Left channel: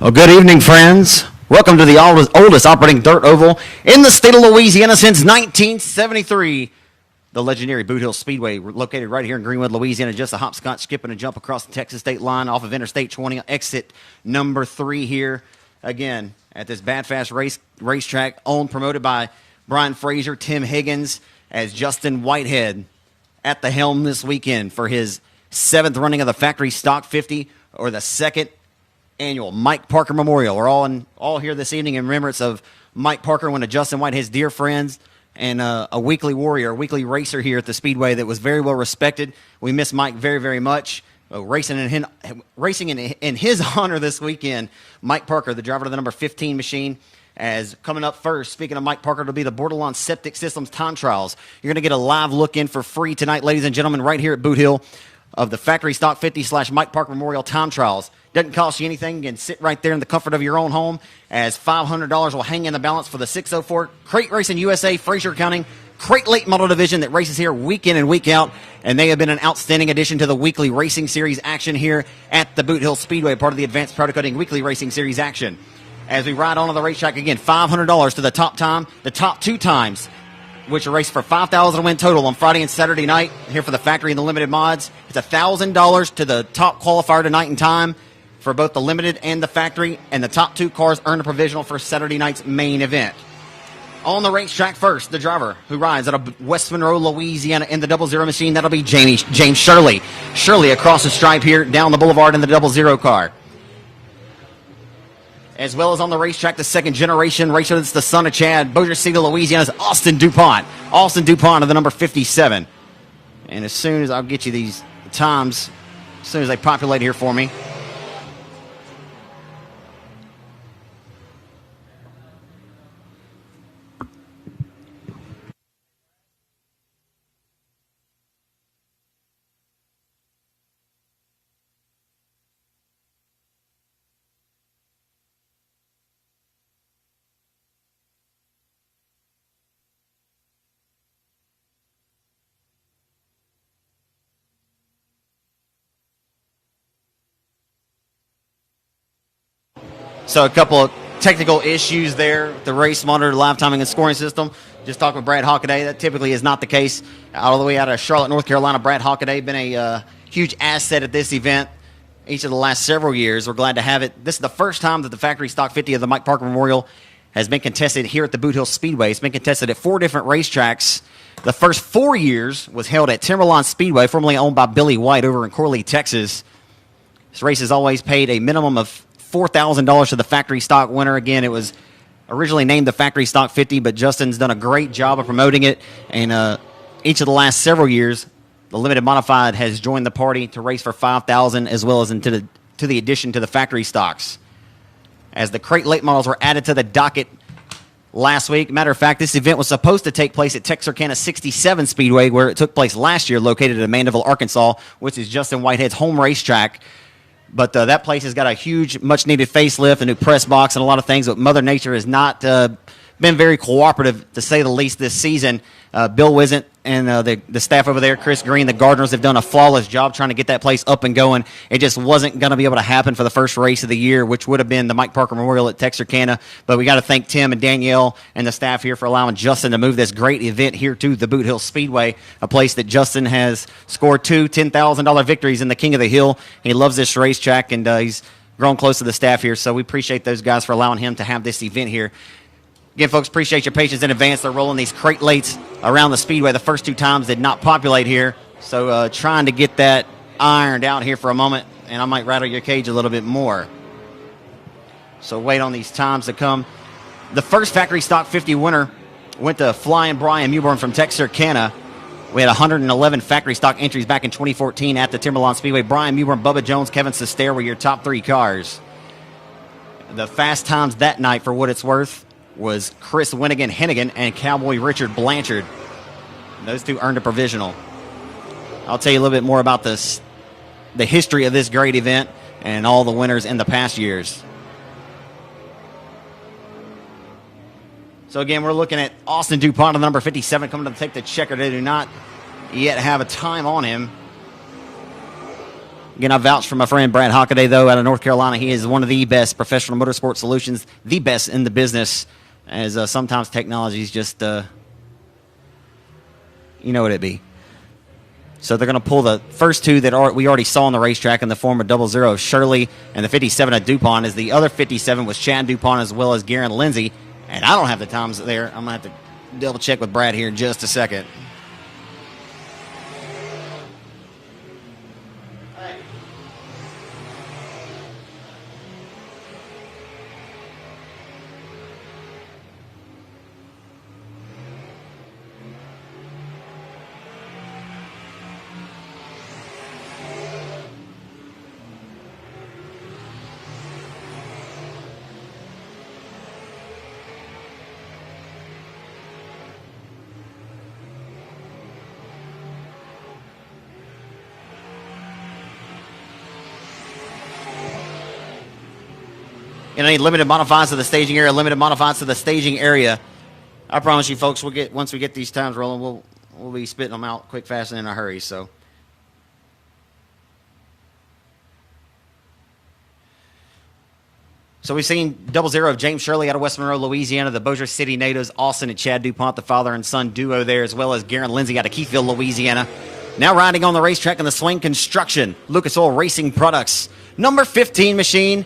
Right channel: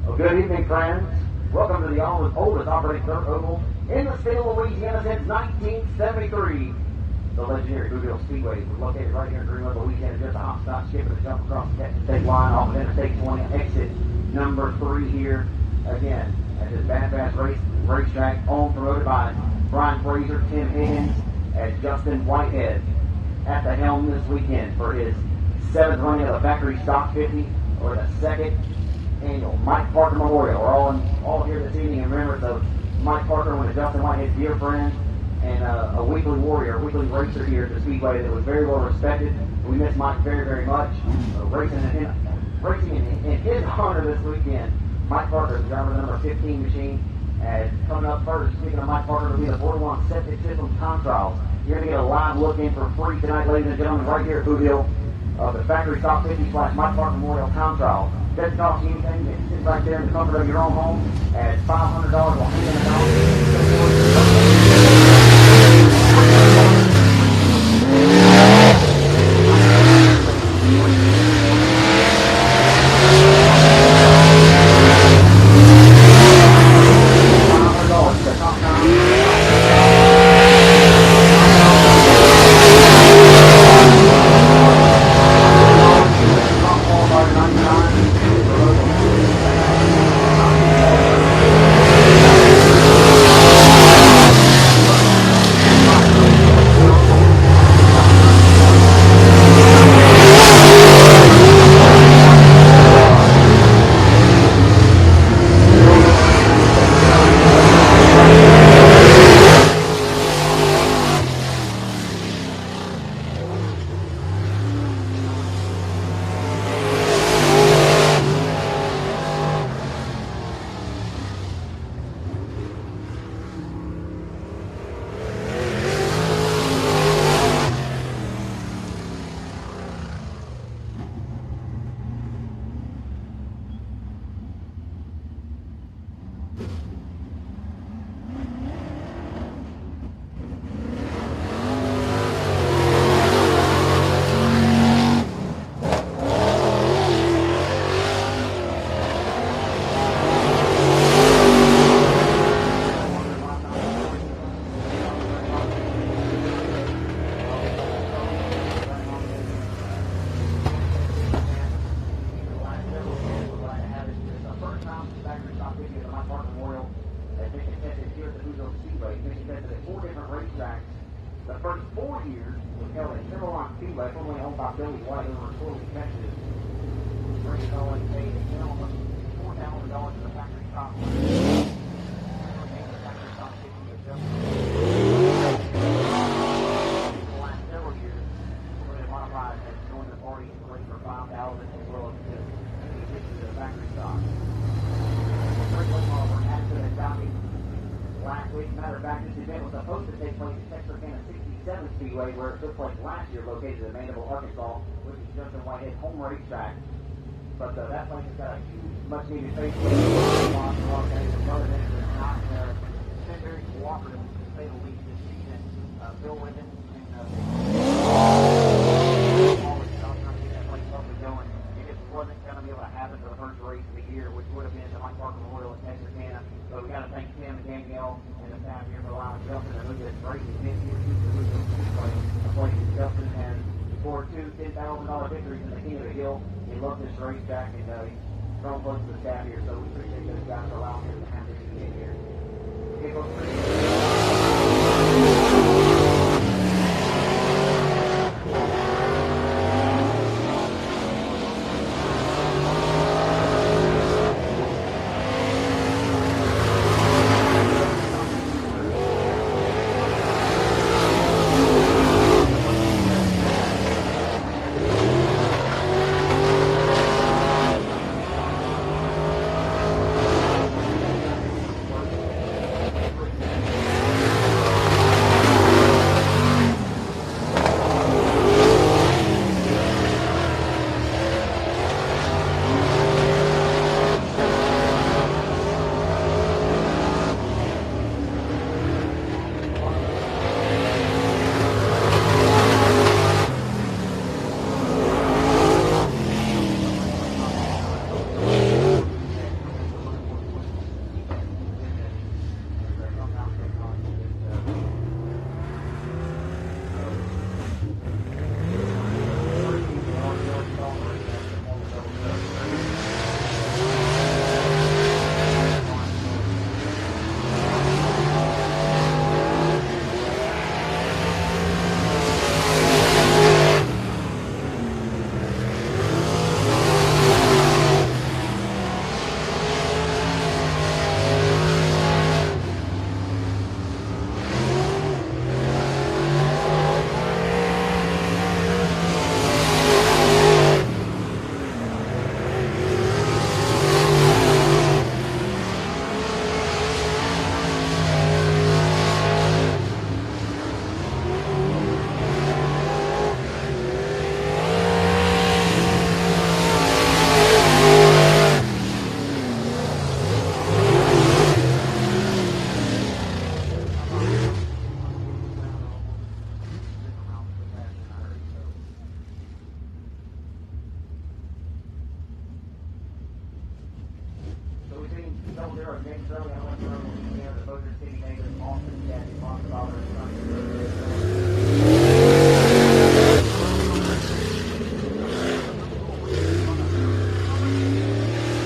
Well, good evening, friends. Welcome to the oldest operating dirt oval in the state of Louisiana since 1973. The legendary Boothill Speedway, located right here in Greenwald, Louisiana, just a hopscotch, skip, and a jump across the Texas state line off of Interstate 20, exit number 3 here. Again, at this Bad Fast racetrack, owned, promoted by Brian Frazier, Tim Higgins, as Justin Whitehead at the helm this weekend for his 7th running of the Factory Stock 50, or the 2nd annual Mike Parker Memorial. We're all here this evening in remembrance of Mike Parker, one of Justin Whitehead's dear friends, and a weekly warrior, a weekly racer here at the Speedway that was very well respected. We miss Mike very, very much. Racing in his honor this weekend, Mike Parker, the driver of the number 15 machine, as coming up first, speaking of Mike Parker, it'll be the Borderline Septic Systems Time Trials. You're going to get a live look in for free tonight, ladies and gentlemen, right here at Boothill, of the Factory Stock 50 / Mike Parker Memorial Time Trials. Doesn't cost you anything. You can sit right there in the comfort of your own home, as $500 will hang in the balance for the 604 Freight Racing USA Freight Late Model Division that races here week in and week out, and they have been an outstanding addition to the weekly racing series action here at the Boothill Speedway. $500 to the top time, the top 2 times. $1,000 to the top qualifier tonight in time for both the limited and the factory, and the top 2 cars third division. Western Road, Louisiana, in the 00 machine. That'll be James Shirley. Shirley across the stripe here, down the boulevard in the 00 car. As well as on the racetrack, the 2nd generation racer, the son of Chad, Austin DuPont. Austin DuPont of the number 57. And as soon as I'll get you these times, as soon as they populate here for me. So a couple of technical issues there. The race monitor, live timing, and scoring system. Just talking with Brad Hockaday. That typically is not the case. All the way out of Charlotte, North Carolina, Brad Hockaday been a huge asset at this event each of the last several years. We're glad to have it. This is the first time that the Factory Stock 50 of the Mike Parker Memorial has been contested here at the Boothill Speedway. It's been contested at 4 different racetracks. The first 4 years was held at Timberline Speedway, formerly owned by Billy White over in Corley, Texas. This race has always paid a minimum of $4,000 to the Factory Stock winner. Again, it was originally named the Factory Stock 50, but Justin's done a great job of promoting it. And each of the last several years, the Limited Modified has joined the party to race for $5,000, as well as to the addition to the Factory Stocks. As the crate late models were added to the docket last week. Matter of fact, this event was supposed to take place at Texarkana 67 Speedway, where it took place last year, located in Mandeville, Arkansas, which is Justin Whitehead's home racetrack. But that place has got a huge, much-needed facelift, a new press box, and a lot of things. But Mother Nature has not been very cooperative, to say the least, this season. Bill Winslet and the staff over there, Chris Green, the gardeners, have done a flawless job trying to get that place up and going. It just wasn't going to be able to happen for the first race of the year, which would have been the Mike Parker Memorial at Texarkana. But we got to thank Tim and Danielle and the staff here for allowing Justin to move this great event here to the Boothill Speedway, a place that Justin has scored 2 $10,000 victories in the King of the Hill. He loves this racetrack, and he's grown close to the staff here. So we appreciate those guys for allowing him to have this event here. Again, folks, appreciate your patience in advance. They're rolling these crate lates around the Speedway. The first 2 times did not populate here. So trying to get that ironed out here for a moment, and I might rattle your cage a little bit more. So wait on these times to come. The first Factory Stock 50 winner went to Flying Brian Mewborn from Texarkana. We had 111 Factory Stock entries back in 2014 at the Timberline Speedway. Brian Mewborn, Bubba Jones, Kevin Sester were your top 3 cars. The fast times that night, for what it's worth, was Chris Winnigan Hennigan and Cowboy Richard Blanchard. Those 2 earned a provisional. I'll tell you a little bit more about this, the history of this great event, and all the winners in the past years. So again, we're looking at Austin DuPont, number 57, coming to take the checker. They do not yet have a time on him. Again, I vouch for my friend Brad Hockaday, though, out of North Carolina. He is one of the best professional motorsport solutions, the best in the business, as sometimes technology is just, you know what it be. So they're going to pull the first two that we already saw on the racetrack in the form of 00 Shirley and the 57 of DuPont, as the other 57 was Chad DuPont as well as Garen Lindsey. And I don't have the times there. I'm going to double check with Brad here in just a second. Any limited modifieds to the staging area, limited modifieds to the staging area. I promise you, folks, once we get these times rolling, we'll be spitting them out quick, fast, and in a hurry. So we've seen 00 of James Shirley out of West Monroe, Louisiana, the Bossier City natives, Austin and Chad DuPont, the father and son duo there, as well as Garen Lindsey out of Keyfield, Louisiana. Now riding on the racetrack in the Swain Construction, Lucas Oil Racing Products, number 15 machine.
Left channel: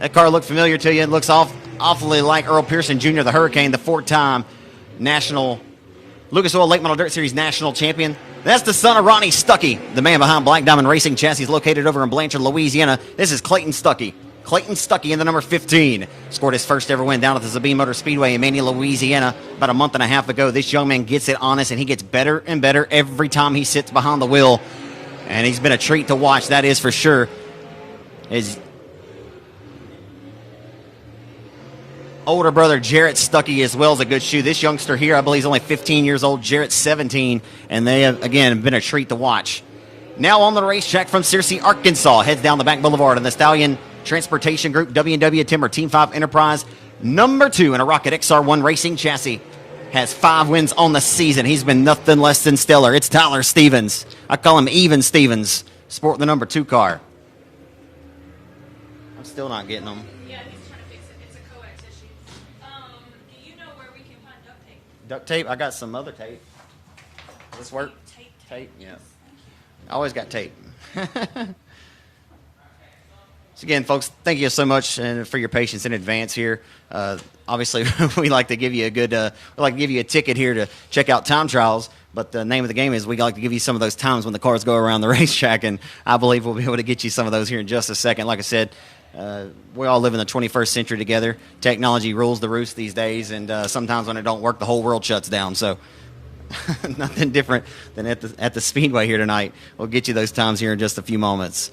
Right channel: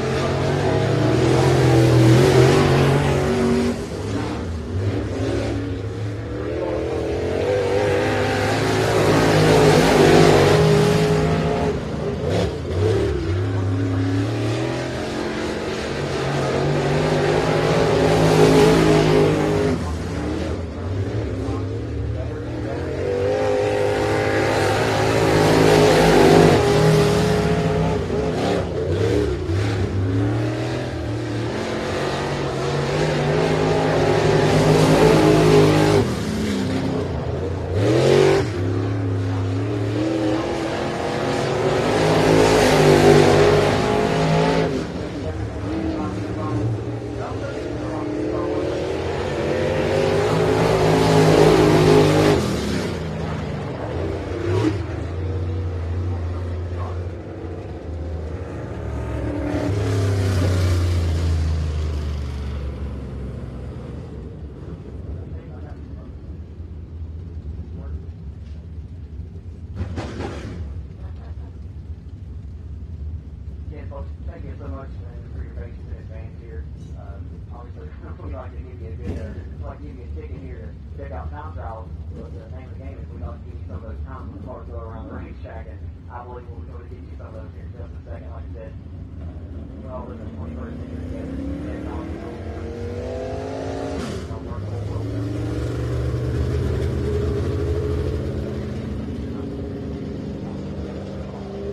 That car looked familiar to you. It looks awfully like Earl Pearson Jr., the Hurricane, the four-time national Lucas Oil Late Model Dirt Series national champion. That's the son of Ronnie Stuckey, the man behind Black Diamond Racing Chassis, located over in Blanchard, Louisiana. This is Clayton Stuckey. Clayton Stuckey in the number 15. Scored his first ever win down at the Sabine Motor Speedway in Mania, Louisiana, about a month and a half ago. This young man gets it honest, and he gets better and better every time he sits behind the wheel. And it's been a treat to watch, that is for sure. His older brother Jarrett Stuckey as well as a good shoe. This youngster here, I believe, is only 15 years old. Jarrett's 17, and they have, again, been a treat to watch. Now on the racetrack from Searcy, Arkansas, heading down the back boulevard of the Stallion Transportation Group, W&W Timber Team 5 Enterprise, number 2 in a Rocket XR1 racing chassis. Has 5 wins on the season. He's been nothing less than stellar. It's Tyler Stevens. I call him Even Stevens, sporting the number 2 car. Still not getting him. Duct tape? I got some other tape. Does this work? Tape? Yeah. I always got tape. So again, folks, thank you so much for your patience in advance here. Obviously, we like to give you a ticket here to check out time trials. But the name of the game is we like to give you some of those times when the cars go around the racetrack, and I believe we'll be able to get you some of those here in just a second. Like I said, we all live in the 21st century together. Technology rules the roost these days, and sometimes when it don't work, the whole world shuts down. So nothing different than at the Speedway here tonight. We'll get you those times here in just a few moments.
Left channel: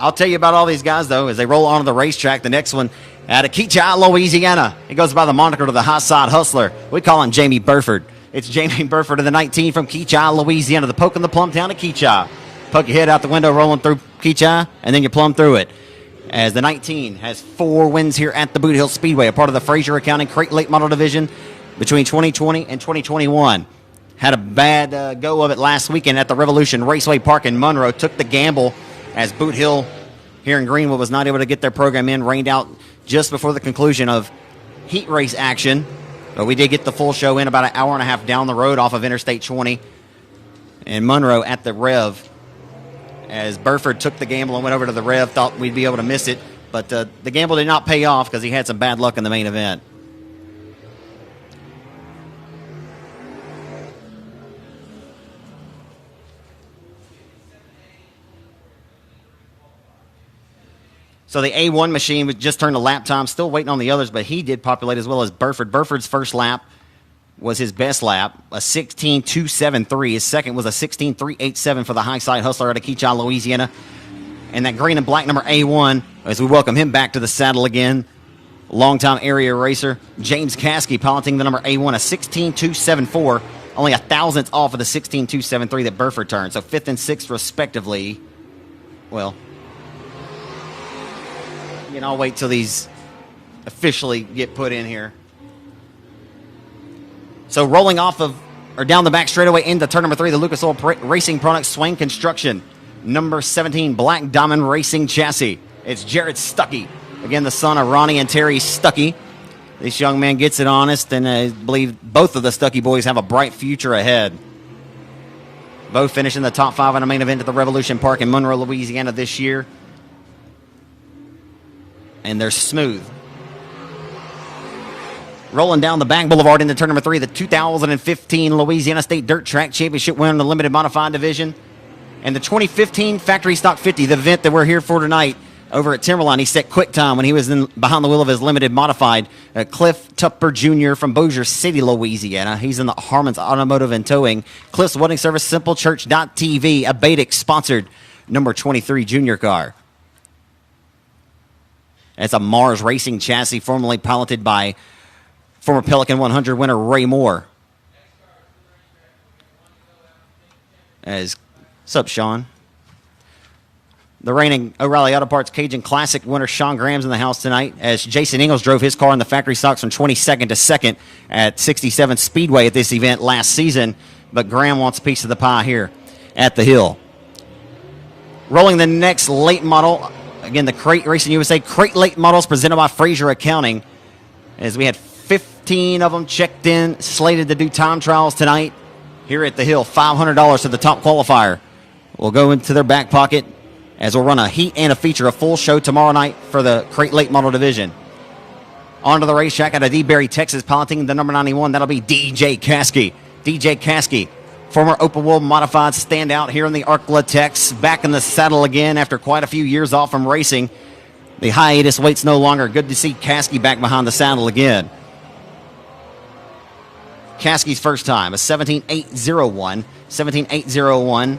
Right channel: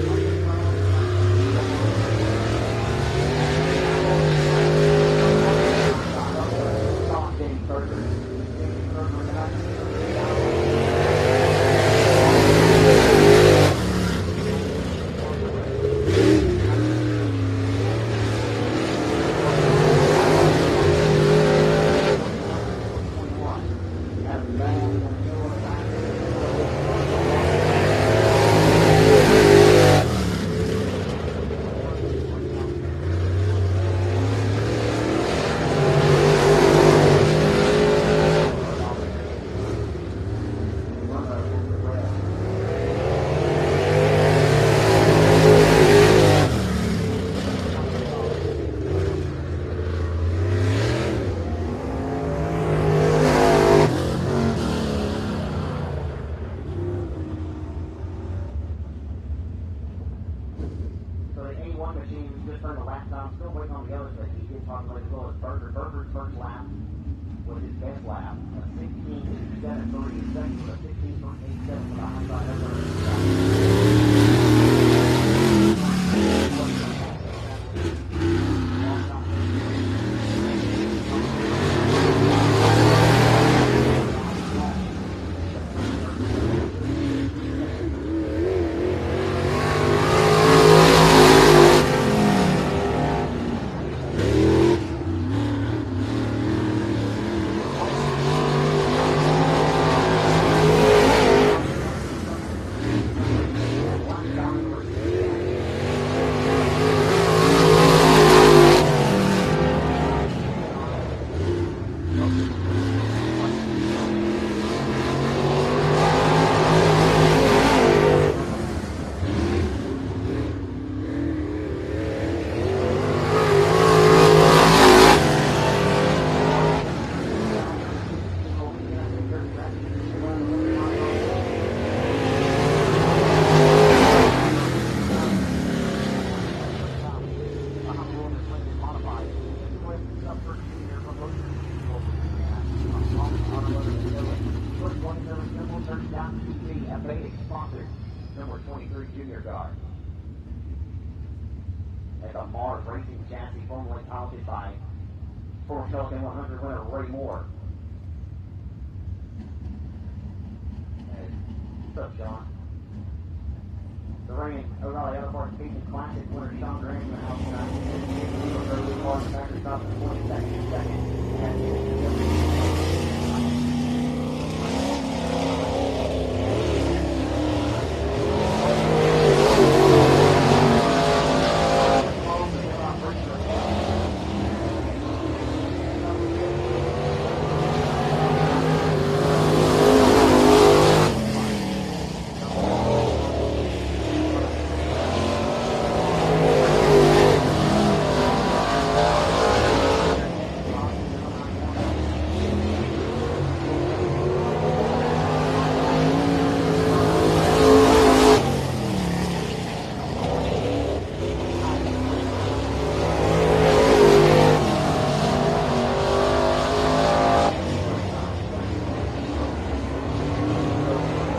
I'll tell you about all these guys, though, as they roll onto the racetrack. The next one out of Keachai, Louisiana. He goes by the moniker of the High Side Hustler. We call him Jamie Burford. It's Jamie Burford of the 19 from Keachai, Louisiana. The poke in the plumb town of Keachai. Poke your head out the window, rolling through Keachai, and then you plumb through it. As the 19 has 4 wins here at the Boothill Speedway, a part of the Fraser Accounting Freight Late Model Division between 2020 and 2021. Had a bad go of it last weekend at the Revolution Raceway Park in Monroe. Took the gamble as Boothill here in Greenwald was not able to get their program in. Rained out just before the conclusion of heat race action. But we did get the full show in about an hour and a half down the road off of Interstate 20 in Monroe at the Rev. As Burford took the gamble and went over to the Rev, thought we'd be able to miss it. But the gamble did not pay off because he had some bad luck in the main event. So the A1 machine just turned a lap time, still waiting on the others, but he did populate as well as Burford. Burford's first lap was his best lap, a 16.273. His second was a 16.387 for the High Side Hustler out of Keachai, Louisiana. And that green and black number A1, as we welcome him back to the saddle again. Longtime area racer, James Caskey, piloting the number A1, a 16.274. Only a thousandth off of the 16.273 that Burford turned, so 5th and 6th respectively. Well, I'll wait till these officially get put in here. So rolling off of, or down the back straightaway into turn number 3, the Lucas Oil Racing Products Swain Construction. number 17 Black Diamond Racing chassis. It's Jared Stuckey, again the son of Ronnie and Terry Stuckey. This young man gets it honest, and I believe both of the Stuckey boys have a bright future ahead. Both finishing the top 5 in the main event at the Revolution Park in Monroe, Louisiana this year. And they're smooth. Rolling down the back boulevard into turn number 3, the 2015 Louisiana State Dirt Track Championship winner in the limited modified division. And the 2015 Factory Stock 50, the event that we're here for tonight. Over at Timberline, he set quick time when he was behind the wheel of his limited modified. Cliff Tupper Jr. from Bossier City, Louisiana. He's in the Harmon's Automotive and Towing. Cliff's Wedding Service, SimpleChurch.tv, a Badix-sponsored number 23 junior car. It's a Mars Racing chassis formerly piloted by former Pelican 100 winner Ray Moore. What's up, Sean? The reigning O'Reilly Auto Parts Cajun Classic winner Sean Graham's in the house tonight, as Jason Ingalls drove his car in the factory stocks from 22nd to 2nd at 67 Speedway at this event last season. But Graham wants a piece of the pie here at the Hill. Rolling the next late model, again the Crate Racing USA Crate Late Models presented by Fraser Accounting, as we had 15 of them checked in, slated to do time trials tonight here at the Hill. $500 to the top qualifier will go into their back pocket, as we'll run a heat and a feature, a full show tomorrow night for the Crate Late Model division. Onto the racetrack out of DeBerry, Texas, piloting the number 91. That'll be DJ Caskey. DJ Caskey, former Open World Modified standout here in the Arklatex, back in the saddle again after quite a few years off from racing. The hiatus waits no longer. Good to see Caskey back behind the saddle again. Caskey's first time, a 17.801. 17.801.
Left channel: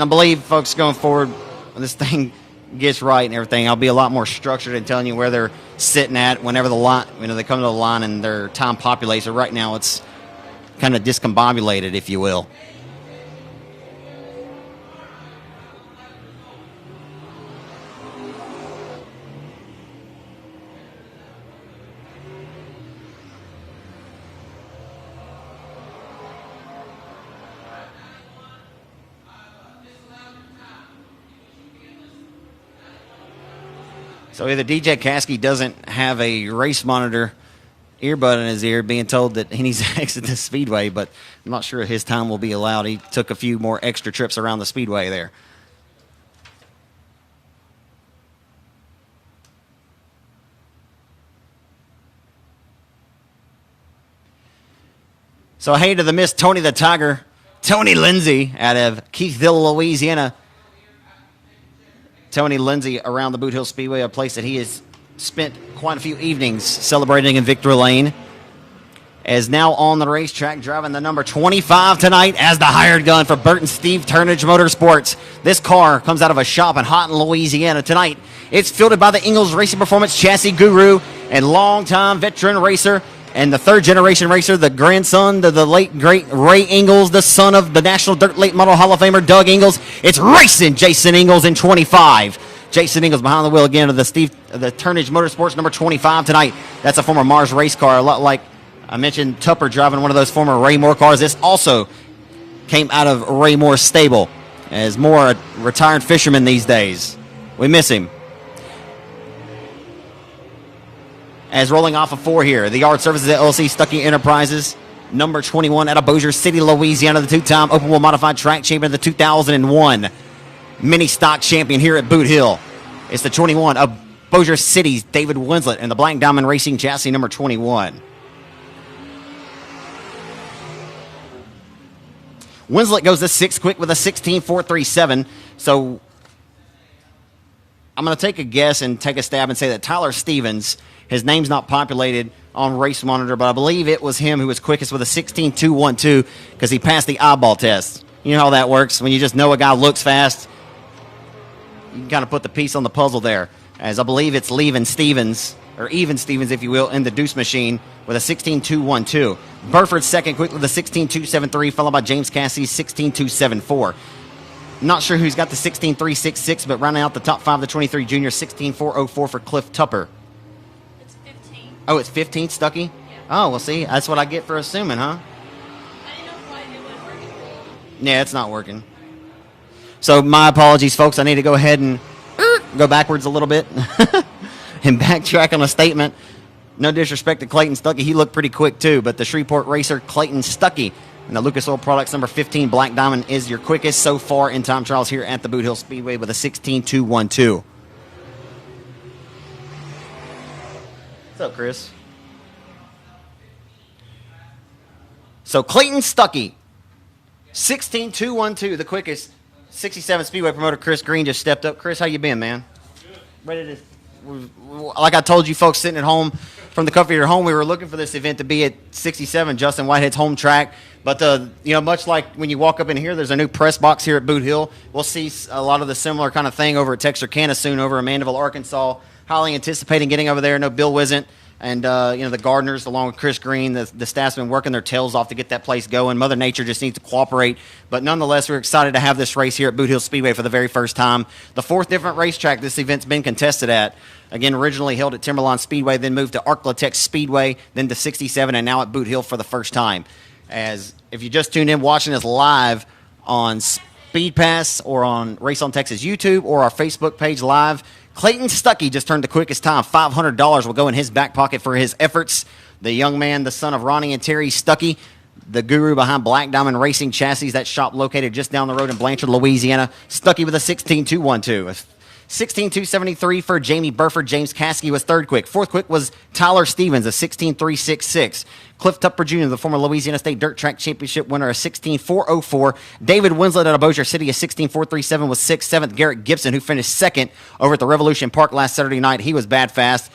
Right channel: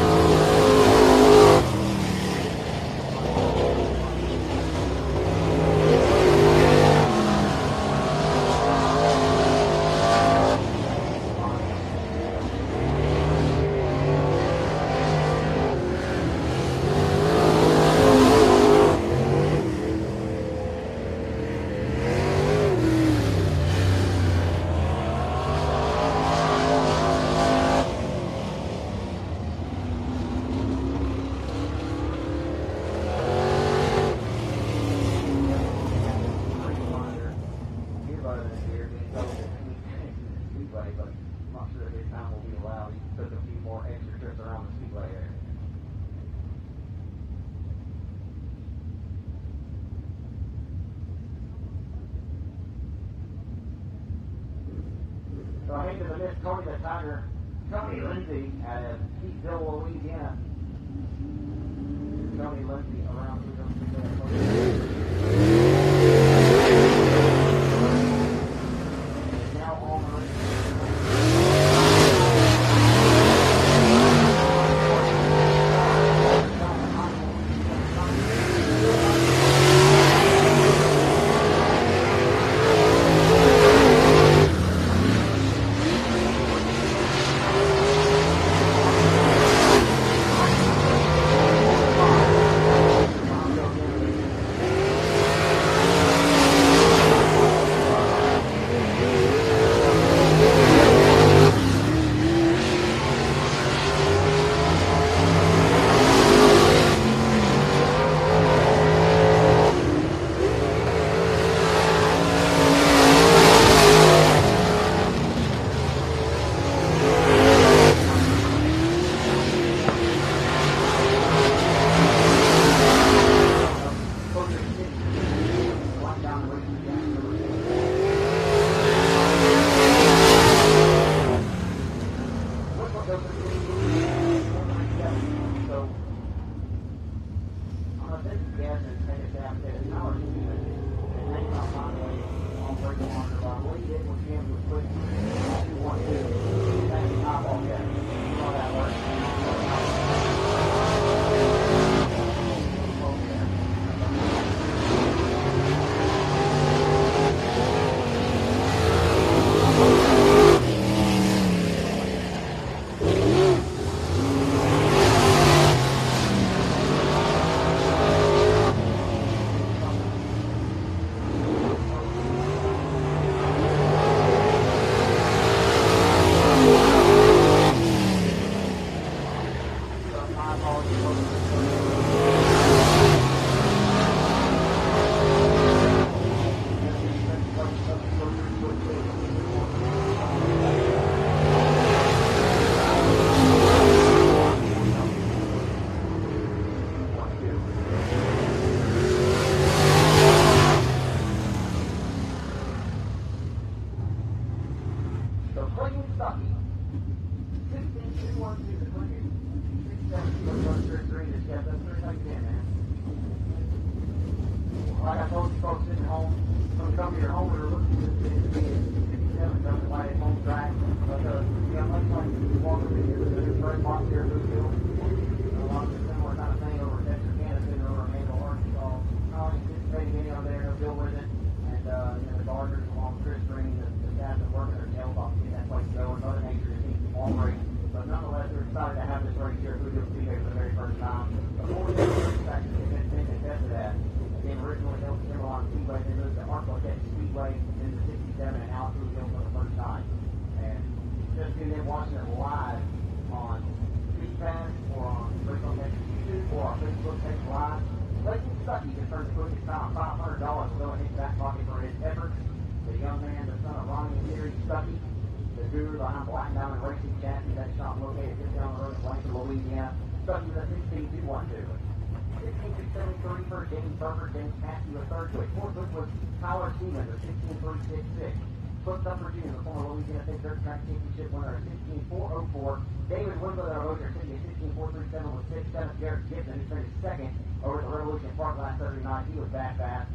I believe, folks, going forward, this thing gets right and everything, I'll be a lot more structured in telling you where they're sitting at whenever the line, they come to the line and their time populates. But right now, it's kind of discombobulated, if you will. So either DJ Caskey doesn't have a race monitor earbud in his ear, being told that he needs to exit the speedway, but I'm not sure his time will be allowed. He took a few more extra trips around the speedway there. So hey to the Miss Tony the Tiger, Tony Lindsey out of Keithville, Louisiana. Tony Lindsey around the Boothill Speedway, a place that he has spent quite a few evenings celebrating in Victory Lane, is now on the racetrack driving the number 25 tonight as the hired gun for Bert and Steve Turnage Motorsports. This car comes out of a shop in Houghton, Louisiana tonight. It's fielded by the Ingalls Racing Performance chassis guru and longtime veteran racer and the third generation racer, the grandson to the late great Ray Ingalls, the son of the National Dirt Late Model Hall of Famer Doug Ingalls. It's racing Jason Ingalls in 25. Jason Ingalls behind the wheel again of the Turnage Motorsports number 25 tonight. That's a former Mars race car, a lot like I mentioned Tupper driving one of those former Ray Moore cars. This also came out of Ray Moore's stable, as Moore, a retired fisherman these days. We miss him. As rolling off of 4 here, the Yard Services LLC Stuckey Enterprises, number 21 out of Bossier City, Louisiana, the two-time Open World Modified Track Champion of the 2001 Mini Stock Champion here at Boot Hill. It's the 21 of Bossier City's David Winslet and the Black Diamond Racing chassis number 21. Winslet goes to 6 quick with a 16.437. So I'm going to take a guess and take a stab and say that Tyler Stevens, his name's not populated on Race Monitor, but I believe it was him who was quickest with a 16.212 because he passed the eyeball test. You know how that works when you just know a guy looks fast. You kind of put the piece on the puzzle there, as I believe it's Even Stevens, if you will, in the Deuce Machine with a 16.212. Burford second quick with a 16.273, followed by James Cassie's 16.274. I'm not sure who's got the 16.366, but rounding out the top 5, the 23 junior, 16.404 for Cliff Tupper. Oh, it's 15, Stuckey? Oh, well, see, that's what I get for assuming, huh? Yeah, it's not working. So my apologies, folks. I need to go ahead and go backwards a little bit and backtrack on a statement. No disrespect to Clayton Stuckey. He looked pretty quick, too. But the Shreveport racer, Clayton Stuckey, and the Lucas Oil Products number 15 Black Diamond is your quickest so far in time trials here at the Boothill Speedway with a 16.212. What's up, Chris? So Clayton Stuckey, 16.212, the quickest. 67 Speedway promoter Chris Green just stepped up. Chris, how you been, man? Ready to, like I told you folks sitting at home from the comfort of your home, we were looking for this event to be at 67, Justin Whitehead's home track. But, much like when you walk up in here, there's a new press box here at Boot Hill. We'll see a lot of the similar kind of thing over at Texarkana soon over in Mandeville, Arkansas. Highly anticipating getting over there. No Bill Wisent. And, the Gardners, along with Chris Green, the staff's been working their tails off to get that place going. Mother Nature just needs to cooperate. But nonetheless, we're excited to have this race here at Boothill Speedway for the very first time. The fourth different racetrack this event's been contested at. Again, originally held at Timberline Speedway, then moved to Arklatex Speedway, then to 67, and now at Boot Hill for the first time. As if you just tuned in watching us live on SpeedPass or on Race on Texas YouTube or our Facebook page live, Clayton Stuckey just turned the quickest time. $500 will go in his back pocket for his efforts. The young man, the son of Ronnie and Terry Stuckey, the guru behind Black Diamond Racing Chassis, that shop located just down the road in Blanchard, Louisiana. Stuckey with a 16.212. 16.273 for Jamie Burford. James Caskey was third quick. Fourth quick was Tyler Stevens, a 16.366. Cliff Tupper Jr., the former Louisiana State Dirt Track Championship winner, a 16.404. David Winslet out of Bossier City, a 16.437 was sixth. Seventh, Garrett Gibson, who finished second over at the Revolution Park last Saturday night. He was bad fast.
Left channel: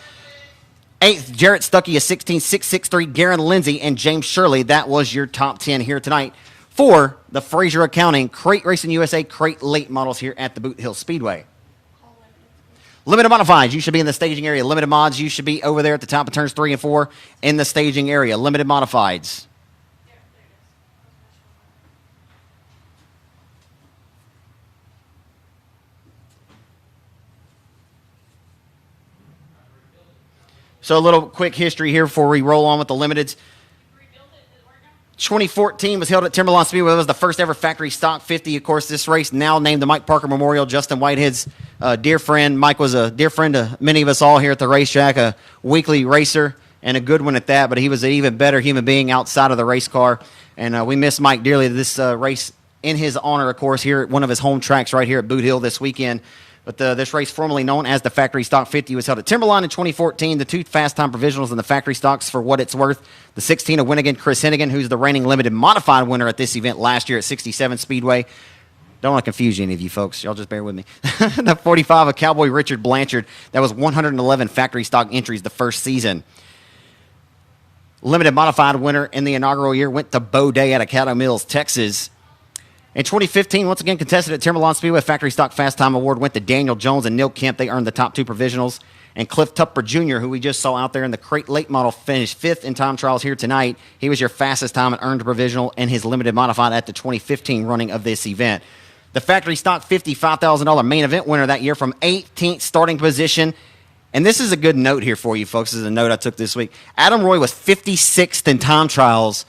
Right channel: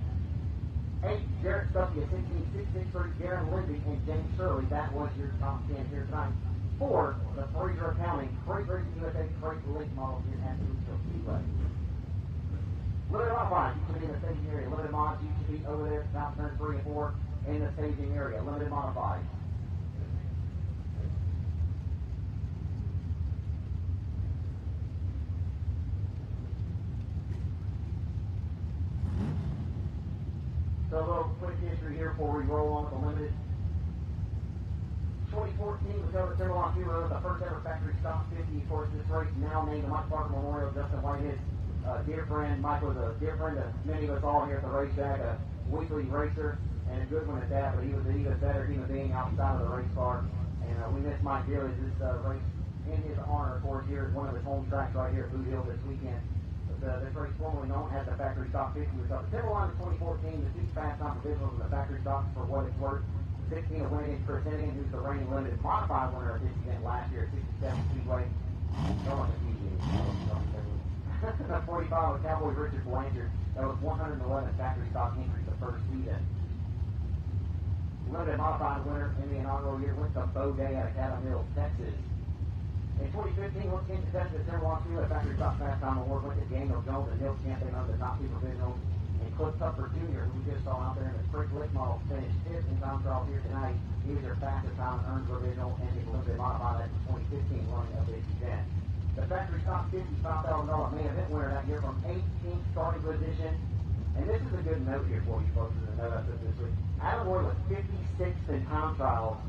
Eighth, Jarrett Stuckey, a 16.663. Garen Lindsey and James Shirley. That was your top 10 here tonight for the Fraser Accounting Crate Racing USA Crate Late Models here at the Boot Hill Speedway. Limited modifieds, you should be in the staging area. Limited mods, you should be over there at the top of turns 3 and 4 in the staging area. Limited modifieds. So a little quick history here before we roll on with the limiteds. 2014 was held at Timberline Speedway. It was the first ever factory stock 50. Of course, this race now named the Mike Parker Memorial. Justin Whitehead's dear friend. Mike was a dear friend to many of us all here at the racetrack, a weekly racer and a good one at that, but he was an even better human being outside of the race car. And we miss Mike dearly. This race in his honor, of course, here at one of his home tracks right here at Boot Hill this weekend. But this race, formerly known as the Factory Stock 50, was held at Timberline in 2014. The two fast time provisionals in the Factory Stocks, for what it's worth. The 16 of Winnigan, Chris Hennigan, who's the reigning limited modified winner at this event last year at 67 Speedway. Don't want to confuse any of you folks. Y'all just bear with me. The 45 of Cowboy Richard Blanchard. That was 111 Factory Stock entries the first season. Limited modified winner in the inaugural year went to Beau Day out of Caddo Mills, Texas. In 2015, once again contested at Timberline Speedway, Factory Stock Fast Time Award went to Daniel Jones and Neil Kemp. They earned the top two provisionals. And Cliff Tupper Jr., who we just saw out there in the crate late model, finished fifth in time trials here tonight. He was your fastest time and earned a provisional in his limited modified at the 2015 running of this event. The Factory Stock 50 $5,000 main event winner that year from 18th starting position. And this is a good note here for you folks. This is a note I took this week. Adam Roy was 56th in time trials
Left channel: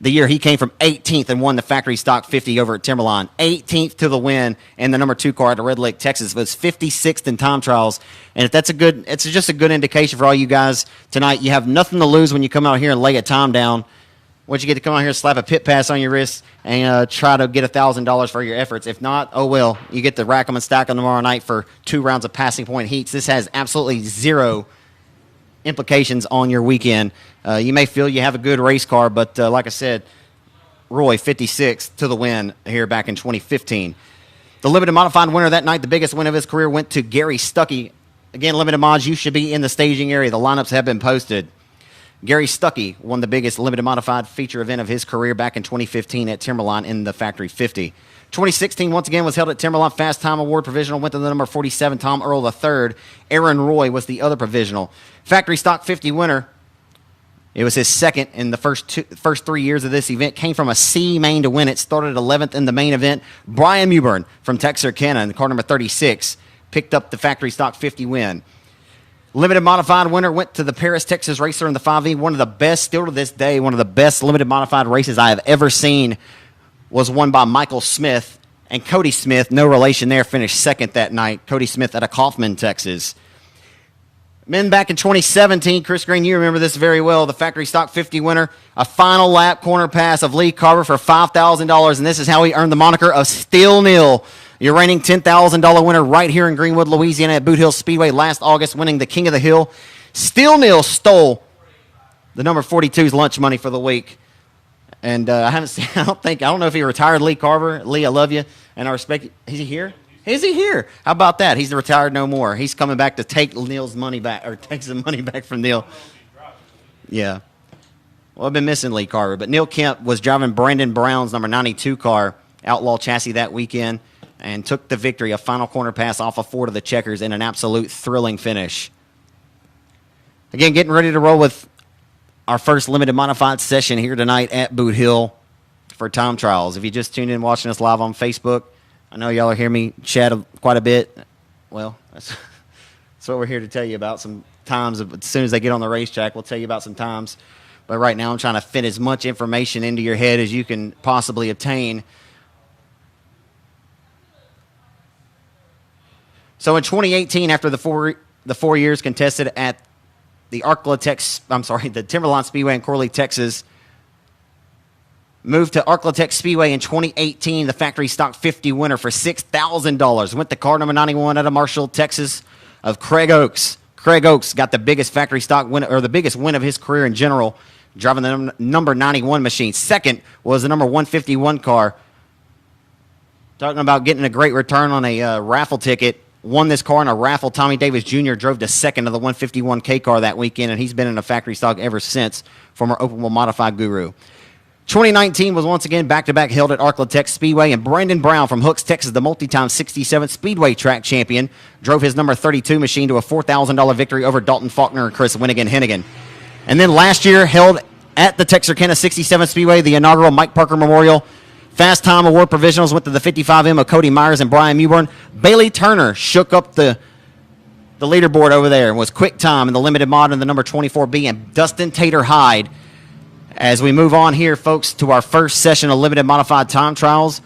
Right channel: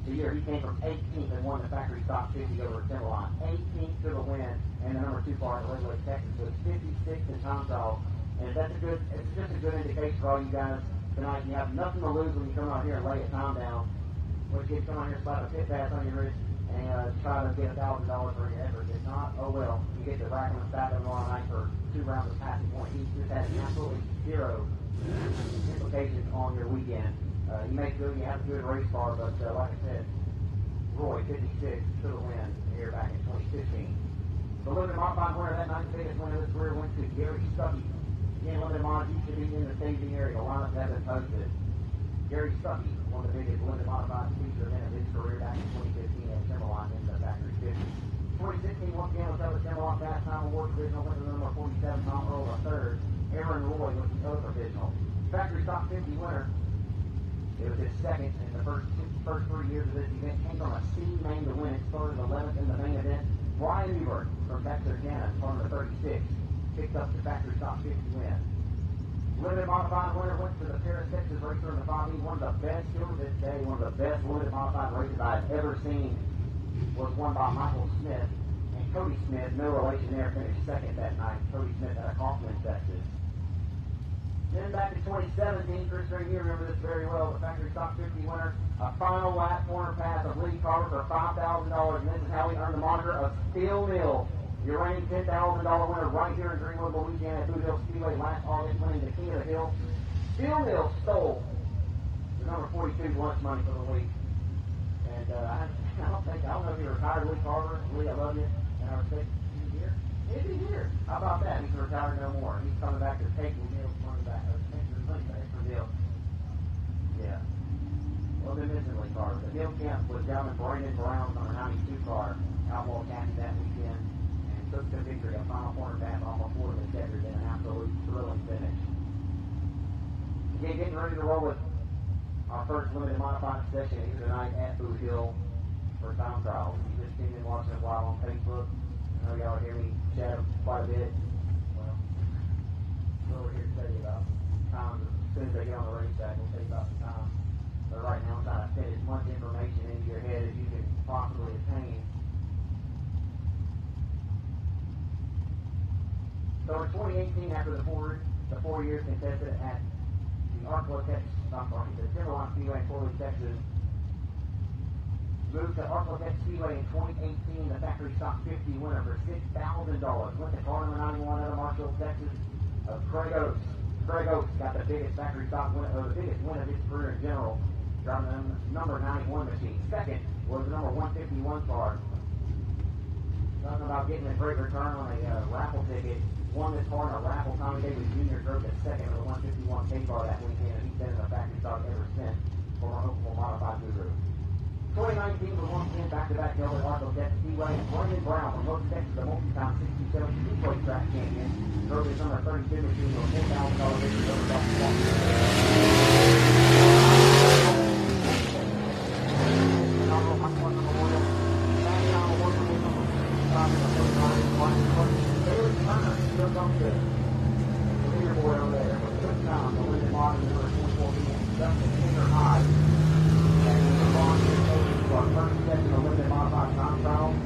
the year he came from 18th and won the Factory Stock 50 over at Timberline. 18th to the win in the number 2 car at Red Lake, Texas. But it's 56th in time trials. And if that's it's just a good indication for all you guys tonight. You have nothing to lose when you come out here and lay a time down. Once you get to come out here and slap a pit pass on your wrist and try to get $1,000 for your efforts. If not, oh well, you get to rack them and stack them tomorrow night for 2 rounds of passing point heats. This has absolutely zero implications on your weekend. You may feel you have a good race car, but like I said, Roy, 56th to the win here back in 2015. The limited modified winner that night, the biggest win of his career, went to Gary Stuckey. Again, limited mods, you should be in the staging area. The lineups have been posted. Gary Stuckey won the biggest limited modified feature event of his career back in 2015 at Timberline in the Factory 50. 2016, once again, was held at Timberline Fast Time Award provisional, went to the number 47, Tom Earl III. Aaron Roy was the other provisional. Factory Stock 50 winner, it was his second in the first 3 years of this event. Came from a C main to win it. Started 11th in the main event. Brian Mewburn from Texarkana in car number 36 picked up the Factory Stock 50 win. Limited modified winner went to the Paris, Texas racer in the 5E. One of the best, still to this day, one of the best limited modified races I have ever seen was won by Michael Smith, and Cody Smith, no relation there, finished second that night. Cody Smith out of Kaufman, Texas. Men back in 2017, Chris Green, you remember this very well, the factory stock 50 winner, a final lap corner pass of Lee Carver for $5,000, and this is how he earned the moniker of Steel Neal. Your reigning $10,000 winner right here in Greenwood, Louisiana at Boothill Speedway last August, winning the King of the Hill. Steel Neal stole the number 42's lunch money for the week. And I haven't seen, I don't know if he retired Lee Carver. Lee, I love you, and I respect you. Is he here? Is he here? How about that? He's retired no more. He's coming back to take Neal's money back, or take some money back from Neal. Yeah. Well, I've been missing Lee Carver, but Neal Kemp was driving Brandon Brown's number 92 car, Outlaw chassis that weekend, and took the victory, a final corner pass off of Ford of the Checkers in an absolute thrilling finish. Again, getting ready to roll with our first limited modified session here tonight at Boot Hill for time trials. If you just tuned in watching us live on Facebook, I know y'all are hearing me chat quite a bit. Well, that's what we're here to tell you about, some times. As soon as they get on the racetrack, we'll tell you about some times. But right now I'm trying to fit as much information into your head as you can possibly obtain. So in 2018, after the four years contested at the the Timberline Speedway in Corley, Texas, moved to Arklatex Speedway in 2018, the factory stock 50 winner for $6,000. Went the car number 91 out of Marshall, Texas, of Craig Oakes. Craig Oakes got the biggest factory stock win, or the biggest win of his career in general, driving the number 91 machine. Second was the number 151 car. Talking about getting a great return on a raffle ticket. Won this car in a raffle. Tommy Davis Jr. drove to second of the 151K car that weekend, and he's been in a factory stock ever since, former open wheel modified guru. 2019 was once again back-to-back held at Arklatex Speedway, and Brandon Brown from Hooks, Texas, the multi-time 67th Speedway track champion, drove his number 32 machine to a $4,000 victory over Dalton Faulkner and Chris Hennigan. And then last year, held at the Texarkana 67th Speedway, the inaugural Mike Parker Memorial Fast Time Award provisionals went to the 55M of Cody Myers and Brian Mewburn. Bailey Turner shook up the leaderboard over there and was quick time in the limited mod in the number 24B, and Dustin Tater Hyde. As we move on here, folks, to our first session of limited modified time trials.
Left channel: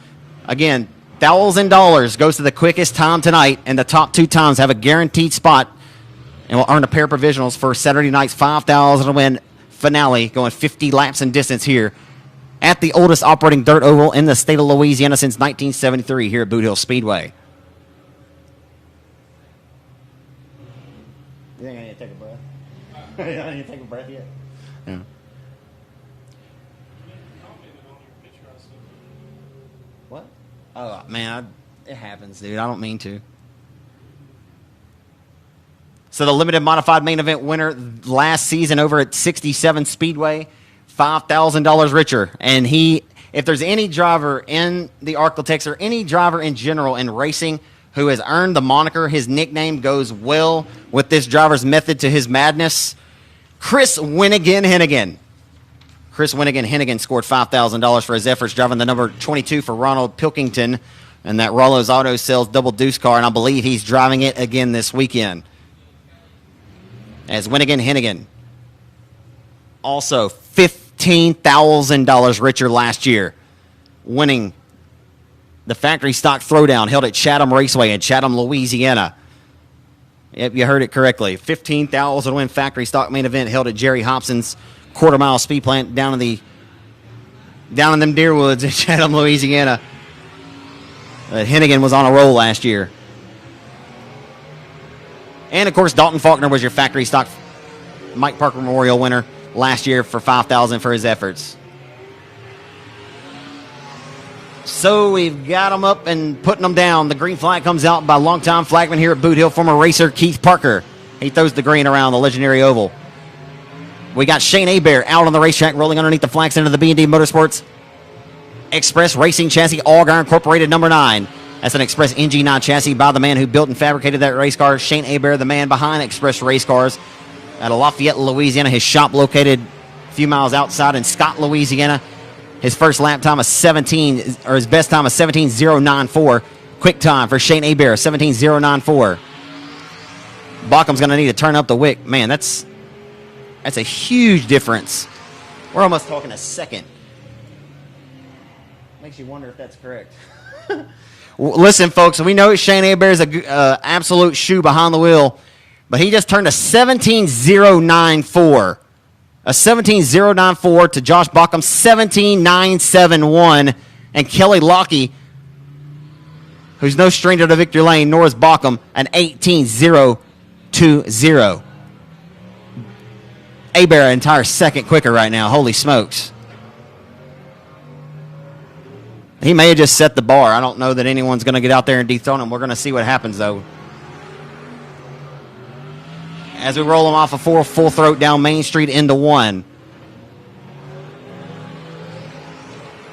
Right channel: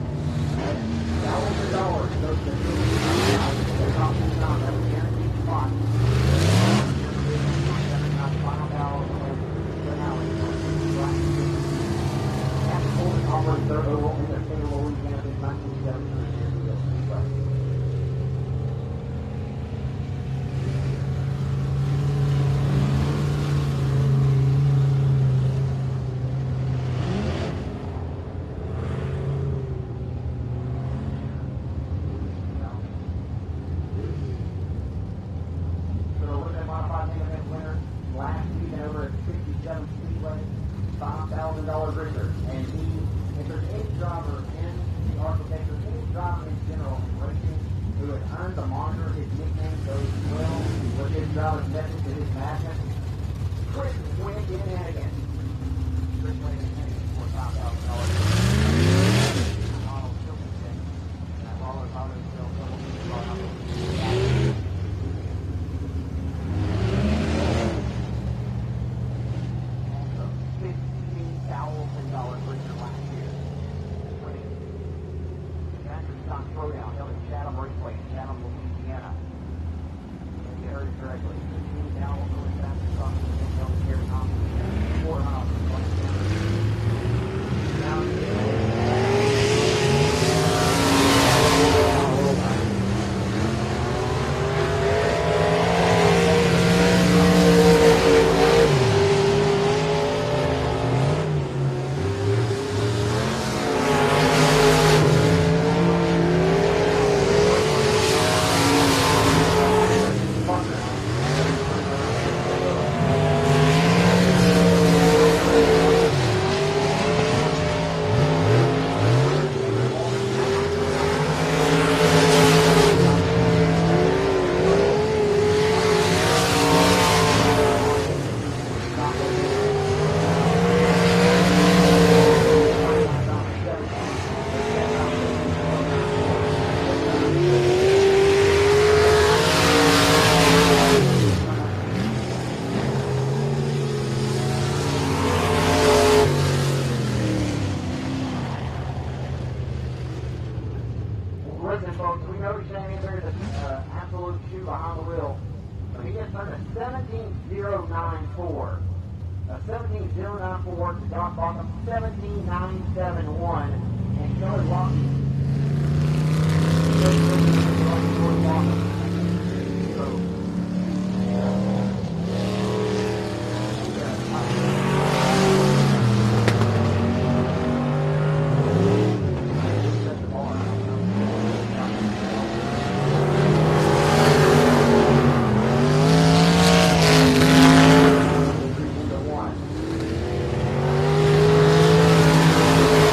Again, $1,000 goes to the quickest time tonight, and the top two times have a guaranteed spot and will earn a pair of provisionals for Saturday night's $5,000 to win finale, going 50 laps in distance here at the oldest operating dirt oval in the state of Louisiana since 1973 here at Boothill Speedway. Dude, I don't mean to. So the limited modified main event winner last season over at 67 Speedway, $5,000 richer. And if there's any driver in the Arklatex or any driver in general in racing who has earned the moniker, his nickname goes well with this driver's method to his madness, Chris Winnigan Hennigan. Chris Winnigan Hennigan scored $5,000 for his efforts driving the number 22 for Ronald Pilkington and that Rollo's Auto Sales double deuce car, and I believe he's driving it again this weekend. As Winnigan Hennigan, also $15,000 richer last year, winning the factory stock throwdown held at Chatham Raceway in Chatham, Louisiana. Yep, you heard it correctly. $15,000 to win factory stock main event held at Jerry Hobson's quarter-mile speed plant down in them deer woods in Chatham, Louisiana. Hennigan was on a roll last year. And, of course, Dalton Faulkner was your factory stock Mike Parker Memorial winner last year for $5,000 for his efforts. So we've got them up and putting them down. The green flag comes out by longtime flagman here at Boot Hill, former racer Keith Parker. He throws the green around the legendary oval. We got Shane Hebert out on the racetrack rolling underneath the flags into the B&D Motorsports Express Racing Chassis, Allgar Incorporated number 9. That's an Express NG9 chassis by the man who built and fabricated that race car, Shane Hebert, the man behind Express Race Cars out of Lafayette, Louisiana. His shop located a few miles outside in Scott, Louisiana. His first lap time of his best time of 17.094. Quick time for Shane Hebert, 17.094. Baucom's going to need to turn up the wick. Man, that's a huge difference. We're almost over the second. Makes you Listen, folks, we know Shane Hebert's an absolute shoe behind the wheel, but he just turned a 17.094. A 17.094 to Josh Bauckham, 17.971. And Kelly Lockey, who's no stranger to victory lane, nor is Bauckham, an 18.020. Hebert an entire second quicker right now. Holy smokes. He may have just set the bar. I don't know that anyone's going to get out there and dethrone him. We're going to see what happens, though. As we roll him off a full throat down Main Street into 1.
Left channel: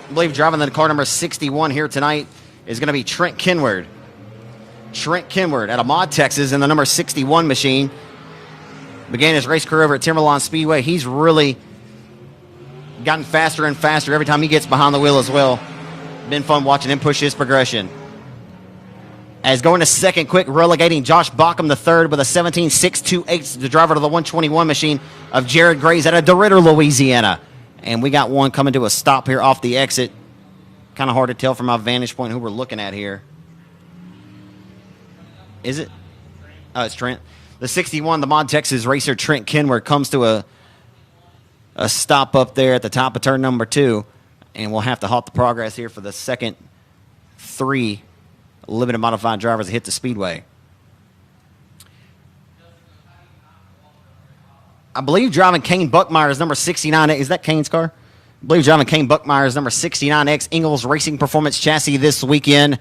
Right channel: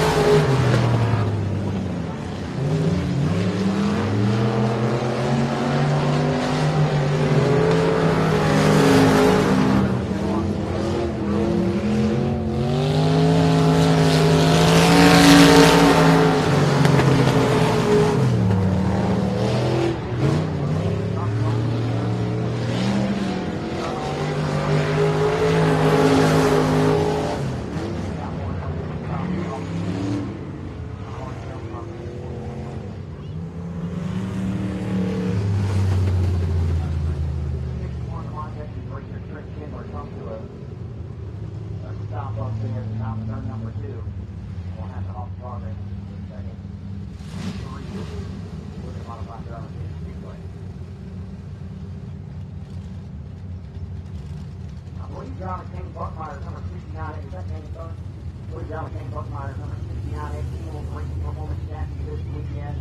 I believe driving the car number 61 here tonight is going to be Trent Kenward. Trent Kenward out of Maud, Texas, in the number 61 machine. Began his race career over at Timberlawn Speedway. He's really gotten faster and faster every time he gets behind the wheel as well. Been fun watching him push his progression. As going to second quick, relegating Josh Bauckham the third with a 17.628, the driver to the 121 machine of Jared Grays out of DeRidder, Louisiana. And we got one coming to a stop here off the exit. Kind of hard to tell from my vantage point who we're looking at here. Is it? Oh, it's Trent. The 61, the Mod Texas racer Trent Kenward comes to a stop up there at the top of turn number 2. And we'll have to halt the progress here for the second 3 limited modified drivers that hit the speedway. I believe driving Kane Buckmeyer's number 69. Is that Kane's car? I believe driving Kane Buckmeyer's number 69X Ingalls Racing Performance chassis this weekend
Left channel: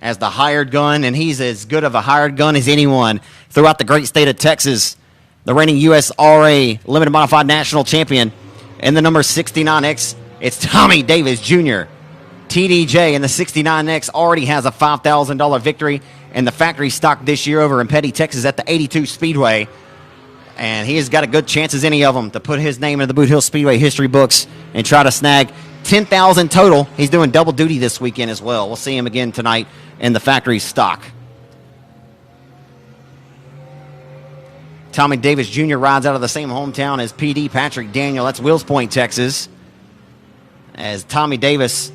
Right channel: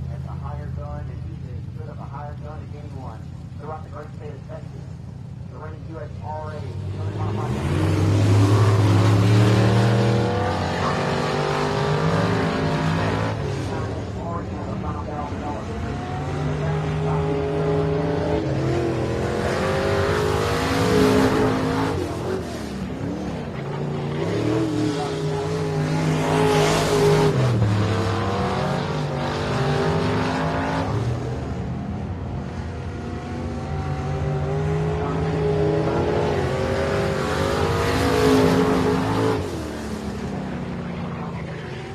as the hired gun, and he's as good of a hired gun as anyone throughout the great state of Texas. The reigning USRA limited modified national champion in the number 69X. It's Tommy Davis Jr. TDJ in the 69X already has a $5,000 victory in the factory stock this year over in Petty, Texas at the 82 Speedway. And he's got a good chance as any of them to put his name in the Boothill Speedway history books and try to snag $10,000 total. He's doing double duty this weekend as well. We'll see him again tonight in the factory stock. Tommy Davis Jr. rides out of the same hometown as PD Patrick Daniel. That's Wills Point, Texas. As Tommy Davis,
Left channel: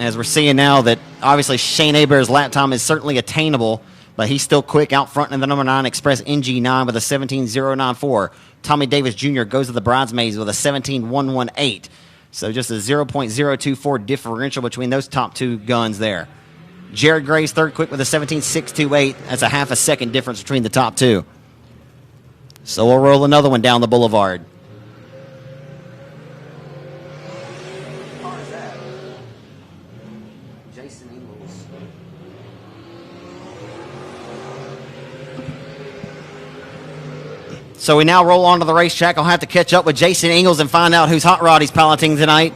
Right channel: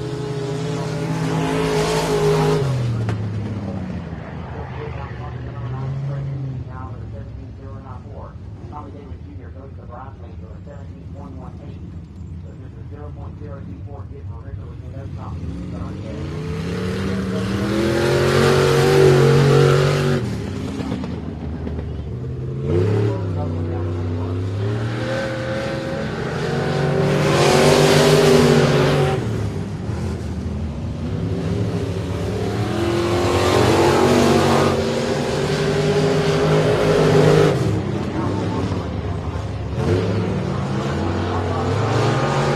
as we're seeing now that obviously Shane Hebert's lap time is certainly attainable, but he's still quick out front in the number 9 Express NG9 with a 17.094. Tommy Davis Jr. goes to the bridesmaids with a 17.118. So just a 0.024 differential between those top 2 guns there. Jared Gray's third quick with a 17.628. That's a half a second difference between the top 2. So we'll roll another one down the boulevard. So we now roll onto the racetrack. I'll have to catch up with Jason Ingalls and find out whose hot rod he's piloting tonight.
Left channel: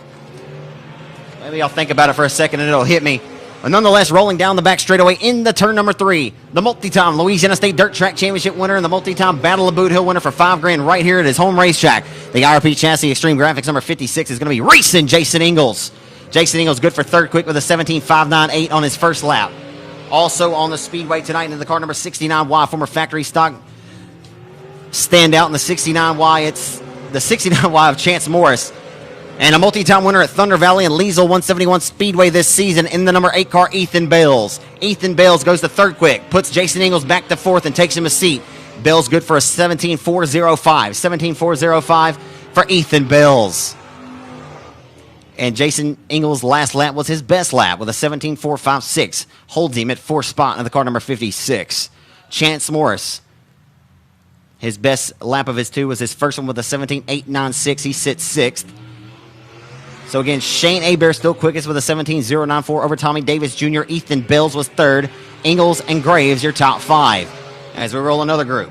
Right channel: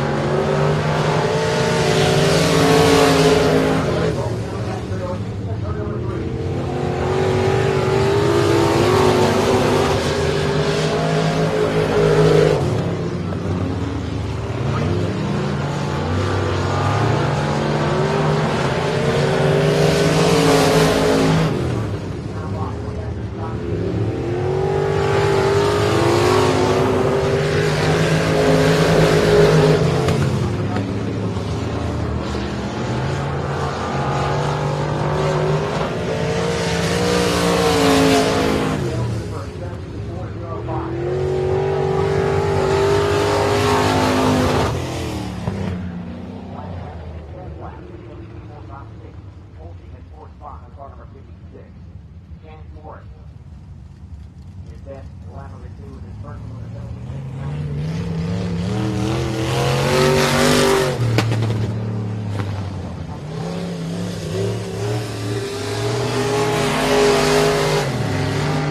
Maybe I'll think about it for a second and it'll hit me. But nonetheless, rolling down the back straightaway into turn number 3. The multi-time Louisiana State Dirt Track Championship winner, the multi-time Battle of Boothill winner for $5,000 right here at his home racetrack. The IRP Chassis Extreme Graphics number 56 is going to be racing Jason Ingalls. Jason Ingalls good for third quick with a 17.598 on his first lap. Also on the speedway tonight in the car number 69Y, former factory stock stand out in the 69Y. It's the 69Y of Chance Morris. And a multi-time winner at Thunder Valley and Leesville 171 Speedway this season in the number 8 car, Ethan Bales. Ethan Bales goes to third quick, puts Jason Ingalls back to fourth and takes him a seat. Bales good for a 17.405. 17.405 for Ethan Bales. And Jason Ingalls' last lap was his best lap with a 17.456. Holds him at fourth spot in the car number 56. Chance Morris, his best lap of his 2 was his first one with a 17.896. He sits 6th. So again, Shane Hebert still quickest with a 17.094 over Tommy Davis Jr. Ethan Bales was 3rd. Ingalls and Graves your top 5. As we roll another group.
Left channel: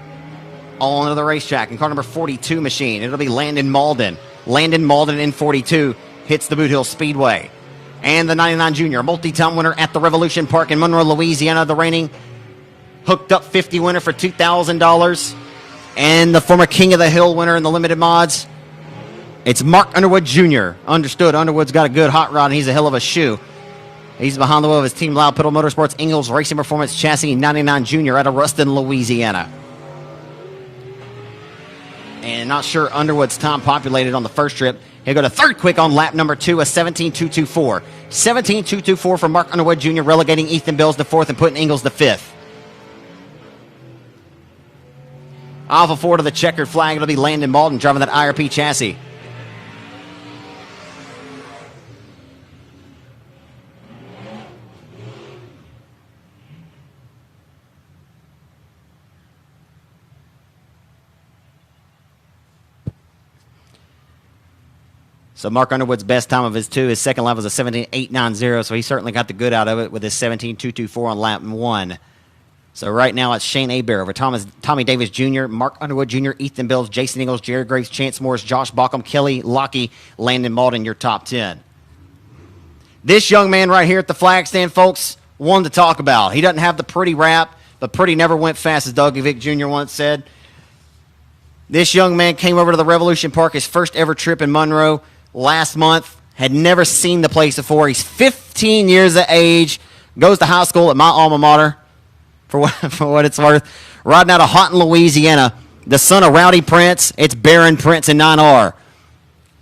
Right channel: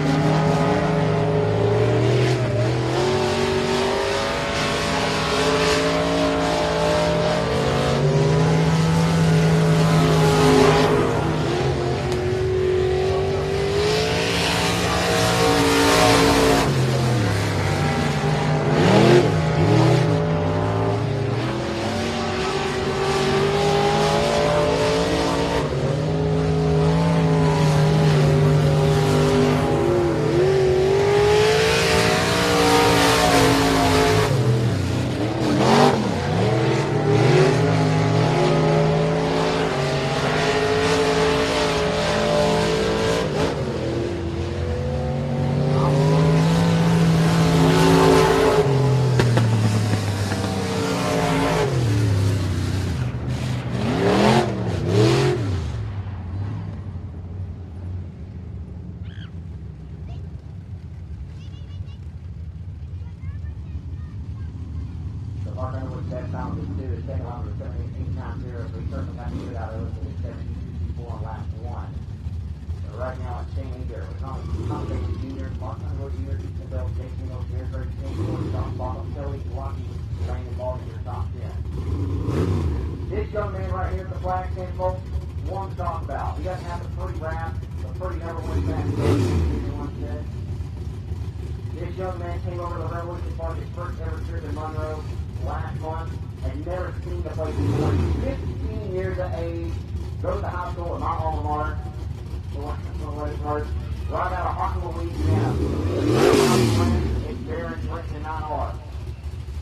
All onto the racetrack. Car number 42 machine. It'll be Landon Mauldin. Landon Mauldin in 42 hits the Boothill Speedway. And the 99 Junior multi-time winner at the Revolution Park in Monroe, Louisiana. The reigning hooked up 50 winner for $2,000. And the former King of the Hill winner in the limited mods. It's Mark Underwood Jr. Understood. Underwood's got a good hot rod and he's a hell of a shoe. He's behind the wheel of his Team Loud Pedal Motorsports Ingalls Racing Performance Chassis 99 Junior out of Ruston, Louisiana. And not sure Underwood's time populated on the first trip. He'll go to third quick on lap number 2, a 17.224. 17.224 for Mark Underwood Jr., relegating Ethan Bales to 4th and putting Ingles to 5th. Alpha 4 to the checkered flag. It'll be Landon Mauldin driving that IRP chassis. So Mark Underwood's best time of his 2, his second lap was a 17.890, so he certainly got the good out of it with his 17.224 on lap 1. So right now it's Shane Hebert over Tommy Davis Jr., Mark Underwood Jr., Ethan Bales, Jason Ingles, Jared Graves, Chance Morris, Josh Bauckham, Kelly Lockey, Landon Mauldin, your top 10. This young man right here at the flag stand, folks, one to talk about. He doesn't have the pretty rap, but pretty never went fast, as Dougie Vick Jr. once said. This young man came over to the Revolution Park, his first ever trip in Monroe last month, had never seen the place before. He's 15 years of age, goes to high school at my alma mater, for what it's worth, riding out of Houghton, Louisiana, the son of Rowdy Prince. It's Baron Prince in 9R.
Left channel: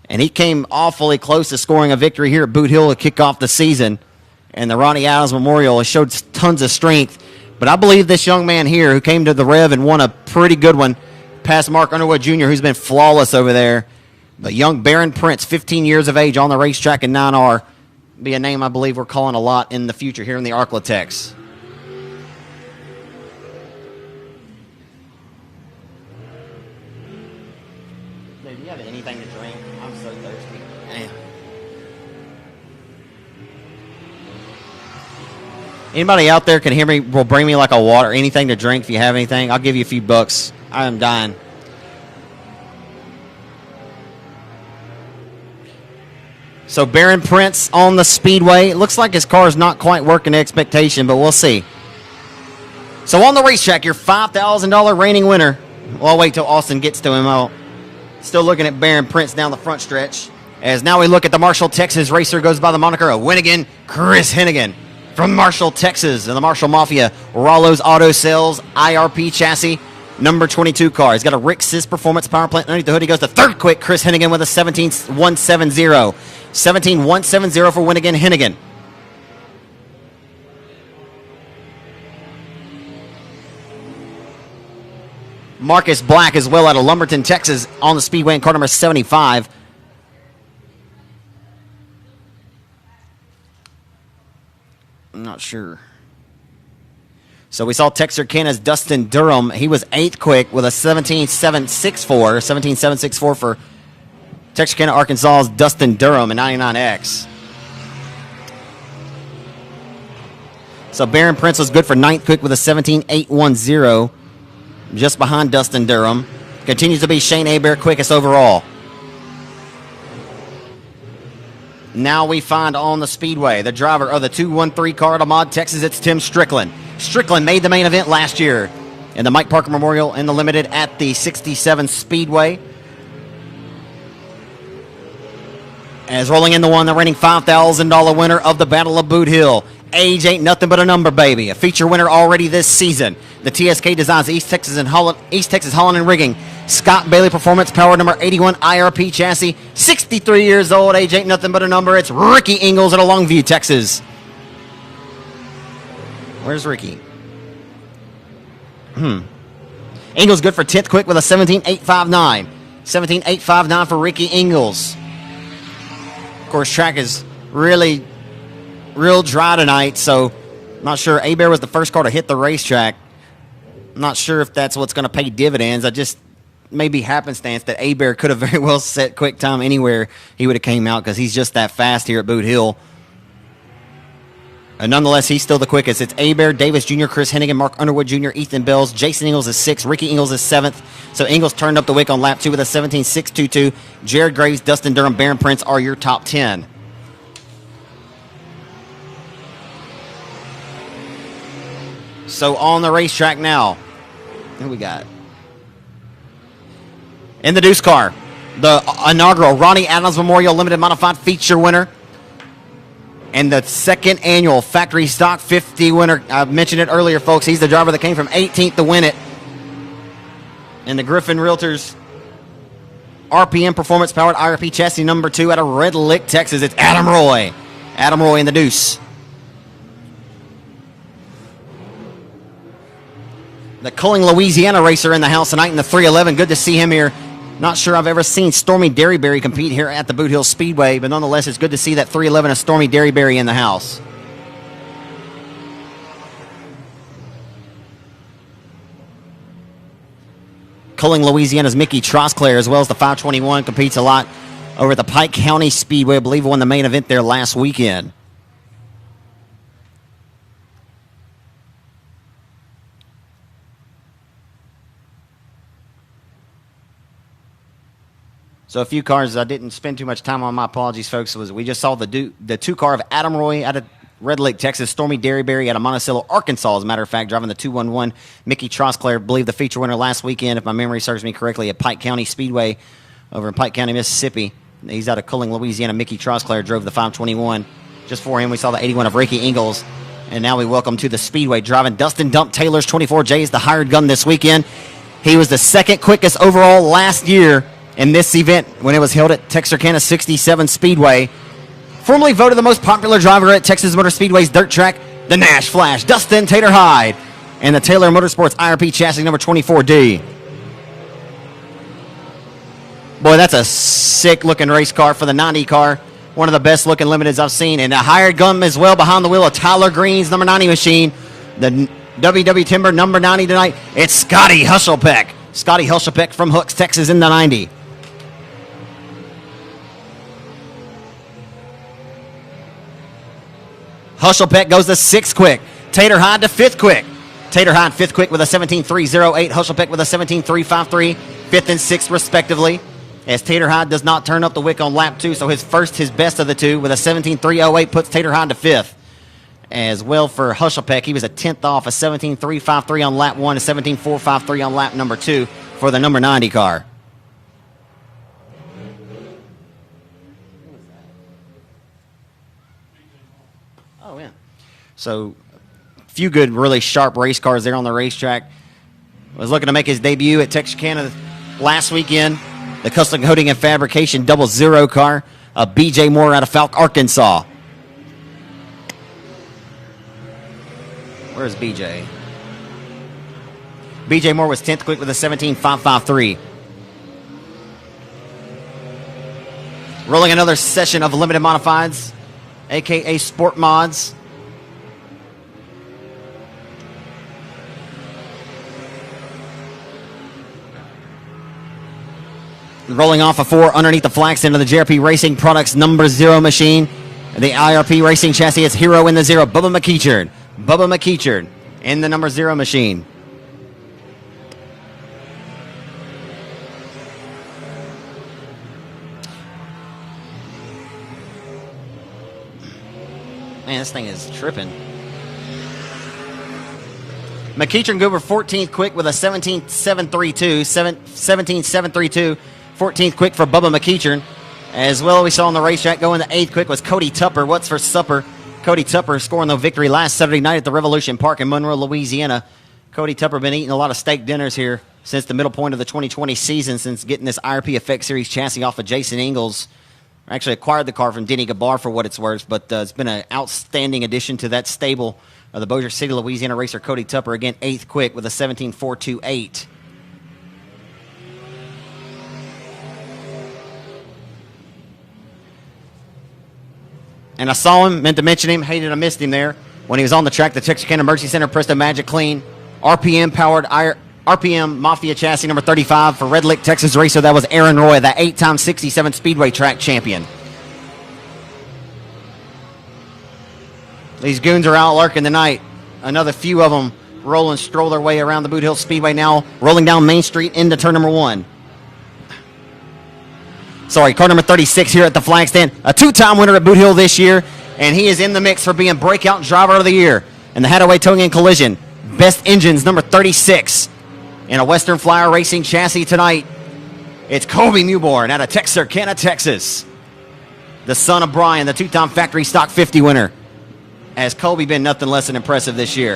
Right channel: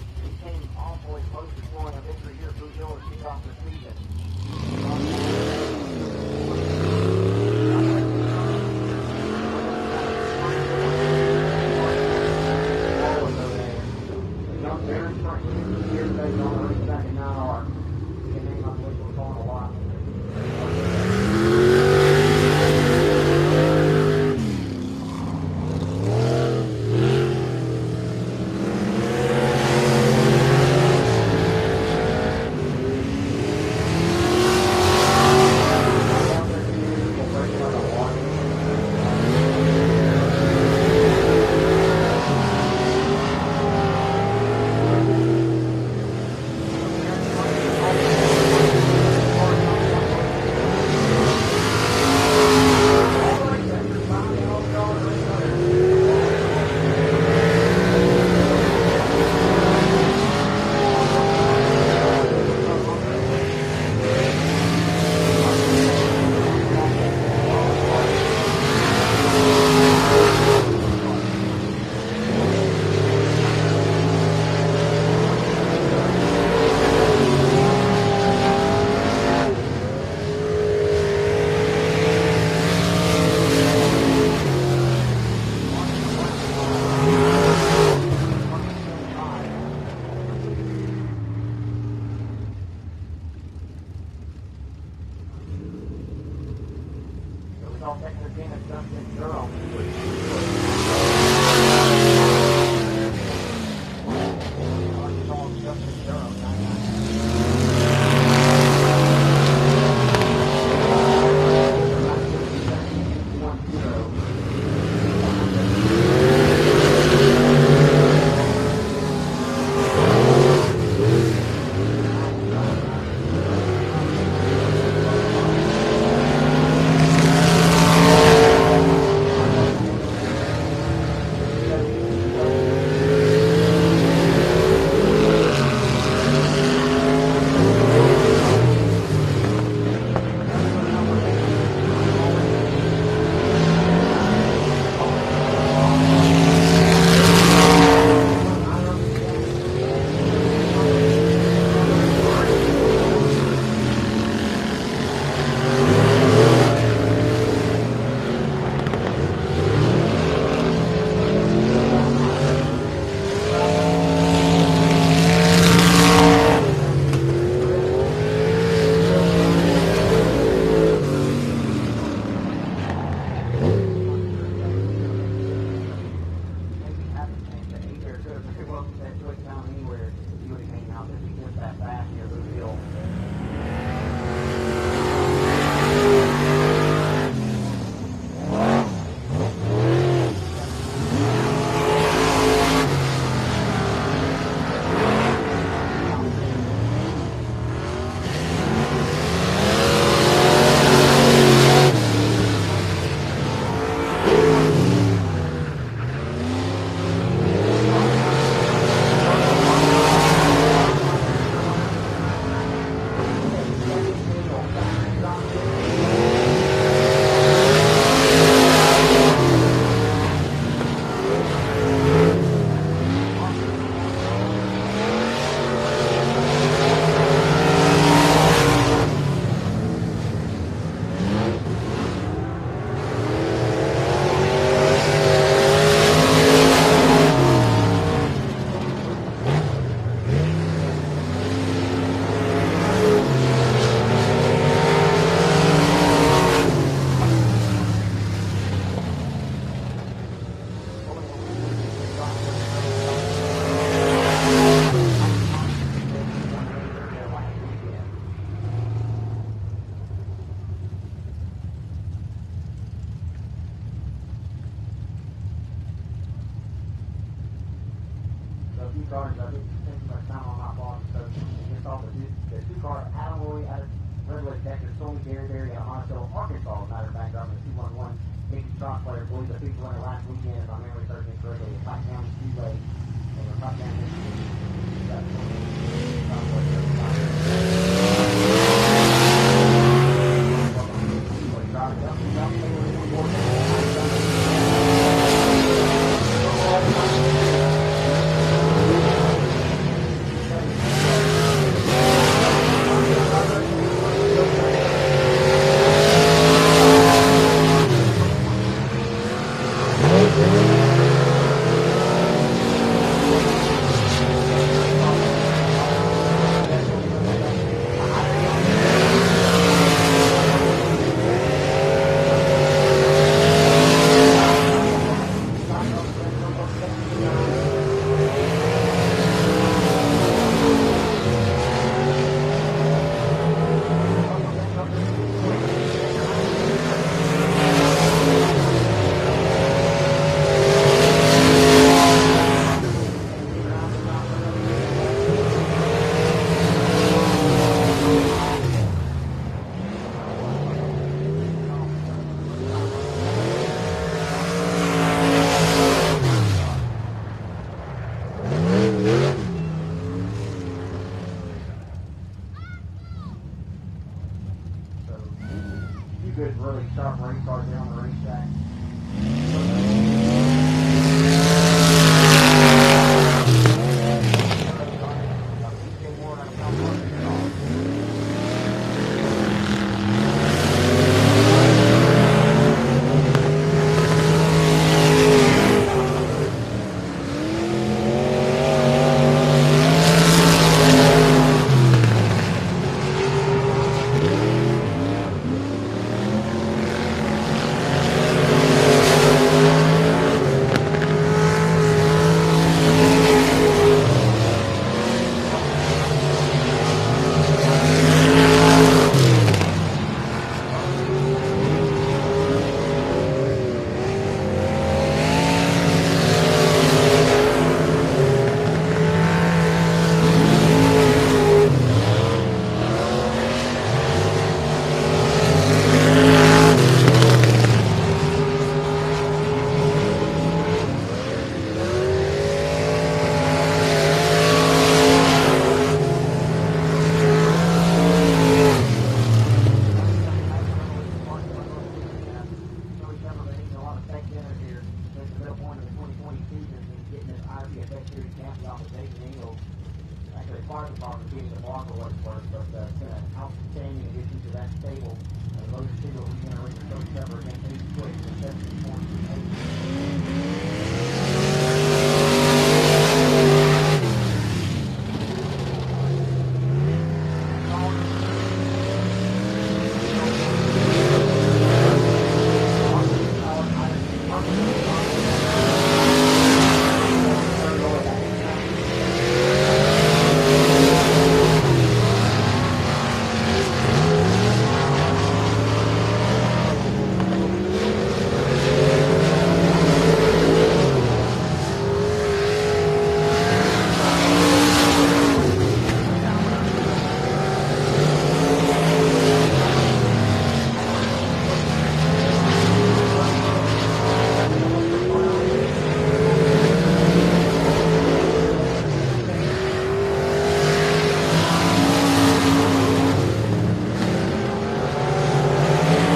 And he came awfully close to scoring a victory here at Boothill to kick off the season. And the Ronnie Adams Memorial has showed tons of strength. But I believe this young man here, who came to the Rev and won a pretty good one, past Mark Underwood Jr., who's been flawless over there. But young Baron Prince, 15 years of age, on the racetrack in 9R, be a name I believe we're calling a lot in the future here in the Arklatex. Anybody out there can hear me, will bring me like a water, anything to drink if you have anything. I'll give you a few bucks. I'm dying. So Baron Prince on the speedway. It looks like his car is not quite working to expectation, but we'll see. So on the racetrack, your $5,000 reigning winner. Well, I'll wait till Austin gets to him. Still looking at Baron Prince down the front stretch. As now we look at the Marshall, Texas racer, goes by the moniker of Hennigan, Chris Hennigan. From Marshall, Texas, and the Marshall Mafia, Rollo's Auto Sales, IRP chassis, number 22 car. He's got a Rick Sis Performance power plant underneath the hood. He goes to third quick, Chris Hennigan with a 17.170. 17.170 for Hennigan. Marcus Black as well out of Lumberton, Texas, on the speedway in car number 75. Not sure. So we saw Texarkana's Dustin Durham. He was 8th quick with a 17.764. 17.764 for Texarkana, Arkansas's Dustin Durham in 99X. So Baron Prince was good for 9th quick with a 17.810. Just behind Dustin Durham. Continues to be Shane Hebert quickest overall. Now we find on the speedway the driver of the 213 car out of Mod, Texas. It's Tim Strickland. Strickland made the main event last year in the Mike Parker Memorial in the Limited at the 67 Speedway. As rolling in the reigning $5,000 winner of the Battle of Boot Hill. Age ain't nothing but a number, baby. A feature winner already this season. The TSK Designs East Texas Holland and Rigging. Scott Bailey Performance Power number 81 IRP chassis. 63 years old. Age ain't nothing but a number. It's Ricky Ingles out of Longview, Texas. Where's Ricky? Ingles good for 10th quick with a 17.859. 17.859 for Ricky Ingles. Of course, track is real dry tonight, so I'm not sure. Hebert was the first car to hit the racetrack. I'm not sure if that's what's going to pay dividends. I just maybe happenstance that Hebert could have very well set quick time anywhere he would have came out, because he's just that fast here at Boot Hill. And nonetheless, he's still the quickest. It's Hebert, Davis Jr., Chris Hennigan, Mark Underwood Jr., Ethan Bales, Jason Ingles is 6th, Ricky Ingles is 7th. So Ingles turned up the wick on lap 2 with a 17.622. Jared Graves, Dustin Durham, Baron Prince are your top 10. So on the racetrack now, in the deuce car, the inaugural Ronnie Adams Memorial Limited Modified Feature winner and the second annual Factory Stock 50 winner. I mentioned it earlier, folks. He's the driver that came from 18th to win it. And the Griffin Realtors RPM performance-powered IRP chassis number 2 out of Red Lick, Texas. It's Adam Roy. Adam Roy in the deuce. The Cummings, Louisiana racer in the house tonight in the 311. Good to see him here. Not sure I've ever seen Stormy Derryberry compete here at the Boothill Speedway, but nonetheless, it's good to see that 311 of Stormy Derryberry in the house. Cummings, Louisiana's Mickey Trosclair, as well as the 521, competes a lot over at the Pike County Speedway. I believe won the main event there last weekend. So a few cars I didn't spend too much time on, my apologies, folks. We just saw the 2 car of Adam Roy out of Red Lick, Texas, Stormy Derryberry out of Monticello, Arkansas, as a matter of fact, driving the 211. Mickey Trosclair, I believe the feature winner last weekend, if my memory serves me correctly, at Pike County Speedway over in Pike County, Mississippi. He's out of Cummings, Louisiana. Mickey Trosclair drove the 521. Just before him, we saw the 81 of Breaky Ingles. And now we welcome to the Speedway, driving Dustin Dump Taylor's 24J is the hired gun this weekend. He was the 2nd quickest overall last year in this event when it was held at Texarkana 67 Speedway. Formerly voted the most popular driver at Texas Motor Speedway's dirt track, the Nash Flash, Dustin Taylor High, and the Taylor Motorsports IRP chassis number 24D. Boy, that's a sick-looking race car for the 90 car. One of the best-looking limiteds I've seen. And a hired gun as well behind the wheel of Tyler Green's number 90 machine. The WW Timber number 90 tonight. It's Scotty Hushelpeck. Scotty Hushelpeck from Hooks, Texas in the 90. Hushelpeck goes to 6th quick. Tater High to 5th quick. Tater High 5th quick with a 17.308. Hushelpeck with a 17.353. 5th and 6th respectively. As Tater High does not turn up the wick on lap 2, so his best of the 2 with a 17.308 puts Tater High to 5th. As well for Hushelpeck, he was a 10th off, a 17.353 on lap 1, a 17.453 on lap number 2 for the number 90 car. So, a few good, really sharp race cars there on the racetrack. Was looking to make his debut at Texarkana last weekend. The custom coating and fabrication 00 car, a BJ Moore out of Falk, Arkansas. BJ Moore was 10th quick with a 17.553. Rolling another session of limited modifieds, aka sport mods. Rolling off a 4 underneath the flag stand of the JRP Racing Products number 0 machine. The IRP Racing chassis is Hero in the 0. Bubba McEachard. Bubba McEachard in the number 0 machine. Man, this thing is tripping. McEachard go over 14th quick with a 17.732. 17.732. 14th quick for Bubba McEachard. As well, we saw on the racetrack going to 8th quick was Cody Tupper. What's for supper? Cody Tupper scoring the victory last Saturday night at the Revolution Park in Monroe, Louisiana. Cody Tupper been eating a lot of steak dinners here since the middle point of the 2020 season, since getting this IRP Effect Series chassis off of Jason Ingalls. Actually acquired the car from Denny Gabar for what it's worth, but it's been an outstanding addition to that stable of the Bossier City, Louisiana racer Cody Tupper. Again, 8th quick with a 17.428. And I saw him, meant to mention him, hated I missed him there when he was on the track, the Texarkana Mercy Center Presto Magic Clean RPM powered RPM Mafia chassis number 35 for Red Lick, Texas racer. That was Aaron Roy, that 8-time 67 Speedway track champion. These goons are out lurking tonight. Another few of them stroll their way around the Boothill Speedway now, rolling down Main Street into turn number 1. Sorry, car number 36 here at the flag stand. A 2-time winner at Boothill this year, and he is in the mix for being Breakout Driver of the Year in the Hadaway Towing and Collision. Best Engines number 36 in a Western Flyer Racing chassis tonight. It's Kobe Newborn out of Texarkana, Texas. The son of Brian, the 2-time factory stock 50 winner. Has Kobe been nothing less than impressive this year?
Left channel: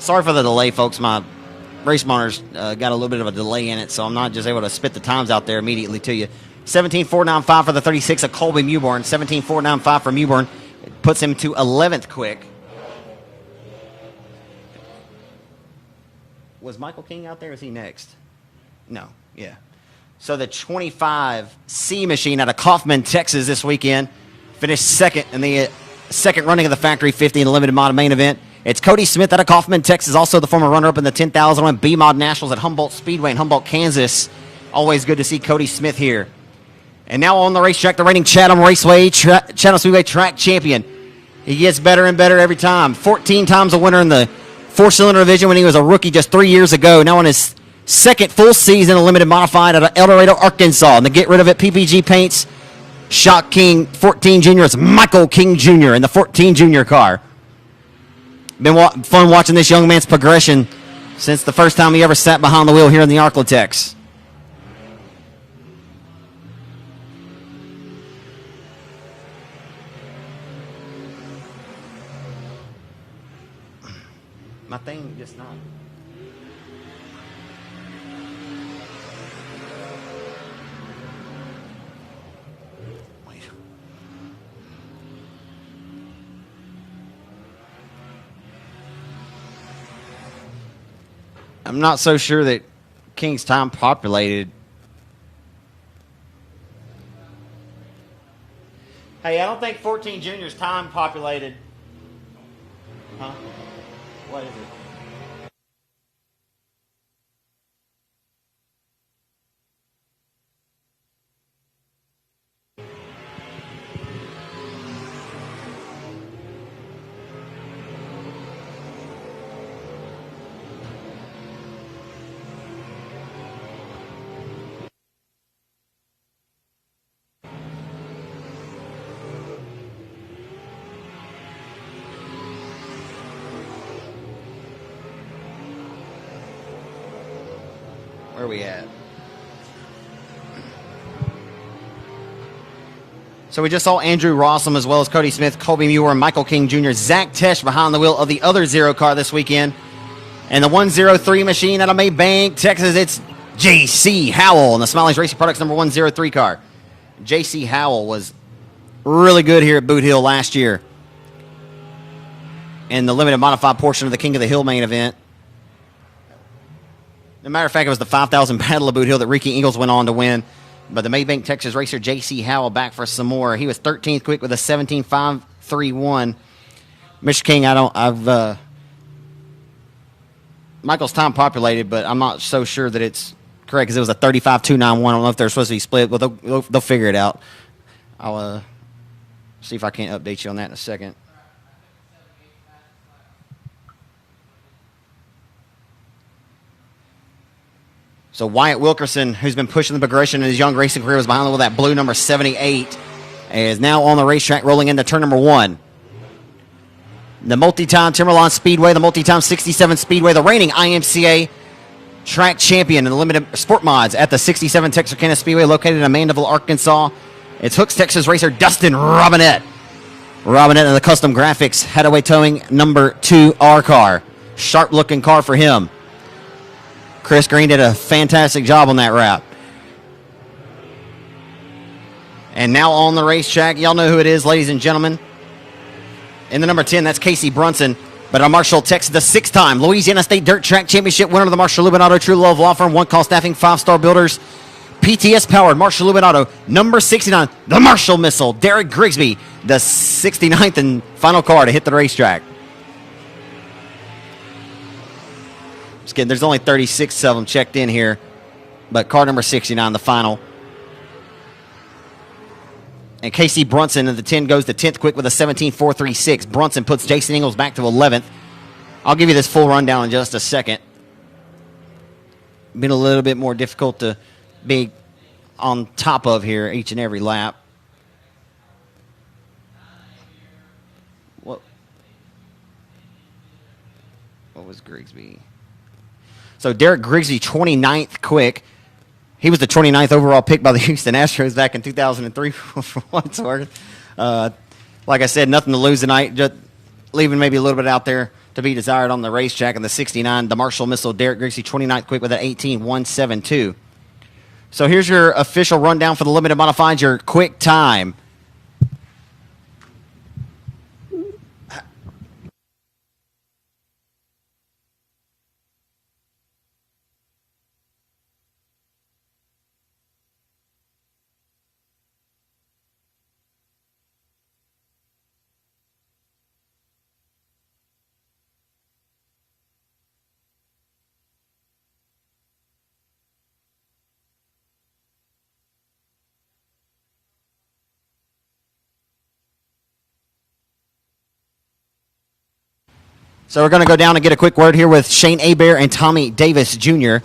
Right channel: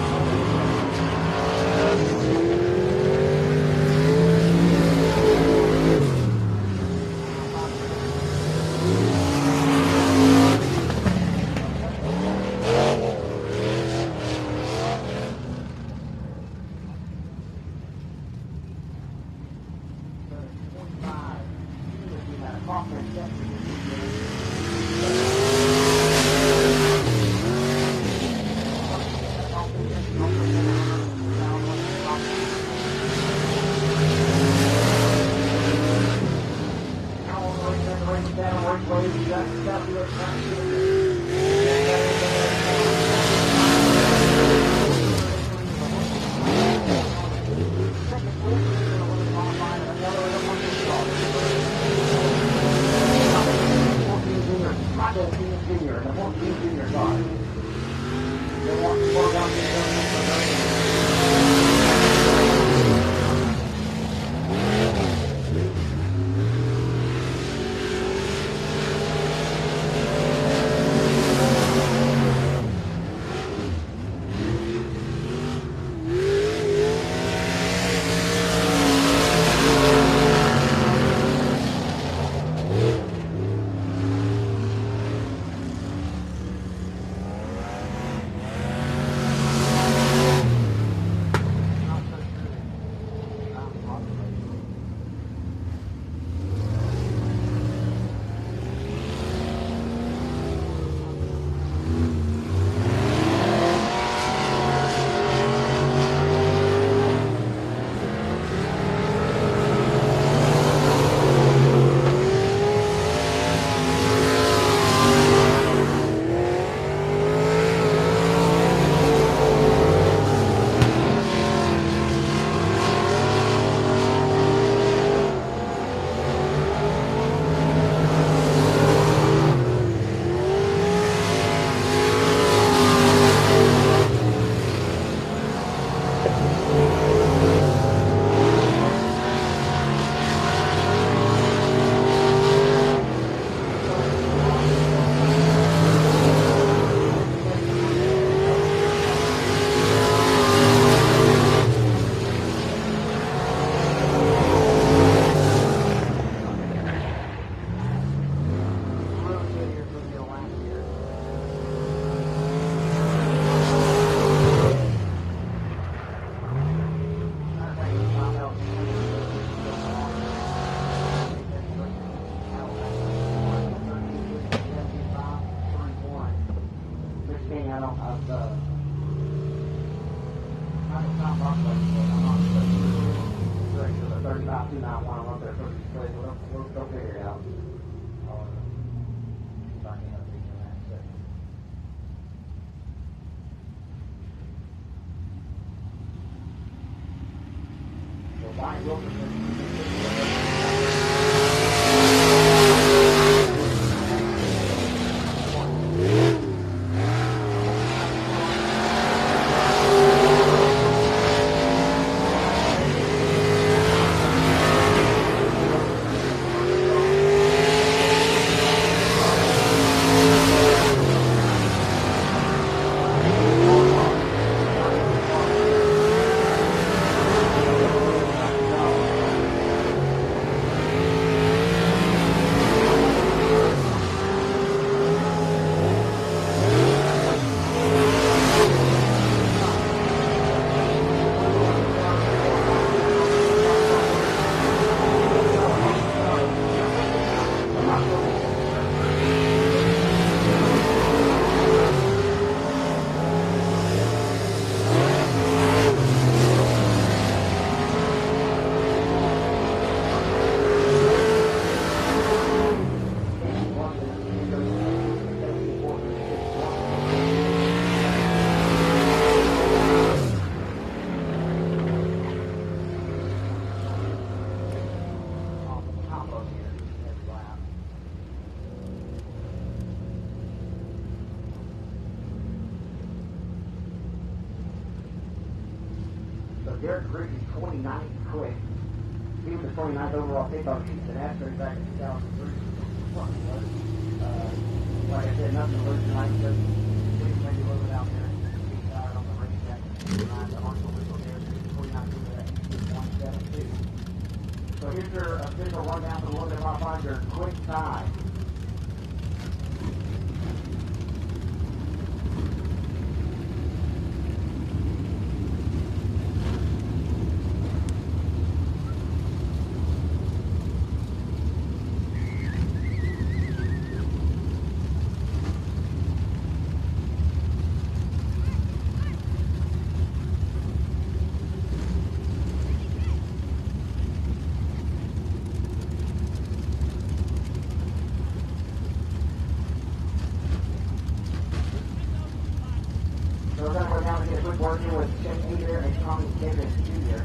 Sorry for the delay, folks. My race monitor's got a little bit of a delay in it, so I'm not just able to spit the times out there immediately to you. 17.495 for the 36 of Colby Mewborn. 17.495 for Mewborn puts him to 11th quick. Was Michael King out there? Or is he next? No. Yeah. So the 25C machine out of Kaufman, Texas this weekend finished second in the second running of the Factory 50 in the limited mod main event. It's Cody Smith out of Kaufman, Texas, also the former runner-up in the 10,001 B-Mod Nationals at Humboldt Speedway in Humboldt, Kansas. Always good to see Cody Smith here. And now on the racetrack, the reigning Chatham Speedway track champion. He gets better and better every time. 14 times a winner in the four-cylinder division when he was a rookie just 3 years ago. Now on his second full season of limited modified out of El Dorado, Arkansas. And to get rid of it, PPG paints Shock King 14 Jr. It's Michael King Jr. in the 14 Jr. car. Been fun watching this young man's progression since the first time he ever sat behind the wheel here in the Arklatex. I'm not so sure that King's time populated. Hey, I don't think 14 Junior's time populated. So we just saw Andrew Rossum as well as Cody Smith, Colby Muir, Michael King Jr., Zach Tesh behind the wheel of the other Zero car this weekend. And the 103 machine out of Maybank, Texas, it's J.C. Howell in the Smiley's Racing Products number 103 car. J.C. Howell was really good here at Boothill last year in the limited modified portion of the King of the Hill main event. As a matter of fact, it was the 5,000 Battle of Boothill that Ricky Ingles went on to win. But the Maybank, Texas racer J.C. Howell back for some more. He was 13th quick with a 17.531. Mr. King, Michael's time populated, but I'm not so sure that it's correct because it was a 35.291. I don't know if they're supposed to be split, but they'll figure it out. I'll see if I can't update you on that in a second. So Wyatt Wilkerson, who's been pushing the progression in his young racing career, was behind the wheel with that blue number 78, and is now on the racetrack rolling into turn number 1. The multi-time Timberline Speedway, the multi-time 67 Speedway, the reigning IMCA track champion in the limited sport mods at the 67 Texarkana Speedway located in Mandeville, Arkansas. It's Hooks, Texas racer Dustin Robinette. Robinette in the custom graphics, Hadaway Towing number 2 R car. Sharp looking car for him. Chris Green did a fantastic job on that wrap. And now on the racetrack, y'all know who it is, ladies and gentlemen. In the number 10, that's Casey Brunson. But our Marshall, Texas, the 6-time Louisiana State Dirt Track Championship winner of the Marshall Lubinato True Love Law Firm, one-call staffing, 5-star builders, PTS-powered Marshall Lubinato, number 69, the Marshall Missile, Derek Grigsby, the 69th and final car to hit the racetrack. There's only 36 of them checked in here, but car number 69, the final. And Casey Brunson in the 10 goes to 10th quick with a 17.436. Brunson puts Jason Ingles back to 11th. I'll give you this full rundown in just a second. Been a little bit more difficult to be on top of here each and every lap. What was Grigsby? So Derek Grigsby, 29th quick. He was the 29th overall pick by the Houston Astros back in 2003 for what it's worth. Like I said, nothing to lose tonight. Just leaving maybe a little bit out there to be desired on the racetrack in the 69. The Marshall Missile, Derek Griggsey, 29th quick with an 18.172. So here's your official rundown for the limited modifieds, your quick time. So we're going to go down and get a quick word here with Shane Hebert and Tommy Davis Jr.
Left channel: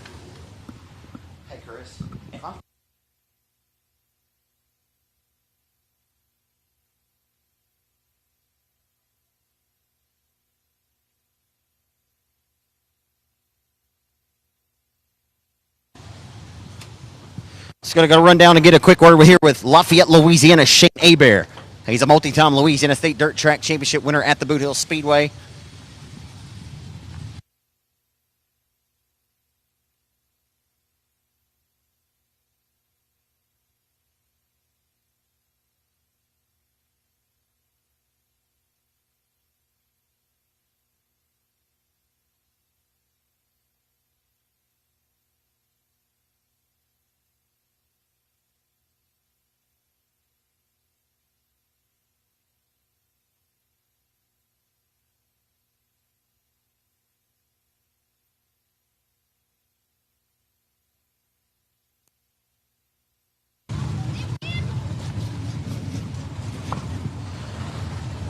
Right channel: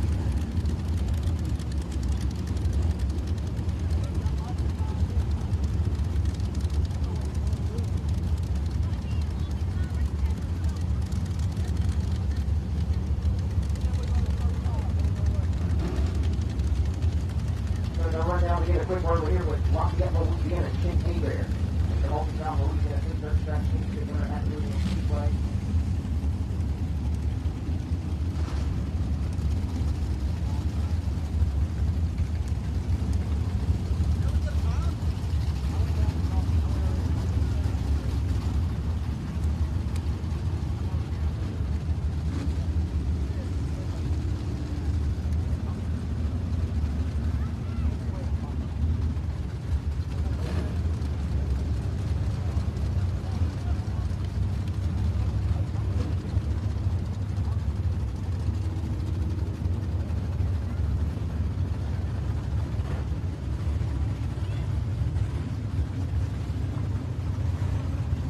Just going to go run down and get a quick word here with Lafayette, Louisiana, Shane Hebert. He's a multi-time Louisiana State Dirt Track Championship winner at the Boothill Speedway.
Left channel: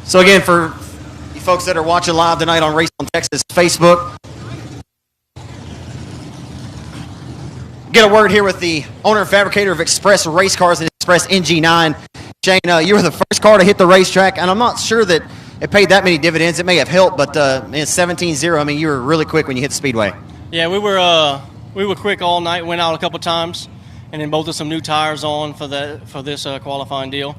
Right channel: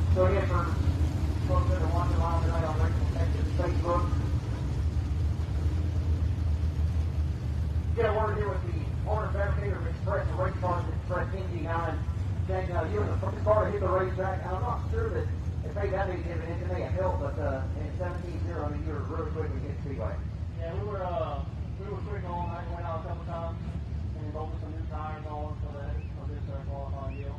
So again, for you folks that are watching live tonight on Race on Texas Facebook, get a word here with the owner and fabricator of Express Race Cars and Express NG9. Shane, you were the first car to hit the racetrack, and I'm not sure that it paid that many dividends. It may have helped, but in 17-0, I mean, you were really quick when you hit the speedway. Yeah, we were quick all night. Went out a couple times, and then bolted some new tires on for this qualifying deal.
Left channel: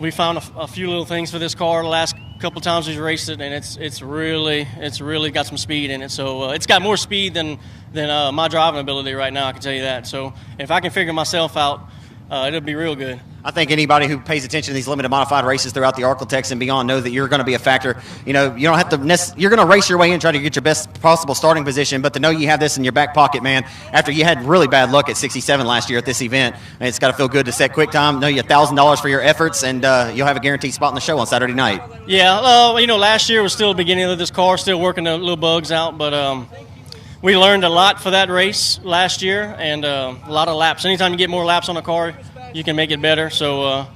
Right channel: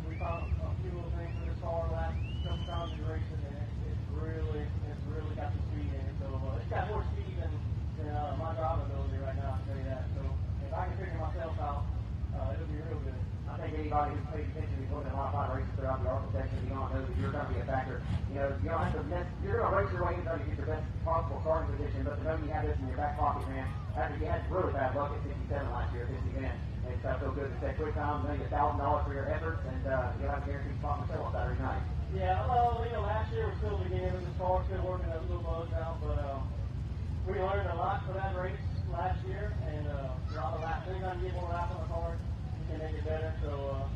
We found a few little things for this car the last couple times we've raced it, and it's really got some speed in it. So it's got more speed than my driving ability right now, I can tell you that. So if I can figure myself out, it'll be real good. I think anybody who pays attention to these limited modified races throughout the Arklatex and beyond know that you're going to be a factor. You know, you don't have to you're going to race your way in, try to get your best possible starting position, but to know you have this in your back pocket, man, after you had really bad luck at 67 last year at this event, and it's got to feel good to set quick time, know you $1,000 for your efforts, and you'll have a guaranteed spot in the show on Saturday night. Yeah, you know, last year was still the beginning of this car, still working the little bugs out, but we learned a lot for that race last year, and a lot of laps. Anytime you get more laps on a car, you can make it better. So,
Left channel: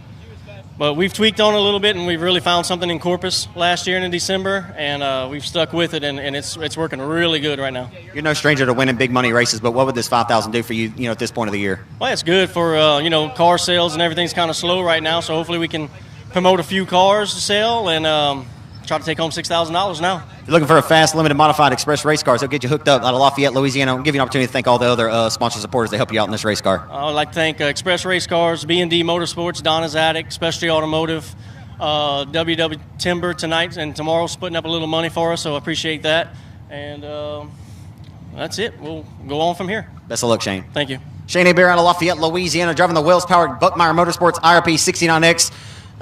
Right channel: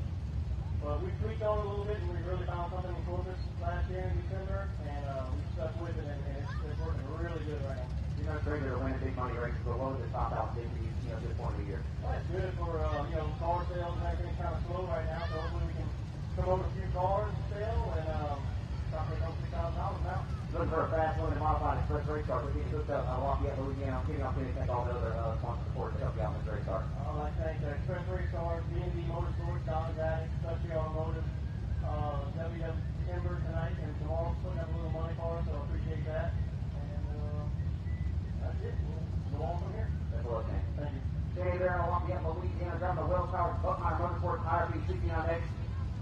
but we've tweaked on it a little bit, and we've really found something in Corpus last year in December, and we've stuck with it, and it's working really good right now. You're no stranger to winning big money races, but what would this $5,000 do for you, at this point of the year? Well, it's good for car sales, and everything's kind of slow right now. So hopefully we can promote a few cars to sell and try to take home $6,000 now. If you're looking for a fast, limited, modified Express race cars, they'll get you hooked up out of Lafayette, Louisiana. I'll give you an opportunity to thank all the other sponsor supporters that help you out in this race car. I would like to thank Express Race Cars, B&D Motorsports, Donna's Attic, Specialty Automotive, WW Timber tonight and tomorrow splitting up a little money for us, so I appreciate that. And that's it. We'll go on from here. Best of luck, Shane. Thank you. Shane Hebert out of Lafayette, Louisiana, driving the Wells-powered Buckmeyer Motorsports IRP 69X.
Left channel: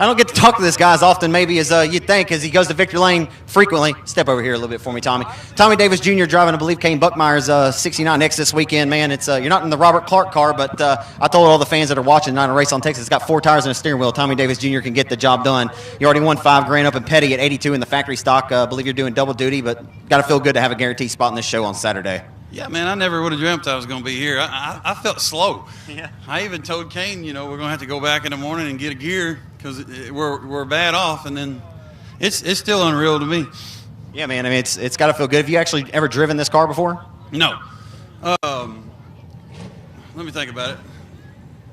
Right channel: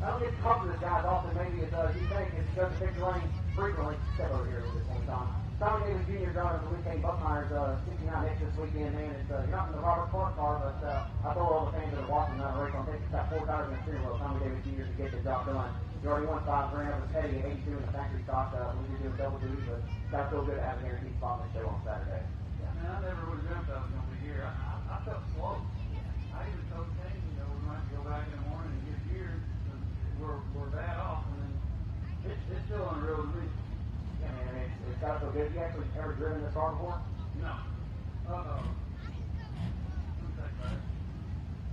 I don't get to talk to this guy as often maybe as you'd think, as he goes to victory lane frequently. Step over here a little bit for me, Tommy. Tommy Davis Jr. driving, I believe, Kane Buckmeyer's 69X this weekend, man. It's you're not in the Robert Clark car, but I told all the fans that are watching tonight on Race on Texas, it's got 4 tires and a steering wheel. Tommy Davis Jr. can get the job done. You already won $5,000 up in Petty at 82 in the factory stock. I believe you're doing double duty, but got to feel good to have a guaranteed spot in this show on Saturday. Yeah, man, I never would have dreamt I was going to be here. I felt slow. Yeah. I even told Kane, we're going to have to go back in the morning and get a gear because we're bad off, and then it's still unreal to me. Yeah, man, I mean, it's got to feel good. Have you actually ever driven this car before? No. Let me think about it.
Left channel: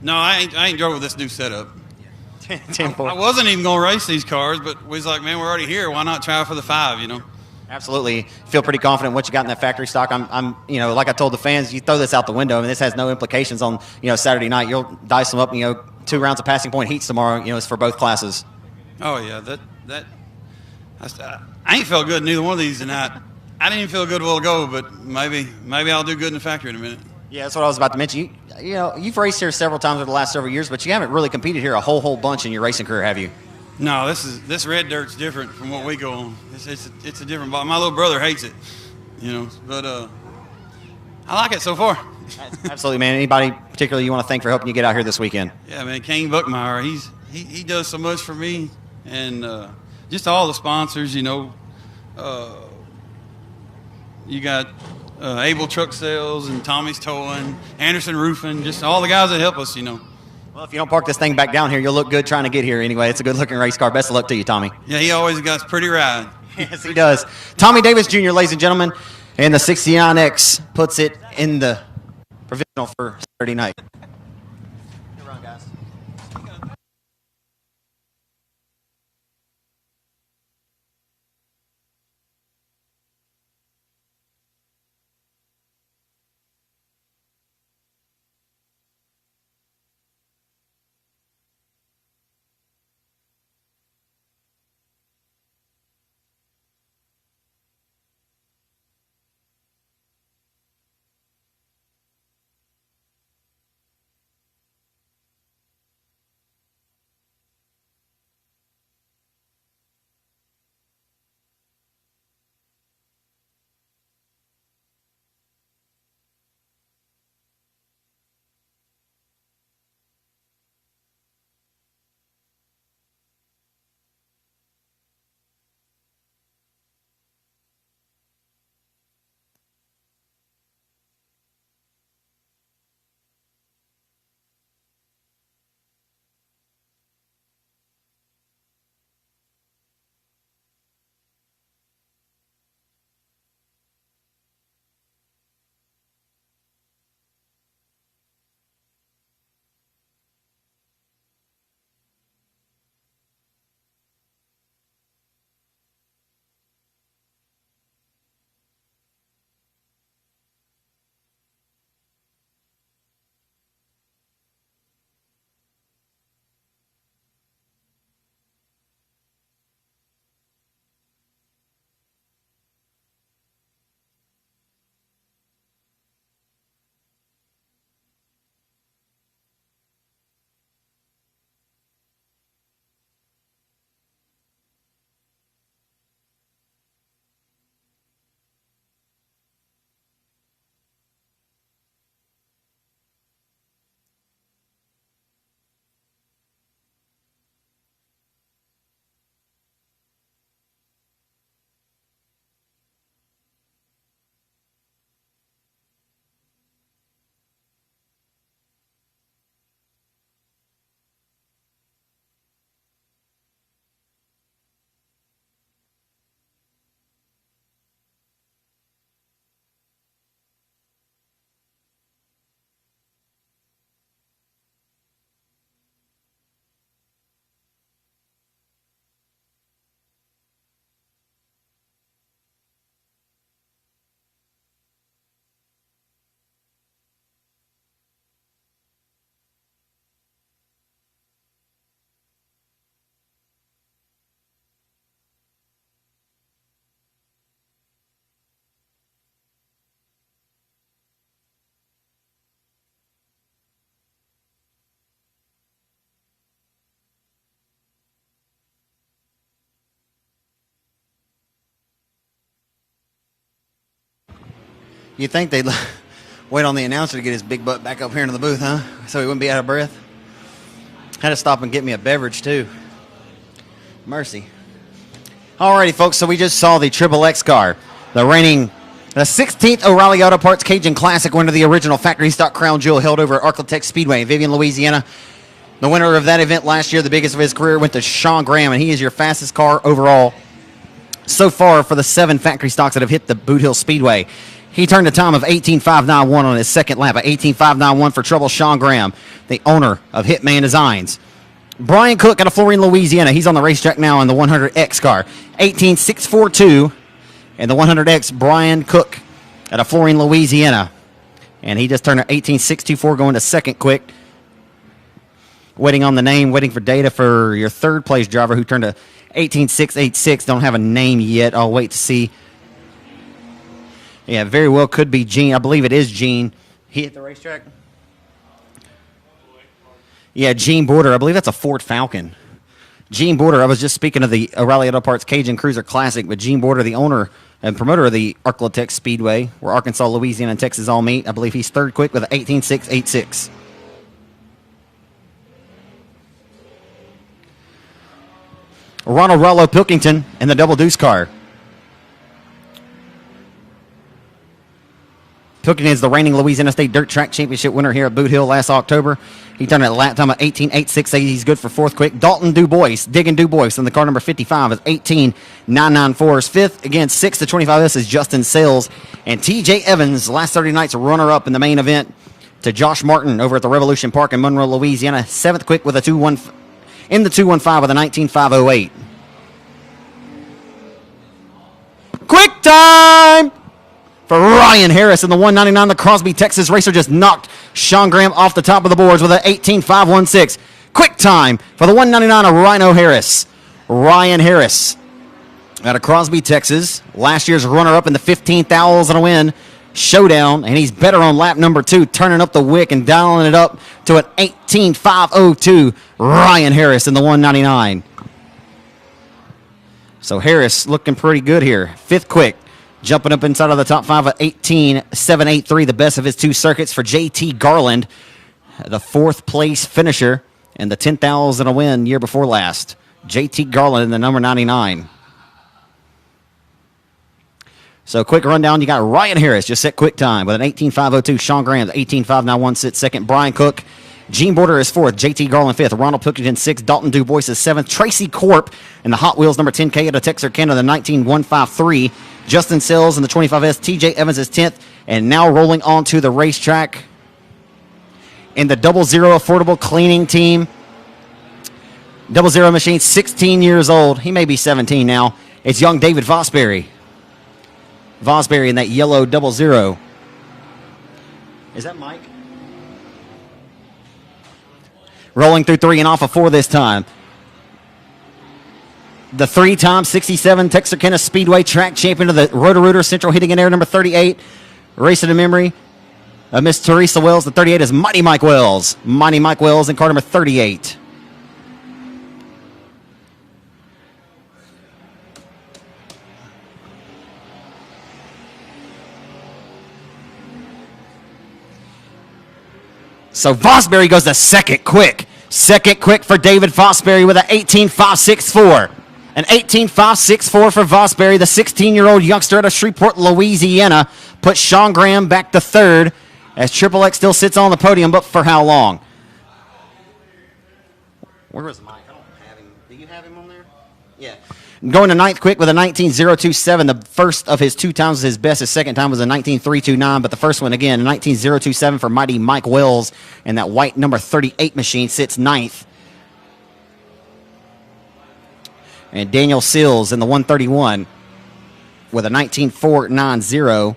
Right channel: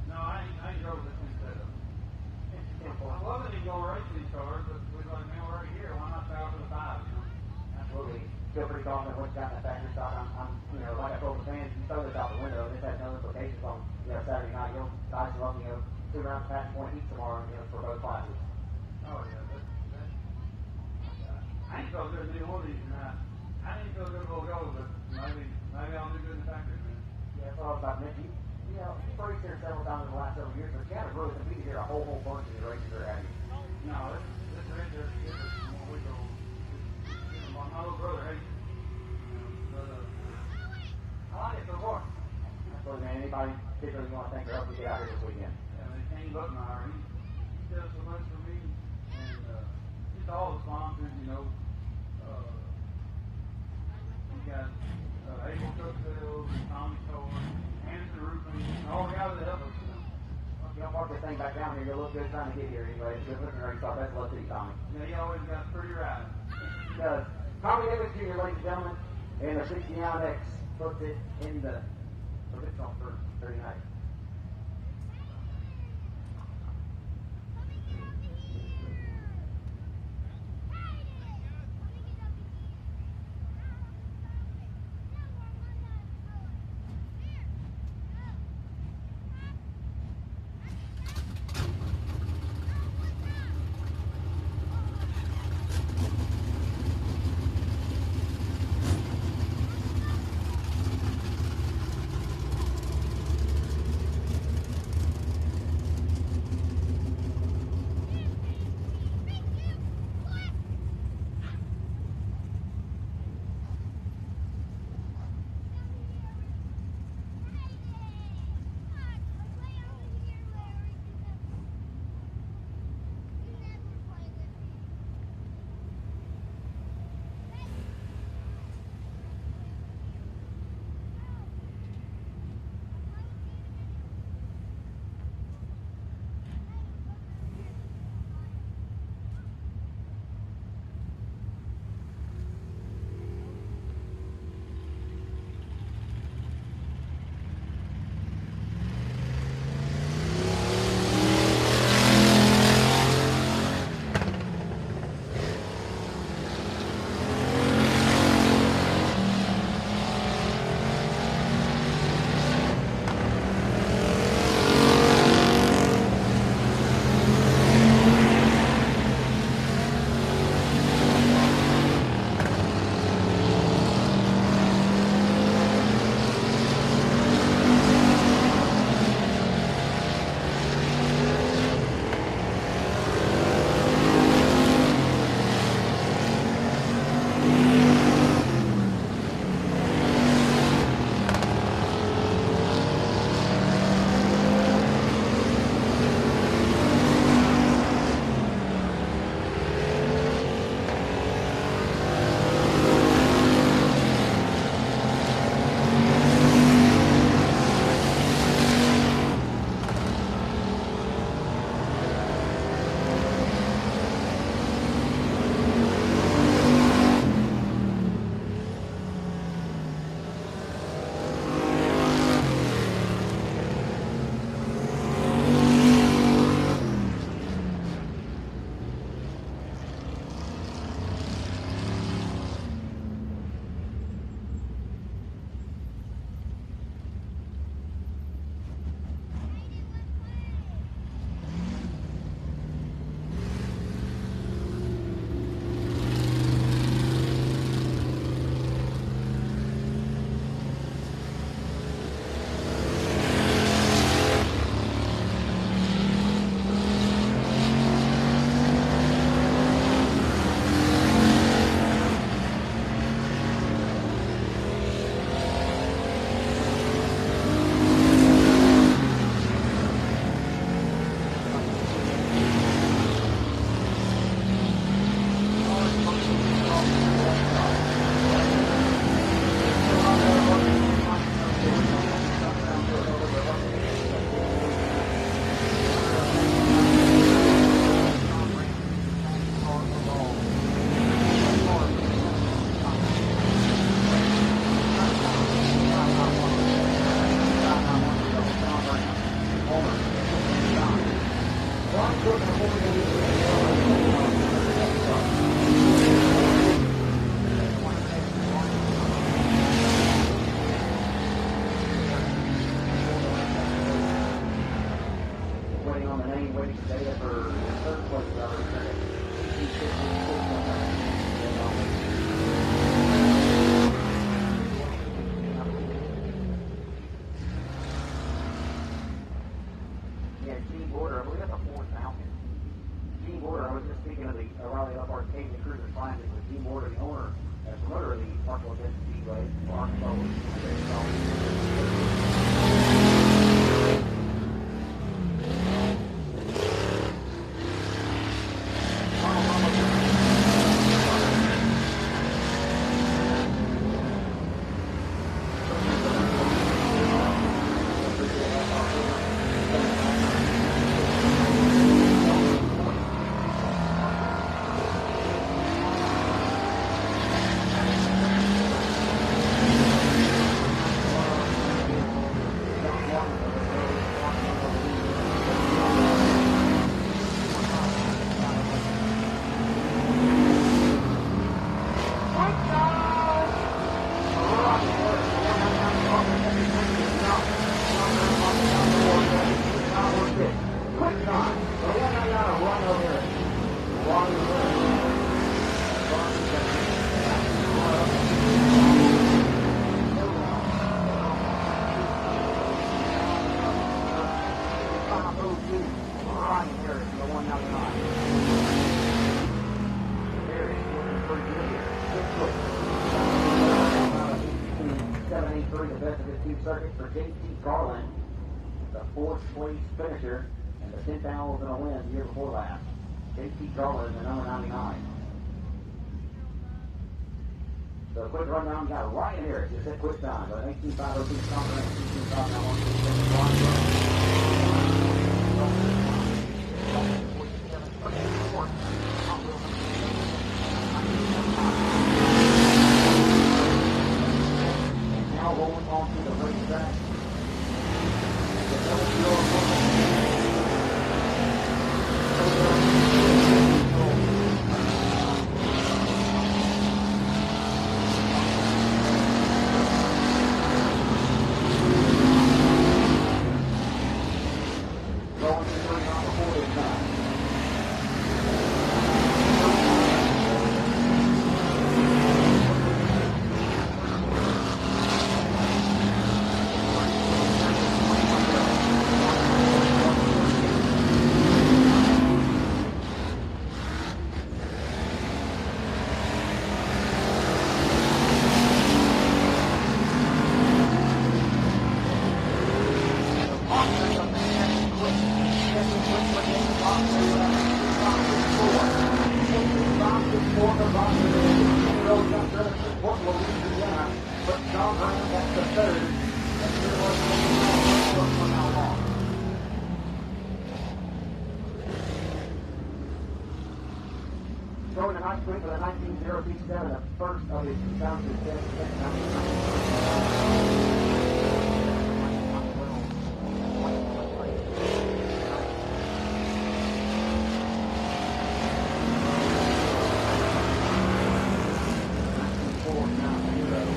No, I ain't drove with this new setup. I wasn't even going to race these cars, but we was like, man, we're already here. Why not try for the 5, Absolutely. Feel pretty confident what you got in that factory stock. I'm like I told the fans, you throw this out the window. I mean, this has no implications on, Saturday night. You'll dice them up, 2 rounds of passing point heats tomorrow, it's for both classes. Oh, yeah. I ain't felt good in neither one of these tonight. I didn't even feel good a while ago, but maybe I'll do good in the factory in a minute. Yeah, that's what I was about to mention. You know, you've raced here several times over the last several years, but you haven't really competed here a whole bunch in your racing career, have you? No, this red dirt's different from what we go on. It's a different ball. My little brother hates it, you know, but I like it so far. Absolutely, man. Anybody particularly you want to thank for helping you get out here this weekend? Yeah, man, Kane Buckmeyer, he does so much for me, and just all the sponsors, you know. You got Able Truck Sales and Tommy's Towing, Anderson Roofing, just all the guys that help us, you know. Well, if you don't park this thing back down here, you'll look good trying to get here anyway. It's a good-looking race car. Best of luck to you, Tommy. Yeah, he always got a pretty ride. Yes, he does. Tommy Davis Jr., ladies and gentlemen, and the 69X puts it in the provisional for Saturday night. Good run, guys. You think they'd wait on the announcer to get his big butt back up here in the booth, huh? So he wouldn't be out of breath. Had to stop and get me a beverage, too. Mercy. Alrighty, folks, so we just saw the Triple X car. The 16th O'Reilly Auto Parts Cajun Classic winner, the original factory stock crown jewel held over at Architect Speedway in Vivian, Louisiana. The winner of that event last year, the biggest of his career, went to Sean Graham, and he is your fastest car overall so far for the 7 factory stocks that have hit the Boothill Speedway. He turned a time of 18.591 on his second lap, 18.591 for trouble Sean Graham, the owner of Hitman Designs. Brian Cook out of Florine, Louisiana. He's on the racetrack now in the 100X car. 18.642 and the 100X, Brian Cook out of Florine, Louisiana. And he just turned an 18.624 going to second quick. Waiting on the name, waiting for data for your third place driver who turned a 18686. Don't have a name yet. I'll wait to see. Yeah, very well could be Gene. I believe it is Gene. He hit the racetrack. Yeah, Gene Border. I believe that's a Ford Falcon. Gene Border. I was just speaking of the O'Reilly Auto Parts Cajun Cruiser Classic, but Gene Border, the owner and promoter of the Arklatex Speedway, where Arkansas, Louisiana, and Texas all meet. I believe he's third quick with an 18686. Ronald Pilkington in the double deuce car. Pilkington is the reigning Louisiana State Dirt Track Championship winner here at Boothill last October. He turned a lap time of 18.868. He's good for fourth quick. Dalton Dubois, Diggin Dubois in the car number 55 is 18.994. Is fifth. Again, sixth to 25S is Justin Sales. And TJ Evans, last 30 nights runner-up in the main event to Josh Martin over at the Revolution Park in Monroe, Louisiana. Seventh quick with a 2-1 in the 215 with a 19.508. Quick time for Ryan Harris in the 199. The Crosby, Texas racer just knocked Sean Graham off the top of the boards with an 18.516. Quick time for the 199 of Rhino Harris. Ryan Harris out of Crosby, Texas. Last year's runner-up in the 15,000 a win showdown, and he's better on lap number 2, turning up the wick and dialing it up to an 18.502. Ryan Harris in the 199. So Harris looking pretty good here. Fifth quick, jumping up inside of the top 5 at 18.783, the best of his 2 circuits for JT Garland, the 4th place finisher and the 10,000 a win year before last. JT Garland in the number 99. So quick rundown, you got Ryan Harris just set quick time with an 18.502. Sean Graham, 18.591 sits second. Brian Cook, Gene Border is 4th. JT Garland 5th. Ronald Pilkington 6th. Dalton Dubois is 7th. Tracy Corp in the Hot Wheels number 10K out of Texarkana, the 19.153. Justin Sills in the 25S. TJ Evans is 10th. And now rolling on to the racetrack in the 00 Affordable Cleaning Team. 00 machine, 16 years old. He may be 17 now. It's young David Vosbury. Vosbury in that yellow 00. Rolling through 3 and off of 4 this time. The 3-time 67 Texarkana Speedway track champion of the Roto-Rooter Central hitting in air number 38. Racing in memory of Miss Teresa Wells. The 38 is Mighty Mike Wells. Mighty Mike Wells in car number 38. So Vosbury goes to second quick. Second quick for David Vosbury with an 18.564. An 18.564 for Vosbury, the 16-year-old youngster out of Shreveport, Louisiana. Puts Sean Graham back to third as Triple X still sits on the podium, but for how long? Where was it? Do you have him on there? Yeah. Going to ninth quick with a 19.027. The first of his 2 times was his best. His second time was a 19.329, but the first one again, 19.027 for Mighty Mike Wells. And that white number 38 machine sits ninth. And Daniel Sills in the 131 with a 19.490.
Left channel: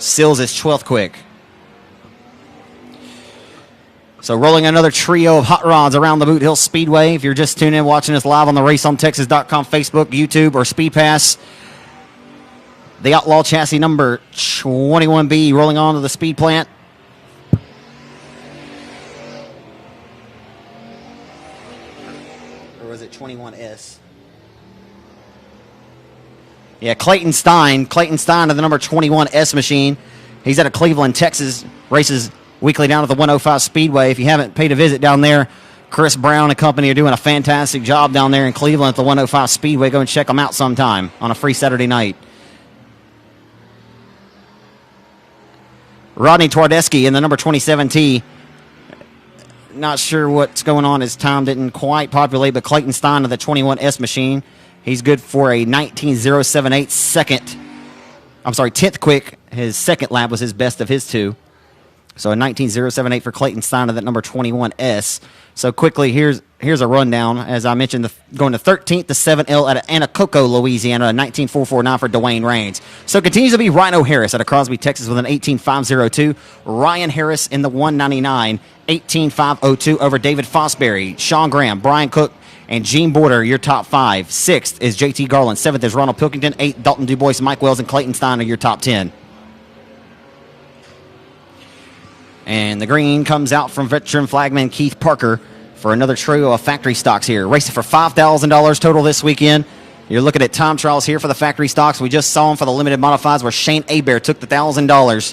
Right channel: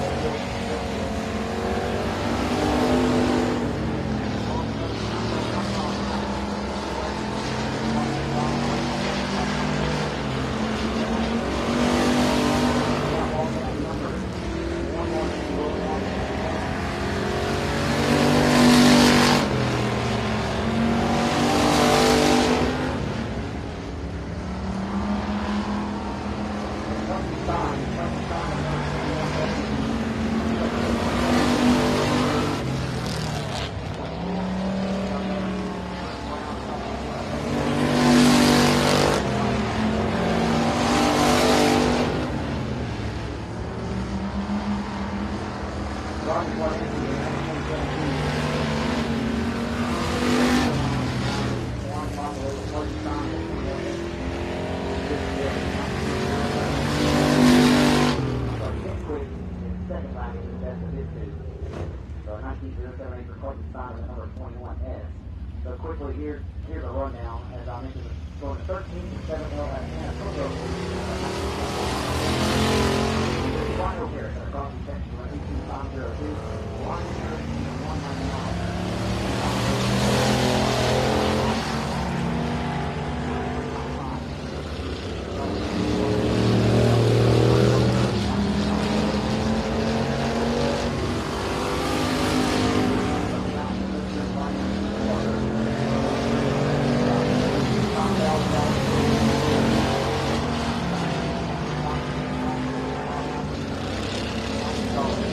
Sills is 12th quick. So rolling another trio of hot rods around the Boothill Speedway. If you're just tuning in, watching us live on the RaceOnTexas.com, Facebook, YouTube, or SpeedPass, the Outlaw chassis number 21B rolling on to the speed plant. Yeah, Clayton Stein of the number 21S machine. He's out of Cleveland, Texas. Races weekly down at the 105 Speedway. If you haven't paid a visit down there, Chris Brown and company are doing a fantastic job down there in Cleveland at the 105 Speedway. Go and check them out sometime on a free Saturday night. Rodney Twardeski in the number 27T. Not sure what's going on. His time didn't quite populate, but Clayton Stein of the 21S machine. He's good for a 19.078 second. I'm sorry, 10th quick. His second lap was his best of his 2. So a 19.078 for Clayton Stein of that number 21S. So quickly, here's a rundown. As I mentioned, going to 13th, the 7L out of Anacoco, Louisiana, a 19.449 for Dwayne Raines. So it continues to be Rhino Harris out of Crosby, Texas with an 18.502. Ryan Harris in the 199, 18.502 over David Fosbury. Sean Graham, Brian Cook, and Gene Border, your top 5. 6th is JT Garland. 7th is Ronald Pilkington. 8th, Dalton DuBois, Mike Wells, and Clayton Stein are your top 10. And the green comes out from veteran flagman Keith Parker for another trio of factory stocks here. Racing for $5,000 total this weekend. You're looking at time trials here for the factory stocks. We just saw them for the limited modifieds where Shane Hebert took the $1,000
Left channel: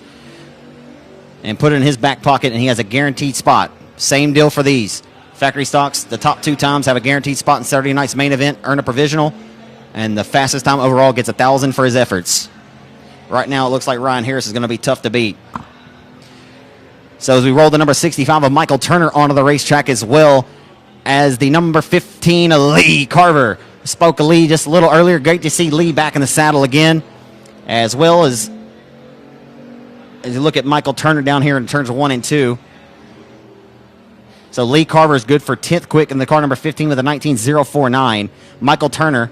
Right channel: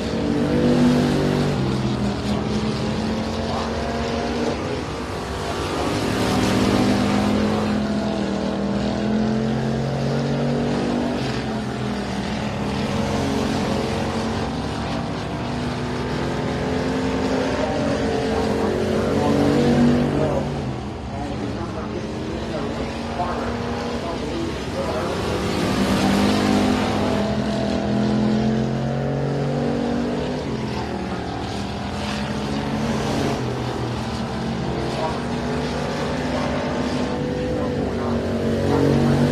and put it in his back pocket, and he has a guaranteed spot. Same deal for these. Factory stocks, the top 2 times have a guaranteed spot in Saturday night's main event, earn a provisional, and the fastest time overall gets $1,000 for his efforts. Right now it looks like Ryan Harris is going to be tough to beat. So as we roll the number 65 of Michael Turner onto the racetrack, as well as the number 15 of Lee Carver. Spoke of Lee just a little earlier. Great to see Lee back in the saddle again, as well as you look at Michael Turner down here in turns 1 and 2. So Lee Carver is good for 10th quick in the car number 15 with a 19.049. Michael Turner,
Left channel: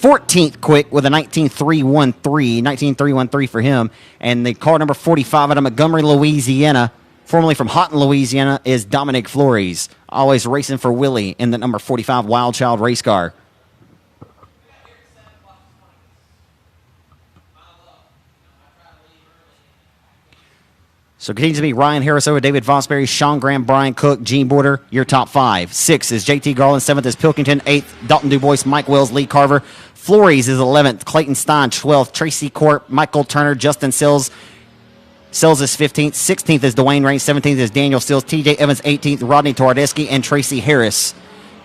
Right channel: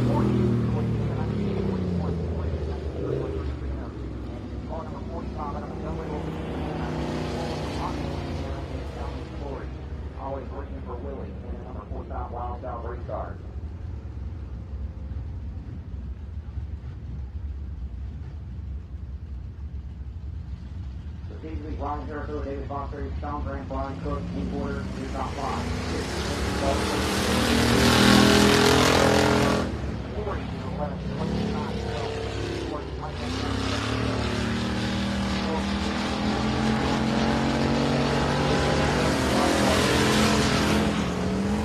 14th quick with a 19.313. 19.313 for him. And the car number 45 out of Montgomery, Louisiana, formerly from Houghton, Louisiana, is Dominic Flores. Always racing for Willie in the number 45 Wild Child race car. So it continues to be Ryan Harris over David Fosbury, Sean Graham, Brian Cook, Gene Border, your top 5. 6 is JT Garland, 7th is Pilkington, 8th Dalton DuBois, Mike Wells, Lee Carver. Flores is 11th, Clayton Stein 12th, Tracy Court, Michael Turner, Justin Sills. Sills is 15th, 16th is Dwayne Raines, 17th is Daniel Sills, TJ Evans 18th, Rodney Twardeski, and Tracy Harris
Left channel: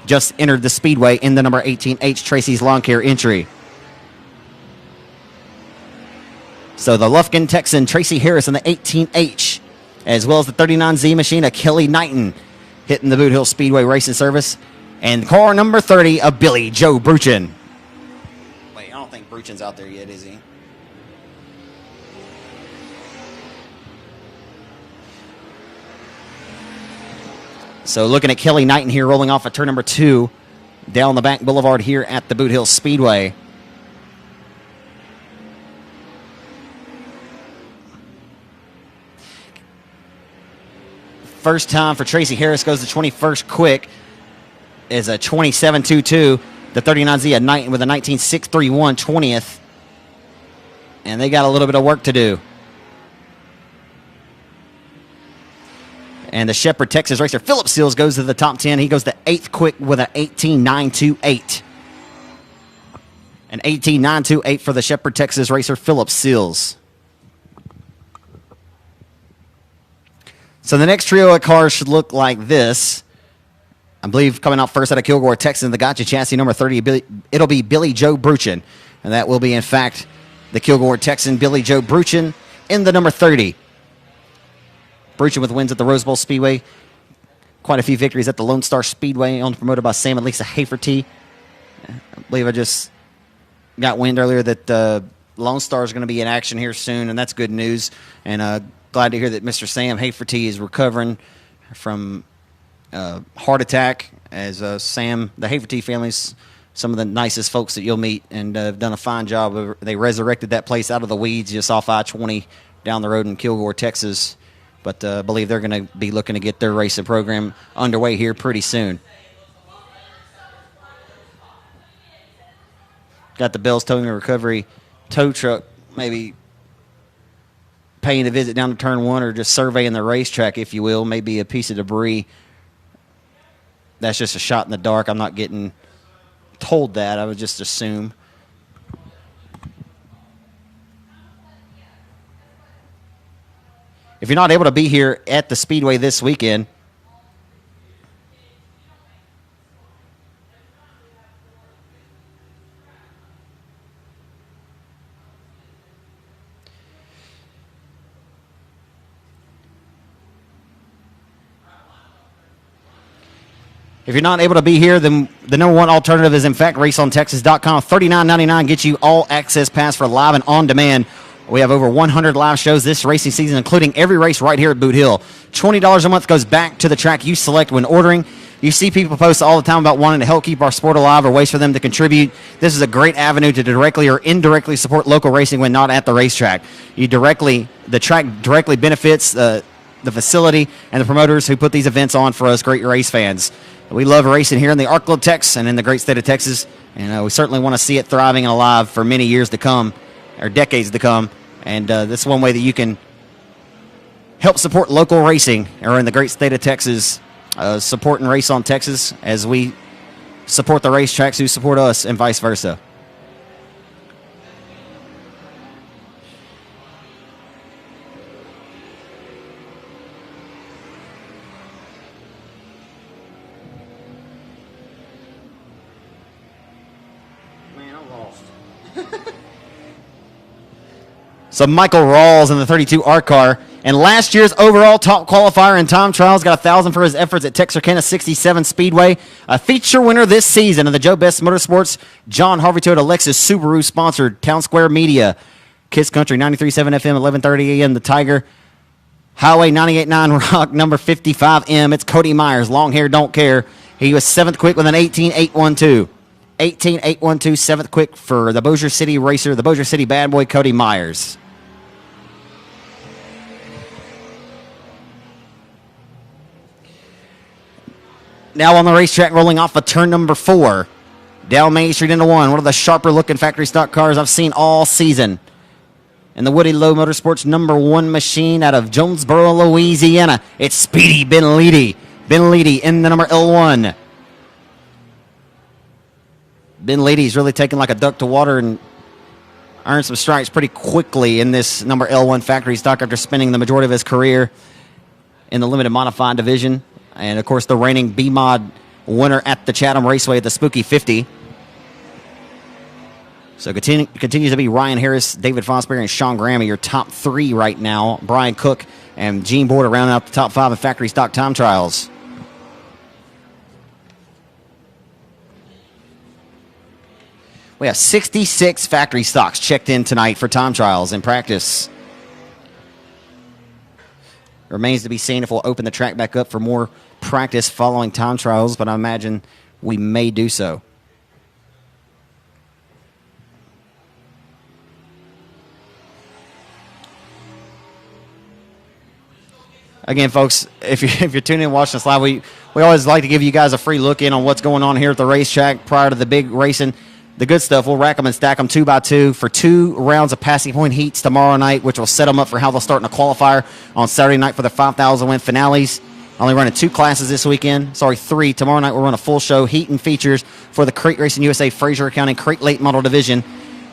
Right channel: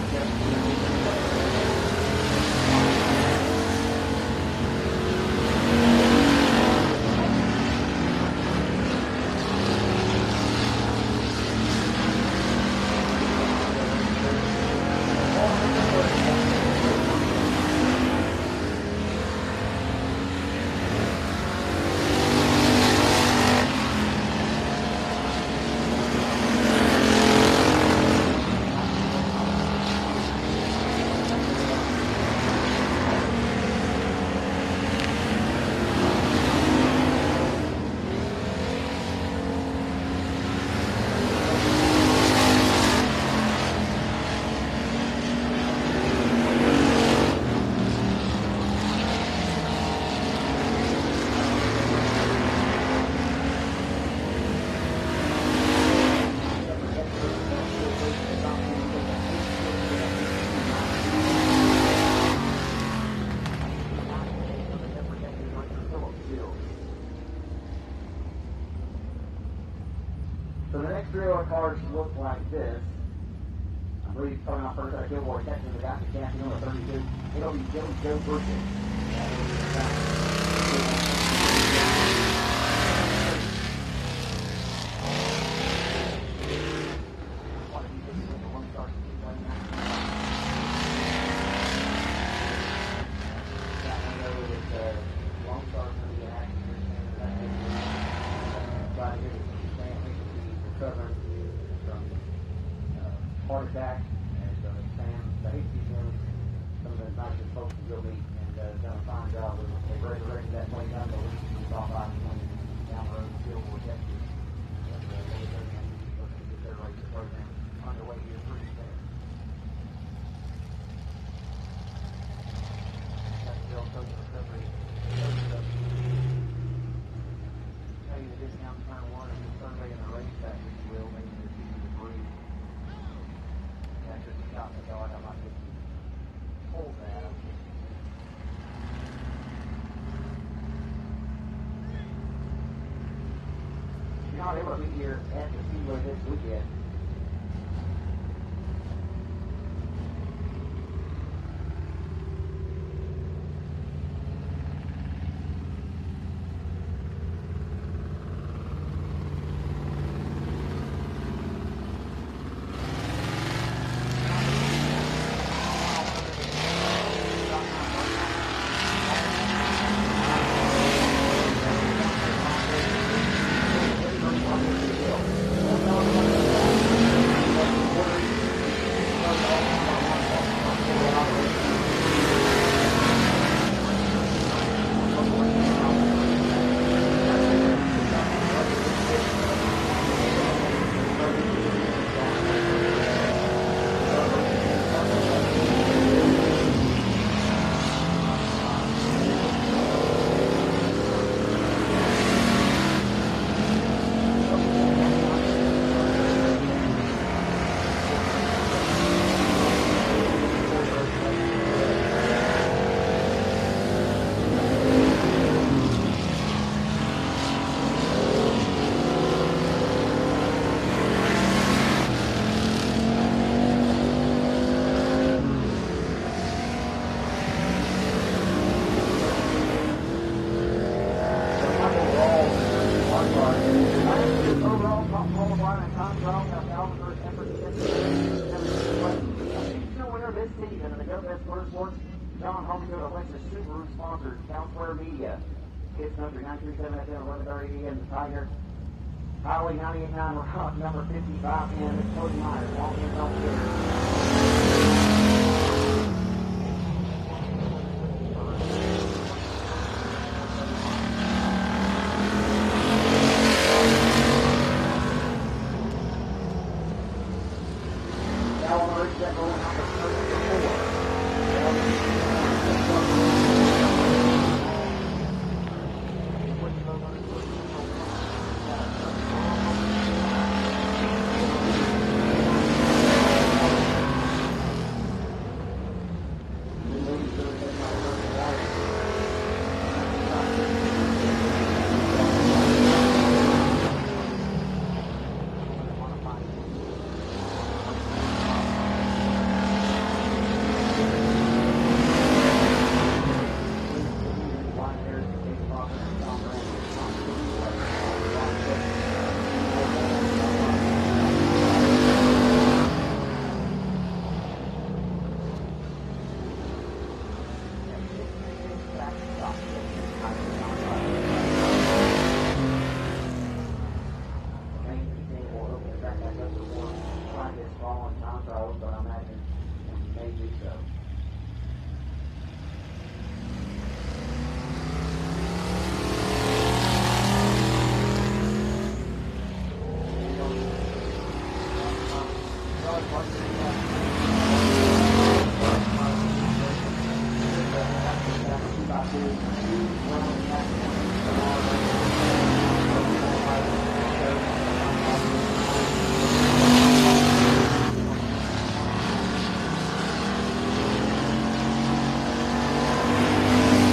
just entered the Speedway in the number 18H Tracy's Lawn Care entry. So the Lufkin Texan, Tracy Harris in the 18H, as well as the 39Z machine of Kelly Knighton hitting the Boothill Speedway Racing Service. And car number 30 of Billy Joe Bruchin. Wait, I don't think Bruchin's out there yet, is he? So looking at Kelly Knighton here rolling off at turn number 2 down the back boulevard here at the Boothill Speedway. First time for Tracy Harris goes to 21st quick is a 27.22. The 39Z at night with a 19.631 20th. And they got a little bit of work to do. And the Shepherd, Texas racer Philip Seals goes to the top 10. He goes to 8th quick with an 18.928. An 18.928 for the Shepherd, Texas racer Philip Seals. So the next trio of cars should look like this. I believe coming out first out of Kilgore, Texas, the Gotcha chassis number 30, it'll be Billy Joe Bruchin. And that will be, in fact, the Kilgore Texan Billy Joe Bruchin in the number 30. Bruchin with wins at the Rose Bowl Speedway. Quite a few victories at the Lone Star Speedway, owned and promoted by Sam and Lisa Haferty. I believe I just got wind earlier that Lone Star is going to be in action here soon, and that's good news. And glad to hear that Mr. Sam Haferty is recovering from heart attack, as Sam, the Haferty family's some of the nicest folks that you'll meet, and have done a fine job. They resurrected that place out of the weeds just off I-20 down the road in Kilgore, Texas. But I believe they're going to be looking to get their racing program underway here pretty soon. Got the Bales Towing and Recovery tow truck maybe paying a visit down to turn 1, or just surveying the racetrack, if you will. Maybe a piece of debris. That's just a shot in the dark. I'm not getting told that. I would just assume. If you're not able to be here at the Speedway this weekend, if you're not able to be here, then the number one alternative is, in fact, raceontexas.com. $39.99 gets you all access pass for live and on demand. We have over 100 live shows this racing season, including every race right here at Boot Hill. $20 a month goes back to the track you select when ordering. You see people post all the time about wanting to help keep our sport alive or ways for them to contribute. This is a great avenue to directly or indirectly support local racing when not at the racetrack. The track directly benefits the facility and the promoters who put these events on for us great race fans. We love racing here in the Ark of Texas and in the great state of Texas. And we certainly want to see it thriving and alive for many years to come, or decades to come. And this is one way that you can help support local racing or in the great state of Texas, support and race on Texas as we support the racetracks who support us and vice versa. So Michael Rawls in the 32 ARC car, and last year's overall top qualifier in time trials, got 1,000 for his efforts at Texarkana 67 Speedway. A feature winner this season of the Joe Best Motorsports John Harvey Toyota Lexus Subaru sponsored Town Square Media, Kiss Country 93.7 FM 11:30 a.m. The Tiger, Highway 98.9 Rock number 55M. It's Cody Myers, long hair, don't care. He was 7th quick with an 18.812. 18.812, 7th quick for the Bossier City racer, the Bossier City bad boy, Cody Myers. Now on the racetrack, rolling off of turn number 4. Down Main Street into 1. One of the sharper looking factory stock cars I've seen all season. And the Woody Lowe Motorsports number 1 machine out of Jonesboro, Louisiana. It's Speedy Ben Leedy. Ben Leedy in the number L1. Ben Leedy's really taken like a duck to water and earned some stripes pretty quickly in this number L1 factory stock after spending the majority of his career in the limited modified division. And of course the reigning B-Mod winner at the Chatham Raceway at the Spooky 50. So continues to be Ryan Harris, David Fosbury, and Sean Graham are your top 3 right now. Brian Cook and Gene Border rounding out the top 5 of factory stock time trials. We have 66 factory stocks checked in tonight for time trials in practice. Remains to be seen if we'll open the track back up for more practice following time trials, but I imagine we may do so. Again, folks, if you're tuning in and watching us live, we always like to give you guys a free look in on what's going on here at the racetrack prior to the big racing. The good stuff, we'll rack them and stack them 2 by 2 for 2 rounds of passing point heats tomorrow night, which will set them up for how they'll start in a qualifier on Saturday night for the 5,000 win finales. Only running 2 classes this weekend. Sorry, 3. Tomorrow night we'll run a full show, heat and features for the Crate Racing USA Fraser County Crate Late Model Division,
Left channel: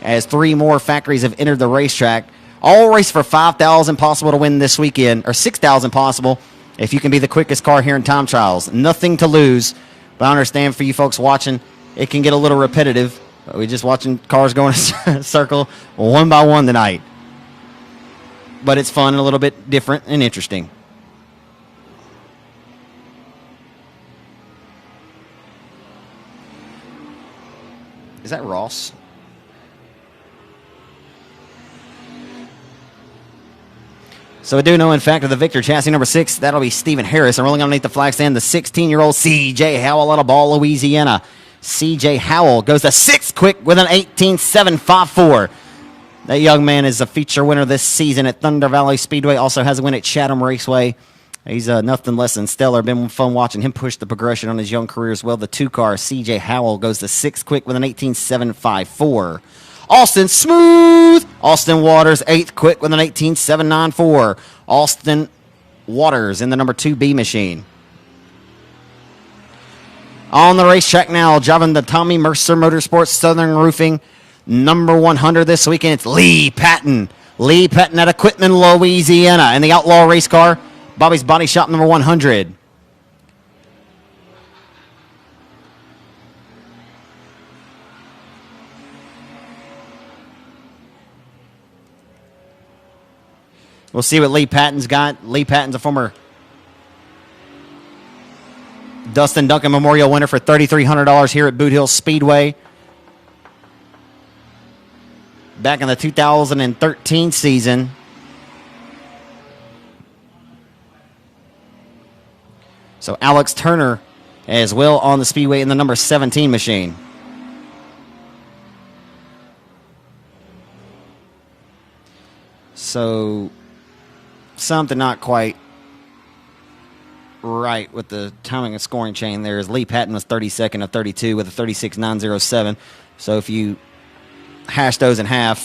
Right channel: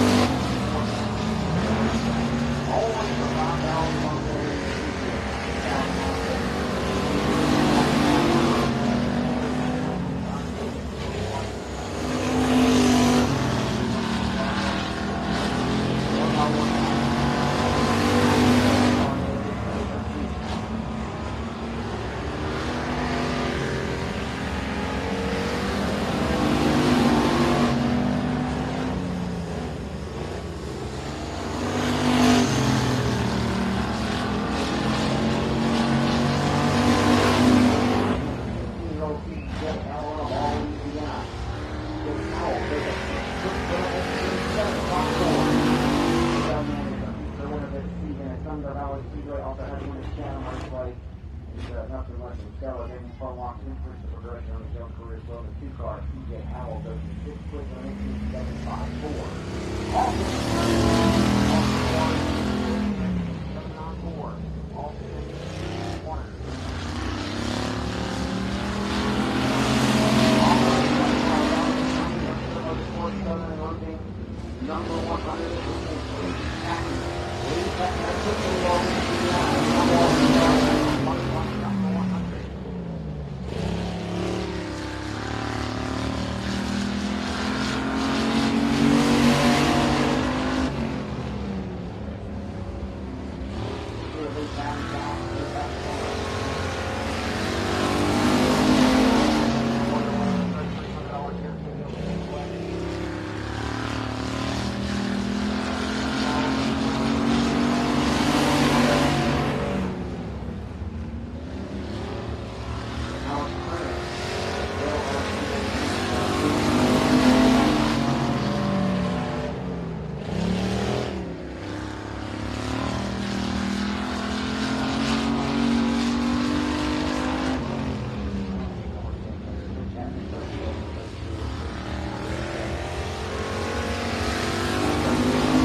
as 3 more factories have entered the racetrack. All race for 5,000 possible to win this weekend, or 6,000 possible if you can be the quickest car here in time trials. Nothing to lose, but I understand for you folks watching, it can get a little repetitive. We're just watching cars go in a circle 1 by 1 tonight. But it's fun and a little bit different and interesting. Is that Ross? So we do know, in fact, that the Victor chassis number 6, that'll be Stephen Harris. And rolling underneath the flag stand, the 16-year-old C.J. Howell out of Ball, Louisiana. C.J. Howell goes to 6th quick with an 18.754. That young man is a feature winner this season at Thunder Valley Speedway. Also has a win at Chatham Raceway. He's nothing less than stellar. Been fun watching him push the progression on his young career as well. The 2-car, C.J. Howell, goes to 6th quick with an 18.754. Austin Smooth. Austin Waters, 8th quick with an 18.794. Austin Waters in the number 2B machine. On the racetrack now, driving the Tommy Mercer Motorsports Southern Roofing number 100 this weekend. It's Lee Patton. Lee Patton out of Quitman, Louisiana. In the Outlaw race car, Bobby's Body Shop number 100. We'll see what Lee Patton's got. Lee Patton's a former Dustin Duncan Memorial winner for $3,300 here at Boothill Speedway. Back in the 2013 season. So Alex Turner as well on the Speedway in the number 17 machine. So something not quite right with the timing and scoring chain there, as Lee Patton was 32nd of 32 with a 36.907. So if you hash those in half,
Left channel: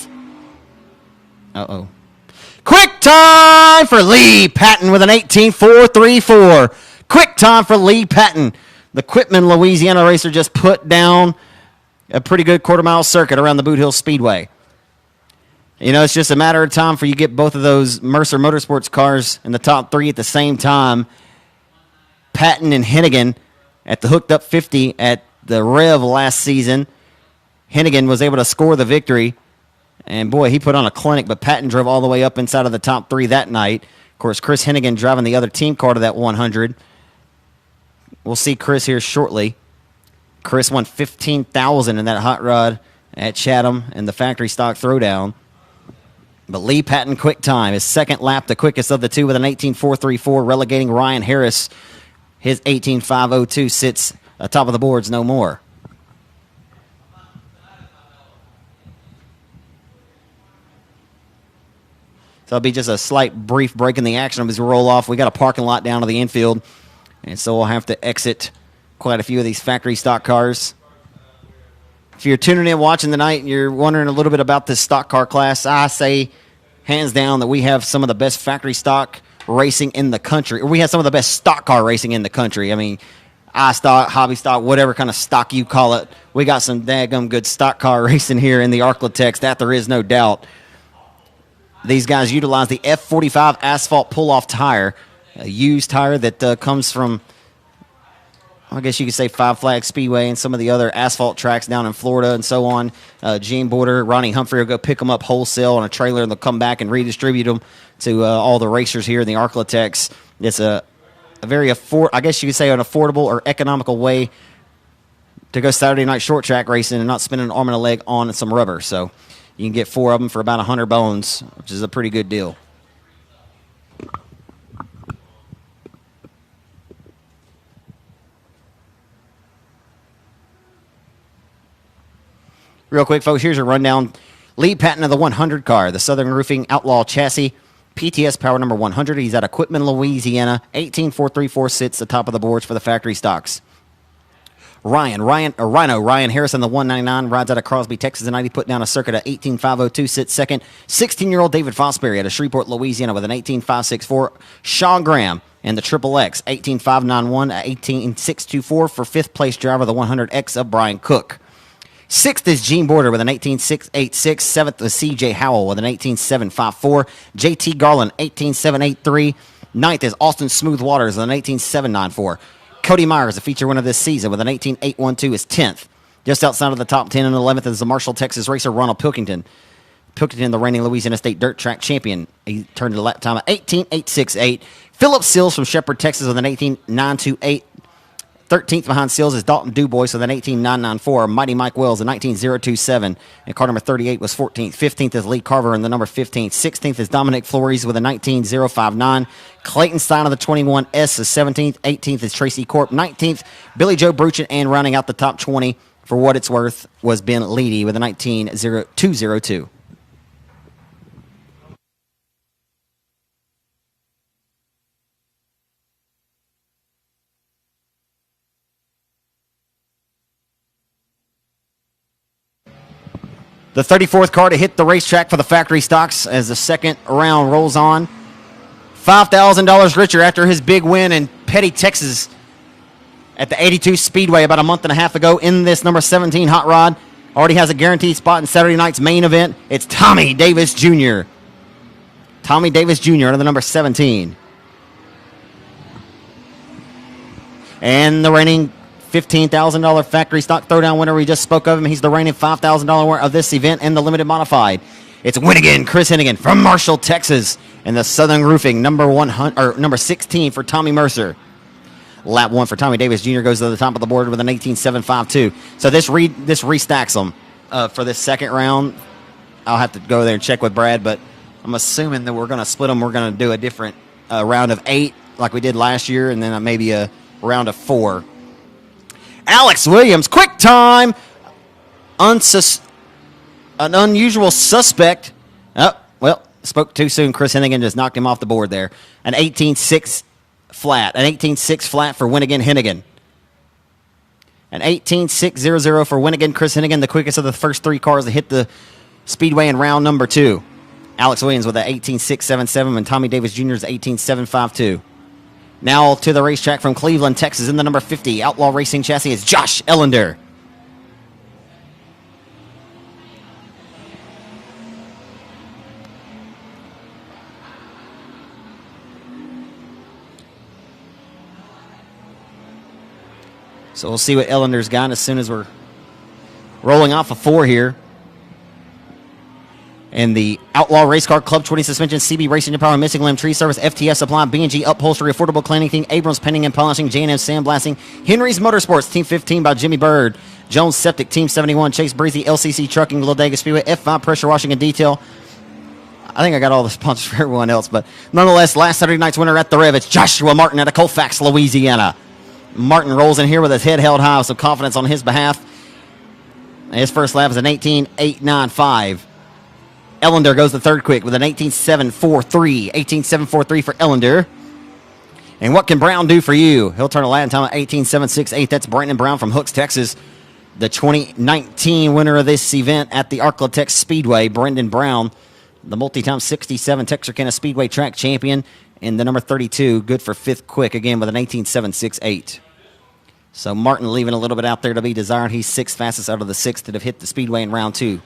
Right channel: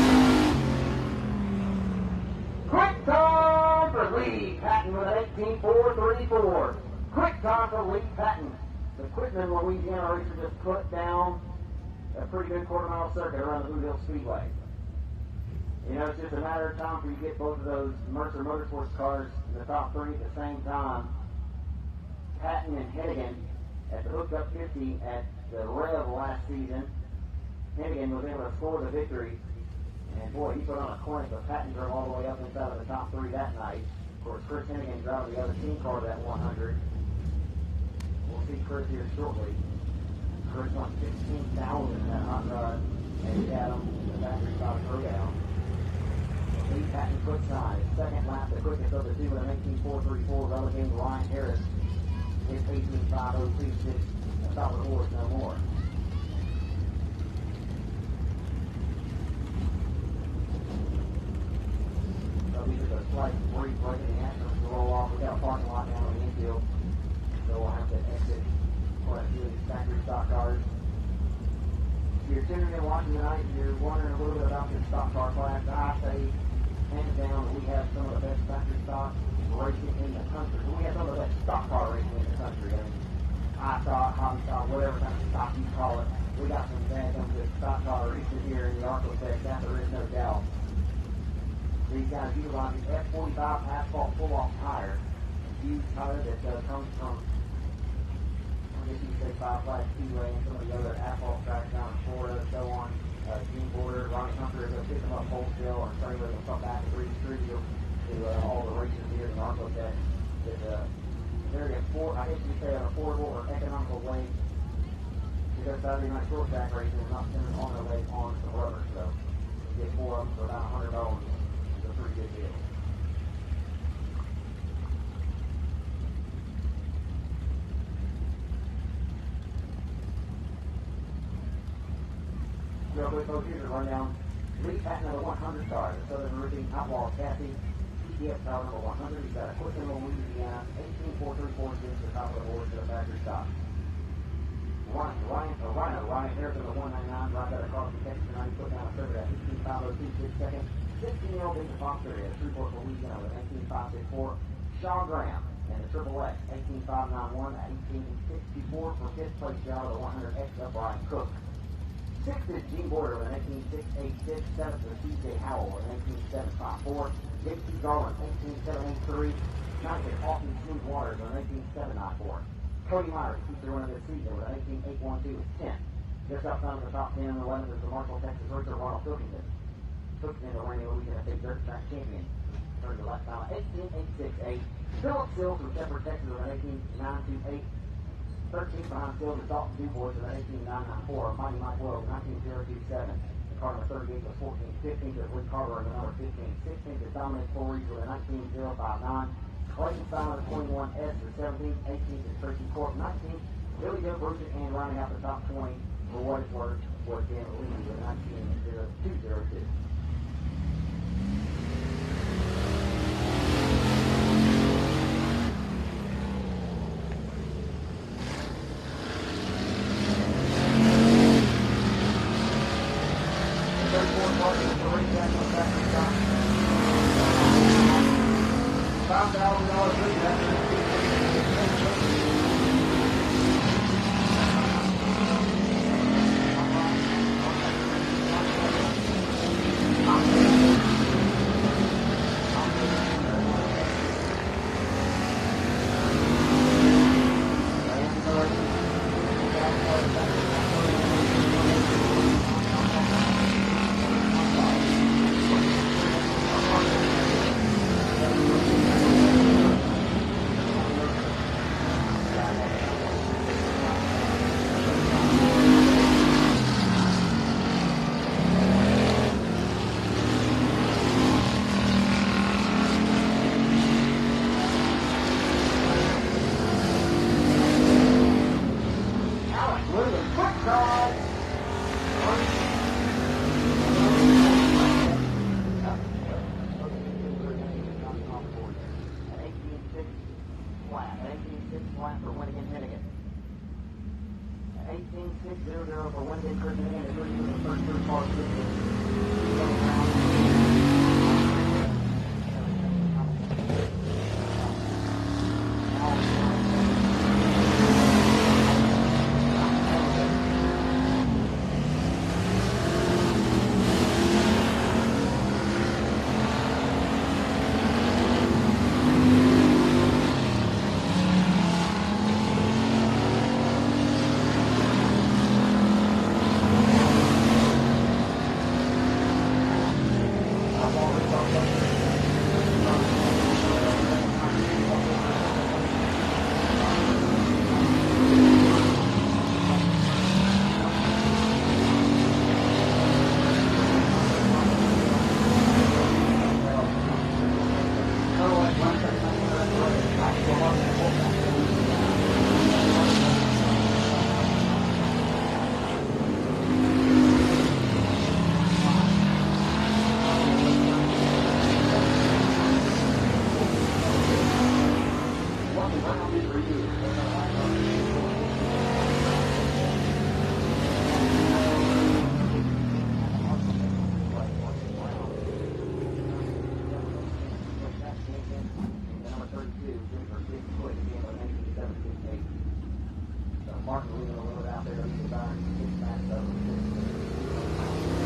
quick time for Lee Patton with an 18.434. Quick time for Lee Patton. The Quitman, Louisiana racer just put down a pretty good quarter-mile circuit around the Boothill Speedway. You know, it's just a matter of time for you get both of those Mercer Motorsports cars in the top 3 at the same time. Patton and Hennigan at the hooked up 50 at the Rev last season. Hennigan was able to score the victory, and boy, he put on a clinic, but Patton drove all the way up inside of the top 3 that night. Of course, Chris Hennigan driving the other team car to that 100. We'll see Chris here shortly. Chris won $15,000 in that hot rod at Chatham in the factory stock throwdown. But Lee Patton quick time, his second lap, the quickest of the two with an 18.434, relegating Ryan Harris. His 18.502 sits atop of the boards no more. So it'll be just a slight brief break in the action as we roll off. We got a parking lot down to the infield, and so we'll have to exit quite a few of these factory stock cars. If you're tuning in watching tonight and you're wondering a little bit about this stock car class, I say hands down that we have some of the best factory stock racing in the country. Or we have some of the best stock car racing in the country. I mean, I-stock, hobby stock, whatever kind of stock you call it. We got some daggum good stock car racing here in the Arklatex, that there is no doubt. These guys utilize the F45 asphalt pull-off tire, a used tire that comes from, I guess you could say, Five Flags Speedway and some of the other asphalt tracks down in Florida and so on. Gene Border, Ronnie Humphrey will go pick them up wholesale on a trailer, and they'll come back and redistribute them to all the racers here in the Arklatex. It's a very I guess you could say an affordable or economical way to go Saturday night short track racing and not spending an arm and a leg on some rubber. So you can get 4 of them for about 100 bones, which is a pretty good deal. Real quick, folks, here's your rundown. Lee Patton of the 100 car, the Southern Roofing Outlaw Chassis, PTS power number 100. He's out of Quitman, Louisiana. 18.434 sits the top of the boards for the factory stocks. Ryan Harrison, the 199, rides out of Crosby, Texas tonight. He put down a circuit at 18.502, sits second. 16-year-old David Fosbury out of Shreveport, Louisiana with an 18.564. Sean Graham and the Triple X, 18.591, 18.624 for fifth place driver, the 100X of Brian Cook. Sixth is Gene Border with an 18.686. Seventh was C.J. Howell with an 18.754. J.T. Garland, 18.783. Ninth is Austin Smooth Waters with an 18.794. Cody Myers, a feature winner this season, with an 18.812 is 10th. Just outside of the top 10 and 11th is the Marshall, Texas racer Ronald Pilkington. Pilkington, the reigning Louisiana State dirt track champion. He turned a lap time of 18.868. Philip Sills from Shepherd, Texas with an 18.928. 13th behind Sills is Dalton Dubois with an 18.994. Mighty Mike Wells, a 19.027. And car number 38 was 14th. 15th is Lee Carver in the number 15. 16th is Dominic Flores with a 19.059. Clayton Stein of the 21S is 17th. 18th is Tracy Corp. 19th, Billy Joe Bruchin. And rounding out the top 20, for what it's worth, was Ben Leedy with a 19.202. The 34th car to hit the racetrack for the factory stocks as the second round rolls on. $5,000 richer after his big win in Petty, Texas at the 82 Speedway about a month and a half ago in this number 17 hot rod. Already has a guaranteed spot in Saturday night's main event. It's Tommy Davis Jr. Tommy Davis Jr. under the number 17. And the reigning $15,000 factory stock throwdown winner, we just spoke of him. He's the reigning $5,000 winner of this event in the limited modified. It's Chris Hennigan from Marshall, Texas, in the Southern Roofing number 16 for Tommy Mercer. Lap 1 for Tommy Davis Jr. goes to the top of the board with an 18.752. So this restacks them for this second round. I'll have to go there and check with Brad, but I'm assuming that we're going to split them. We're going to do a different round of 8 like we did last year, and then maybe a round of 4. Alex Williams, quick time. An unusual suspect. Oh, well, spoke too soon. Chris Hennigan just knocked him off the board there. An 18.6 flat. An 18.6 flat for Hennigan. An 18.600 for Hennigan. Chris Hennigan, the quickest of the first three cars to hit the Speedway in round number 2. Alex Williams with an 18.677 and Tommy Davis Jr.'s 18.752. Now to the racetrack from Cleveland, Texas, in the number 50 Outlaw Racing chassis is Josh Ellender. So we'll see what Ellender's got as soon as we're rolling off the 4 here. In the Outlaw Race Car Club 20 suspension, CB Racing Power, Missing Limb Tree Service, FTS Supply, B&G Upholstery, Affordable Cleaning, King Abrams Painting and Polishing, J&M Sandblasting, Henry's Motorsports, Team 15 by Jimmy Bird, Jones Septic, Team 71, Chase Breezy, LCC Trucking, Talladega Speedway, F5 Pressure Washing and Detail. I think I got all the sponsors for everyone else, but nonetheless, last Saturday night's winner at the Rev, it's Joshua Martin out of Colfax, Louisiana. Martin rolls in here with his head held high, with some confidence on his behalf. His first lap is an 18.895. Ellender goes the third quick with an 18.743. 18.743 for Ellender. And what can Brown do for you? He'll turn a lap time at 18.768. That's Brandon Brown from Hooks, Texas. The 2019 winner of this event at the Arklatex Speedway, Brendan Brown, the multi-time 67 Texarkana Speedway track champion, and the number 32, good for 5th quick, again with an 18.768. So Martin leaving a little bit out there to be desired. He's 6th fastest out of the 6 that have hit the Speedway in round 2.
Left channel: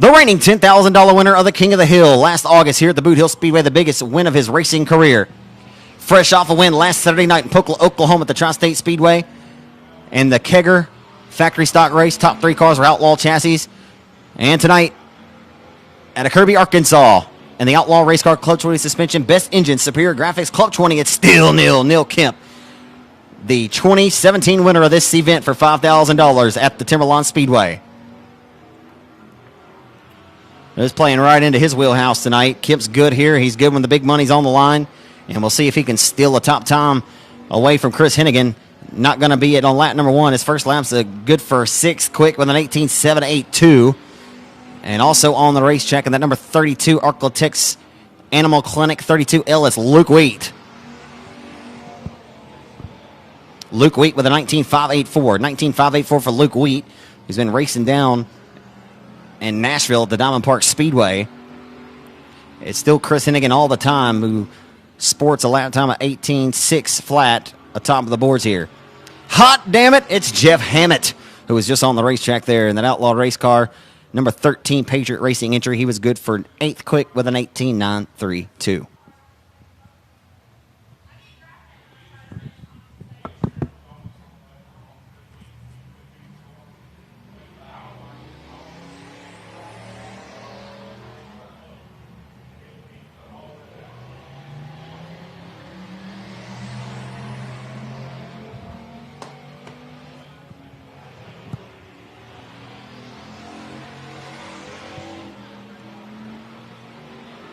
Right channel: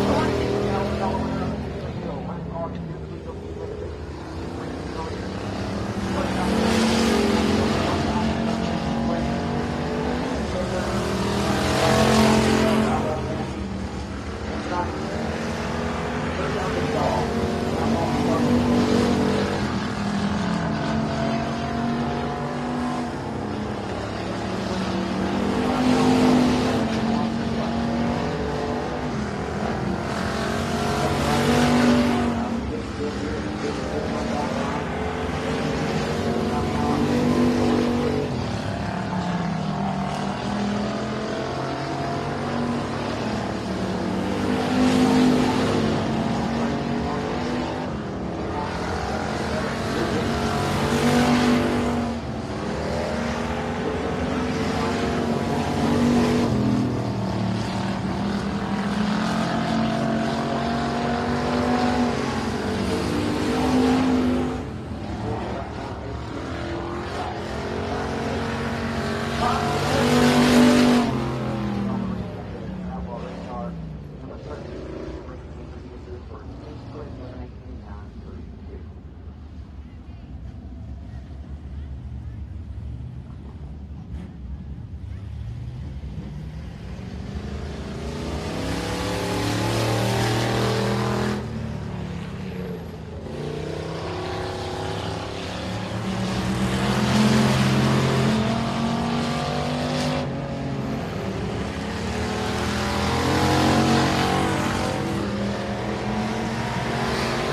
The reigning $10,000 winner of the King of the Hill last August here at the Boothill Speedway, the biggest win of his racing career. Fresh off a win last Saturday night in Pocola, Oklahoma at the Tri-State Speedway. And the Kegger factory stock race, top 3 cars were Outlaw chassis. And tonight at a Kirby, Arkansas, and the Outlaw Race Car Club 20 suspension, best engine, superior graphics, Club 20, it's still Neil Kemp. The 2017 winner of this event for $5,000 at the Timberlawn Speedway. He's playing right into his wheelhouse tonight. Kip's good here. He's good when the big money's on the line. And we'll see if he can steal a top time away from Chris Hennigan. Not going to be it on lap number 1. His first lap's good for 6th quick with an 18.782. And also on the racetrack in that number 32 Arklatex Animal Clinic 32 Ellis, Luke Wheat. Luke Wheat with a 19.584. 19.584 for Luke Wheat. He's been racing down in Nashville at the Diamond Park Speedway. It's still Chris Hennigan all the time, who sports a lap time of 18.6 flat atop of the boards here. Hot damn it, it's Jeff Hammett, who was just on the racetrack there in that Outlaw race car. Number 13 Patriot Racing entry. He was good for 8th quick with an 18.932.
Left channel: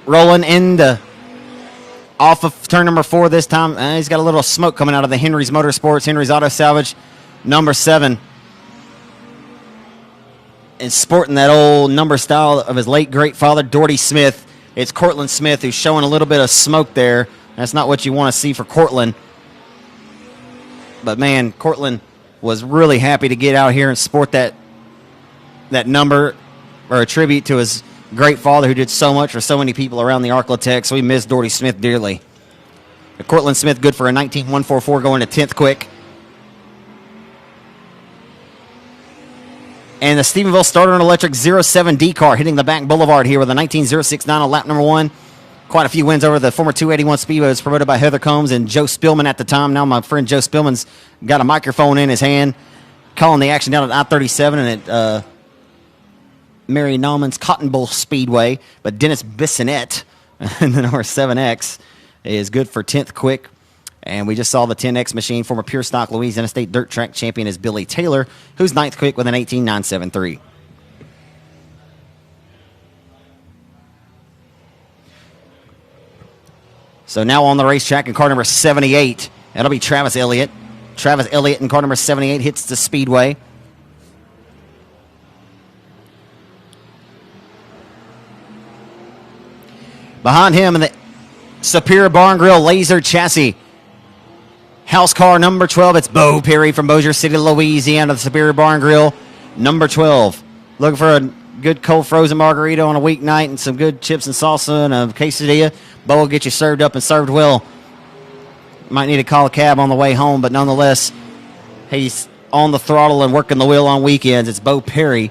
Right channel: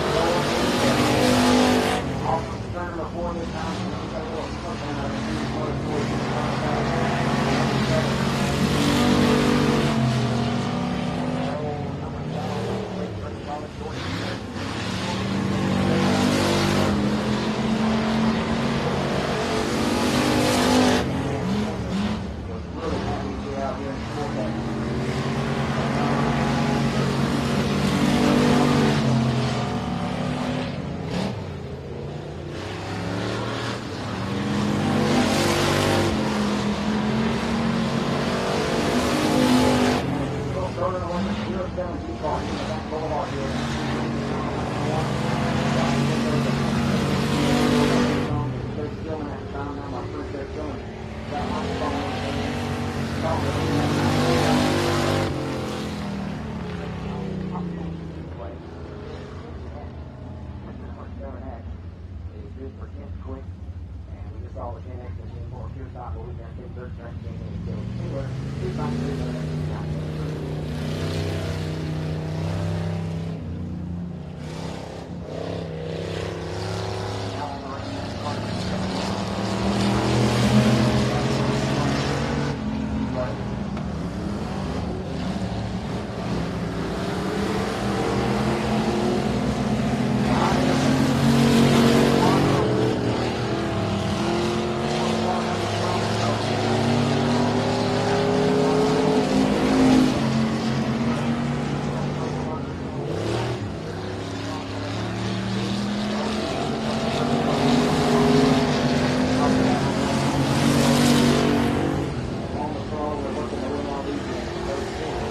Rolling off of turn number 4 this time. He's got a little smoke coming out of the Henry's Motorsports, Henry's Auto Salvage, number 7. And sporting that old number style of his late great father, Doherty Smith. It's Cortland Smith who's showing a little bit of smoke there. That's not what you want to see for Cortland. But man, Cortland was really happy to get out here and sport that number, or a tribute to his great father who did so much for so many people around the Arklatex. We miss Doherty Smith dearly. Cortland Smith good for a 19.144 going to 10th quick. And the Stephenville Starter and Electric 07D car hitting the back boulevard here with a 19.069 on lap number 1. Quite a few wins over the former 281 Speedway. It was promoted by Heather Combs and Joe Spillman at the time. Now my friend Joe Spillman's got a microphone in his hand, calling the action down at I-37 and Mary Nauman's Cotton Bowl Speedway. But Dennis Bissonette in the number 7X is good for 10th quick. And we just saw the 10X machine, former Pure Stock Louisiana State Dirt Track champion, is Billy Taylor, who's 9th quick with an 18.973. So now on the racetrack in car number 78, that'll be Travis Elliott. Travis Elliott in car number 78 hits the speedway. Behind him in the Superior Bar and Grill Laser Chassis, house car number 12, it's Beau Perry from Bossier City, Louisiana, the Superior Bar and Grill, number 12. Looking for a good cold frozen margarita on a weeknight and some good chips and salsa and a quesadilla. Beau will get you served up and served well. Might need to call a cab on the way home, but nonetheless, he's on the throttle and working the wheel on weekends. It's Beau Perry.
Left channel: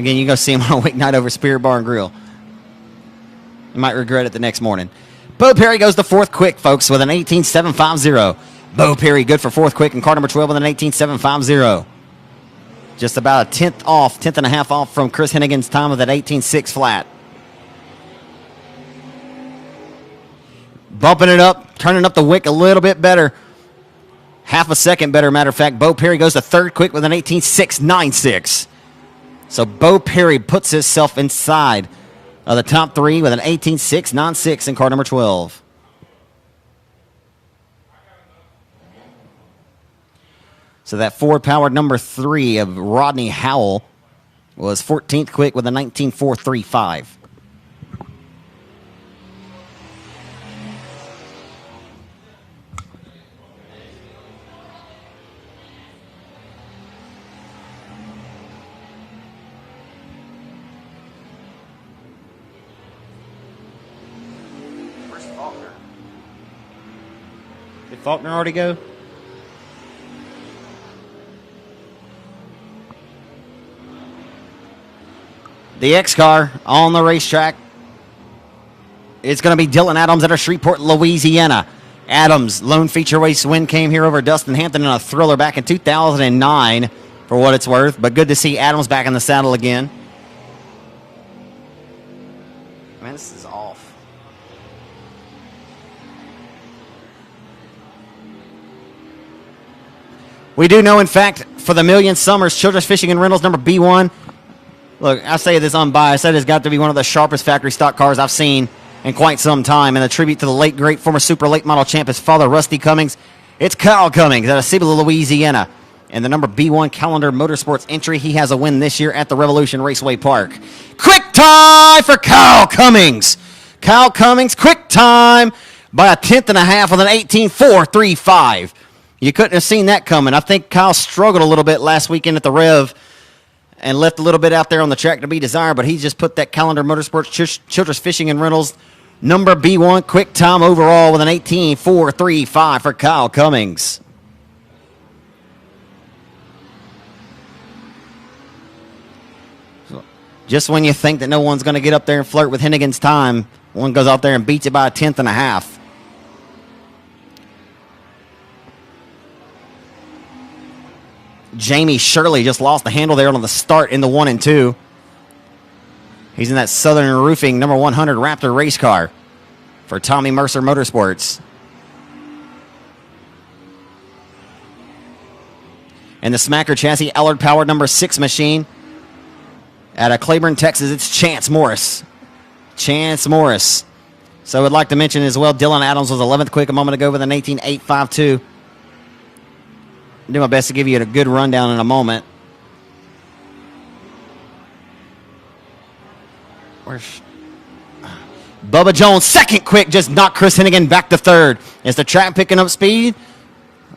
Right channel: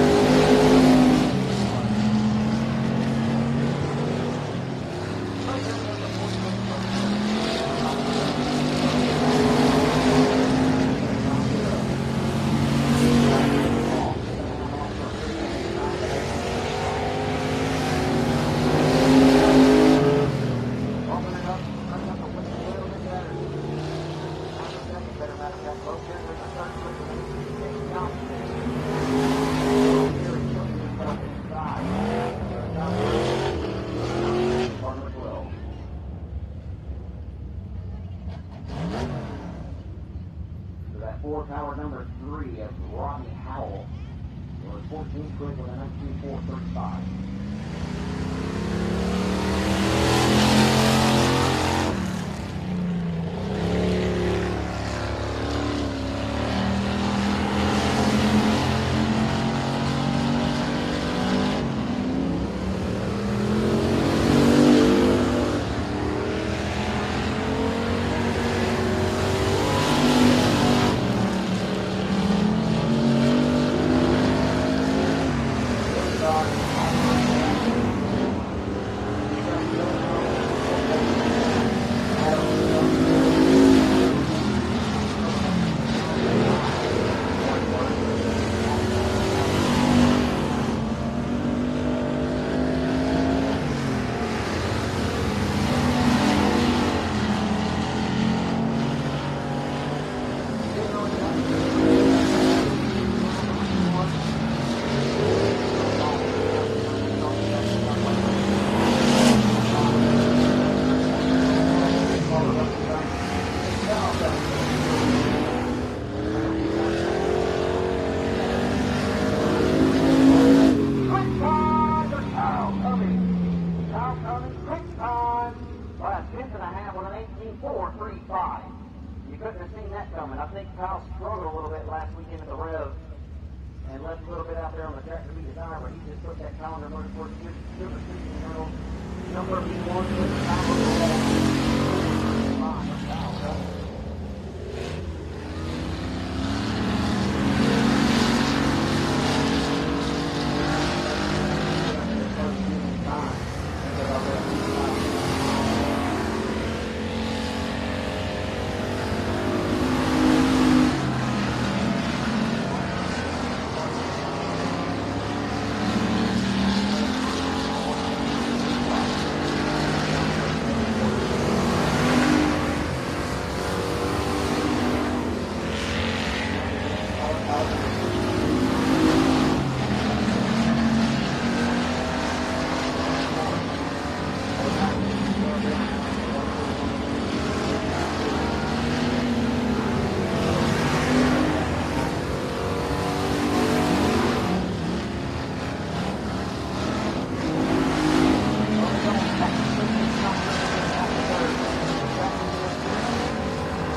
Again, you can go see him on a weeknight over Superior Bar and Grill. You might regret it the next morning. Beau Perry goes to fourth quick, folks, with an 18.750. Beau Perry good for fourth quick in car number 12 with an 18.750. Just about a tenth and a half off from Chris Hennigan's time with that 18.6 flat. Bumping it up, turning up the wick a little bit better. Half a second better, matter of fact. Beau Perry goes to third quick with an 18.696. So Beau Perry puts himself inside of the top three with an 18.696 in car number 12. So that Ford-powered number 3 of Rodney Howell was 14th quick with a 19.435. Faulkner already go? The X car on the racetrack. It's going to be Dylan Adams out of Shreveport, Louisiana. Adams, lone feature race win, came here over Dustin Hampton in a thriller back in 2009, for what it's worth. But good to see Adams back in the saddle again. We do know, in fact, for the Million Summers Children's Fishing and Rentals number B1, look, I say this unbiased, that has got to be one of the sharpest factory stock cars I've seen in quite some time. And a tribute to the late, great former super late model champ, his father, Rusty Cummings. It's Kyle Cummings out of Cibola, Louisiana. And the number B1 Calendar Motorsports entry, he has a win this year at the Revolution Raceway Park. Quick time for Kyle Cummings. Kyle Cummings, quick time by a tenth and a half with an 18.435. You couldn't have seen that coming. I think Kyle struggled a little bit last weekend at the Rev and left a little bit out there on the track to be desired, but he just put that Calendar Motorsports Children's Fishing and Rentals number B1 quick time overall with an 18.435 for Kyle Cummings. Just when you think that no one's going to get up there and flirt with Hennigan's time, one goes out there and beats it by a tenth and a half. Jamie Shirley just lost the handle there on the start in the 1 and 2. He's in that Southern Roofing number 100 Raptor race car for Tommy Mercer Motorsports. And the Smacker Chassis Allard powered number 6 machine out of Claiborne, Texas, it's Chance Morris. Chance Morris. So I would like to mention as well, Dylan Adams was 11th quick a moment ago with an 18.852. Do my best to give you a good rundown in a moment. Bubba Jones, second quick, just knocked Chris Hennigan back to third. Is the track picking up speed?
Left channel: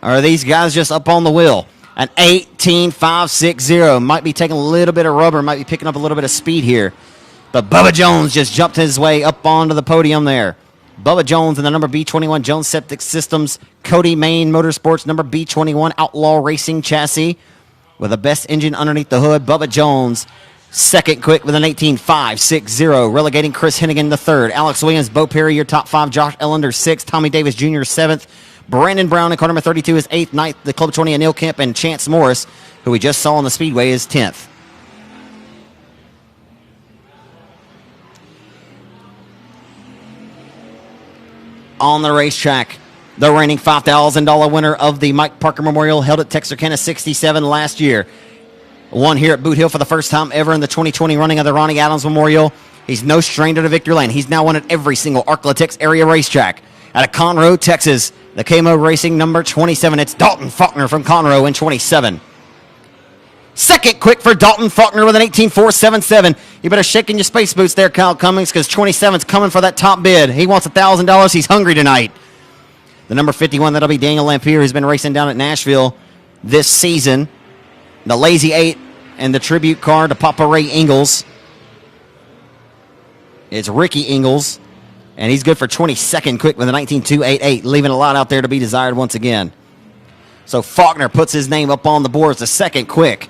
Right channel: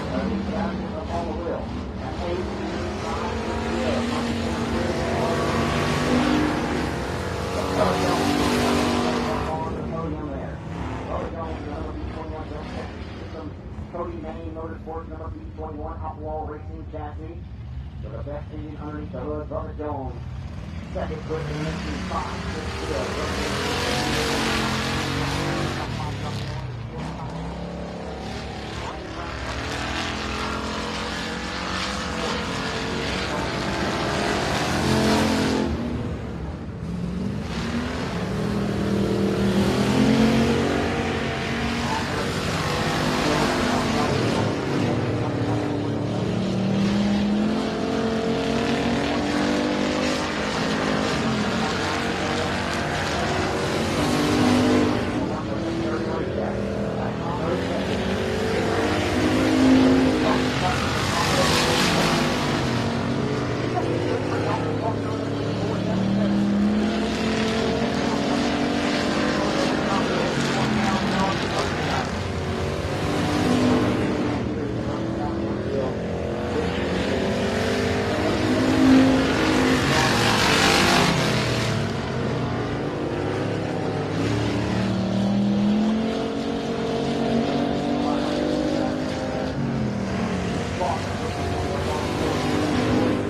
Or are these guys just up on the wheel? An 18.560. Might be taking a little bit of rubber, might be picking up a little bit of speed here. But Bubba Jones just jumped his way up onto the podium there. Bubba Jones and the number B21 Jones Septic Systems Cody Main Motorsports number B21 Outlaw Racing chassis with the best engine underneath the hood. Bubba Jones second quick with an 18.560, relegating Chris Hennigan to third. Alex Williams, Beau Perry, your top 5. Josh Ellender 6th. Tommy Davis Jr. 7th. Brandon Brown in car number 32 is 8th. 9th, the Club 20 and Neil Kemp, and Chance Morris, who we just saw on the Speedway, is 10th. On the racetrack, the reigning $5,000 winner of the Mike Parker Memorial, held at Texarkana 67 last year. Won here at Boothill for the first time ever in the 2020 running of the Ronnie Adams Memorial. He's no stranger to victory lane. He's now won at every single ArcLaTex area racetrack. Out of Conroe, Texas, the KMO Racing number 27. It's Dalton Faulkner from Conroe in 27. Second quick for Dalton Faulkner with an 18.477. You better shake in your space boots there, Kyle Cummings, because 27's coming for that top bid. He wants $1,000. He's hungry tonight. The number 51, that'll be Daniel Lampier, who's been racing down at Nashville this season. The Lazy 8 and the tribute car to Papa Ray Ingalls. It's Ricky Ingalls, and he's good for 22nd quick with a 19.288, leaving a lot out there to be desired once again. So Faulkner puts his name up on the board as the second quick.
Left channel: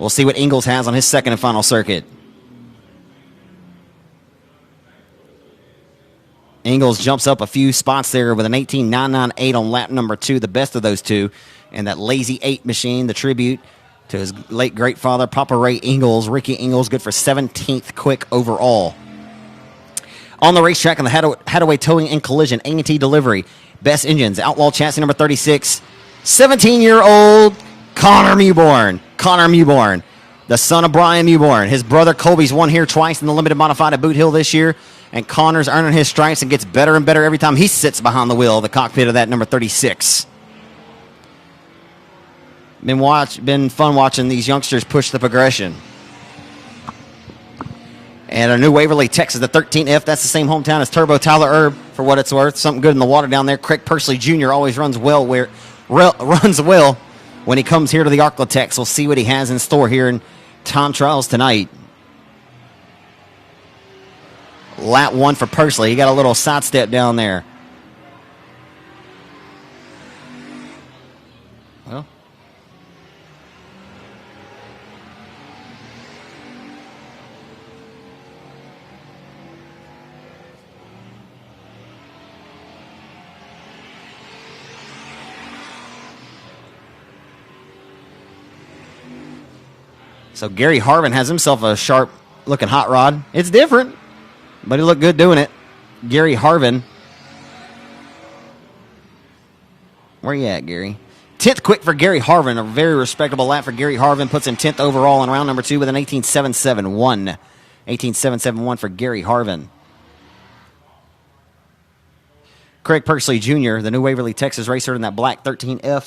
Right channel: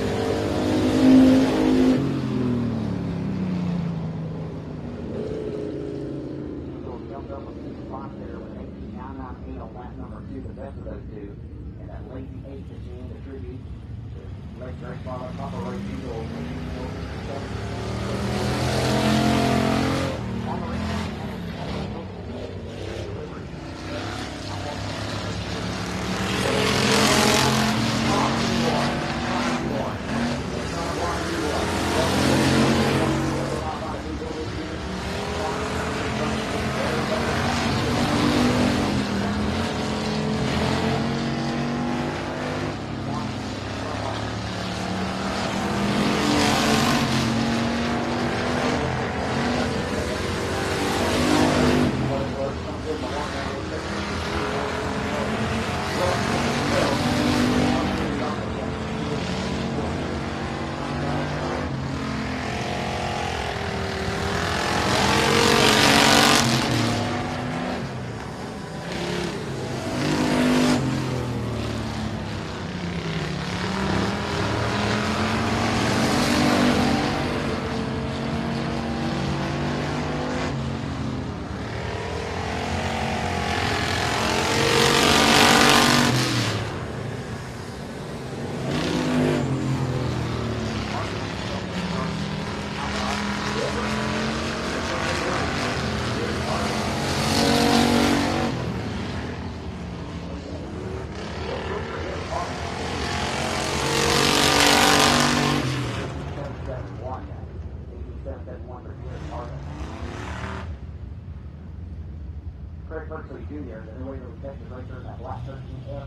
We'll see what Ingalls has on his second and final circuit. Ingalls jumps up a few spots there with an 18.998 on lap number 2, the best of those two. And that Lazy 8 machine, the tribute to his late great father, Papa Ray Ingalls. Ricky Ingalls, good for 17th quick overall. On the racetrack in the Hadaway Towing and Collision, A&T Delivery, Best Engines, Outlaw Chassis number 36, 17-year-old Connor Mewborn. Connor Mewborn, the son of Brian Mewborn. His brother Colby's won here twice in the Limited Modified at Boothill this year. And Connor's earning his stripes and gets better and better every time he sits behind the wheel of the cockpit of that number 36. Been fun watching these youngsters push the progression. And our new Waverly, Texas, the 13F, that's the same hometown as Turbo Tyler Erb, for what it's worth. Something good in the water down there. Craig Percy Jr. always runs well when he comes here to the Arklatex. We'll see what he has in store here in time trials tonight. Lap 1 for Persley. He got a little sidestep down there. So Gary Harvin has himself a sharp-looking hot rod. It's different, but he looked good doing it. Gary Harvin. Where you at, Gary? 10th quick for Gary Harvin. A very respectable lap for Gary Harvin. Puts him 10th overall in round number 2 with an 18.771. 18.771 for Gary Harvin. Craig Persley Jr., the new Waverly, Texas racer in that black 13F.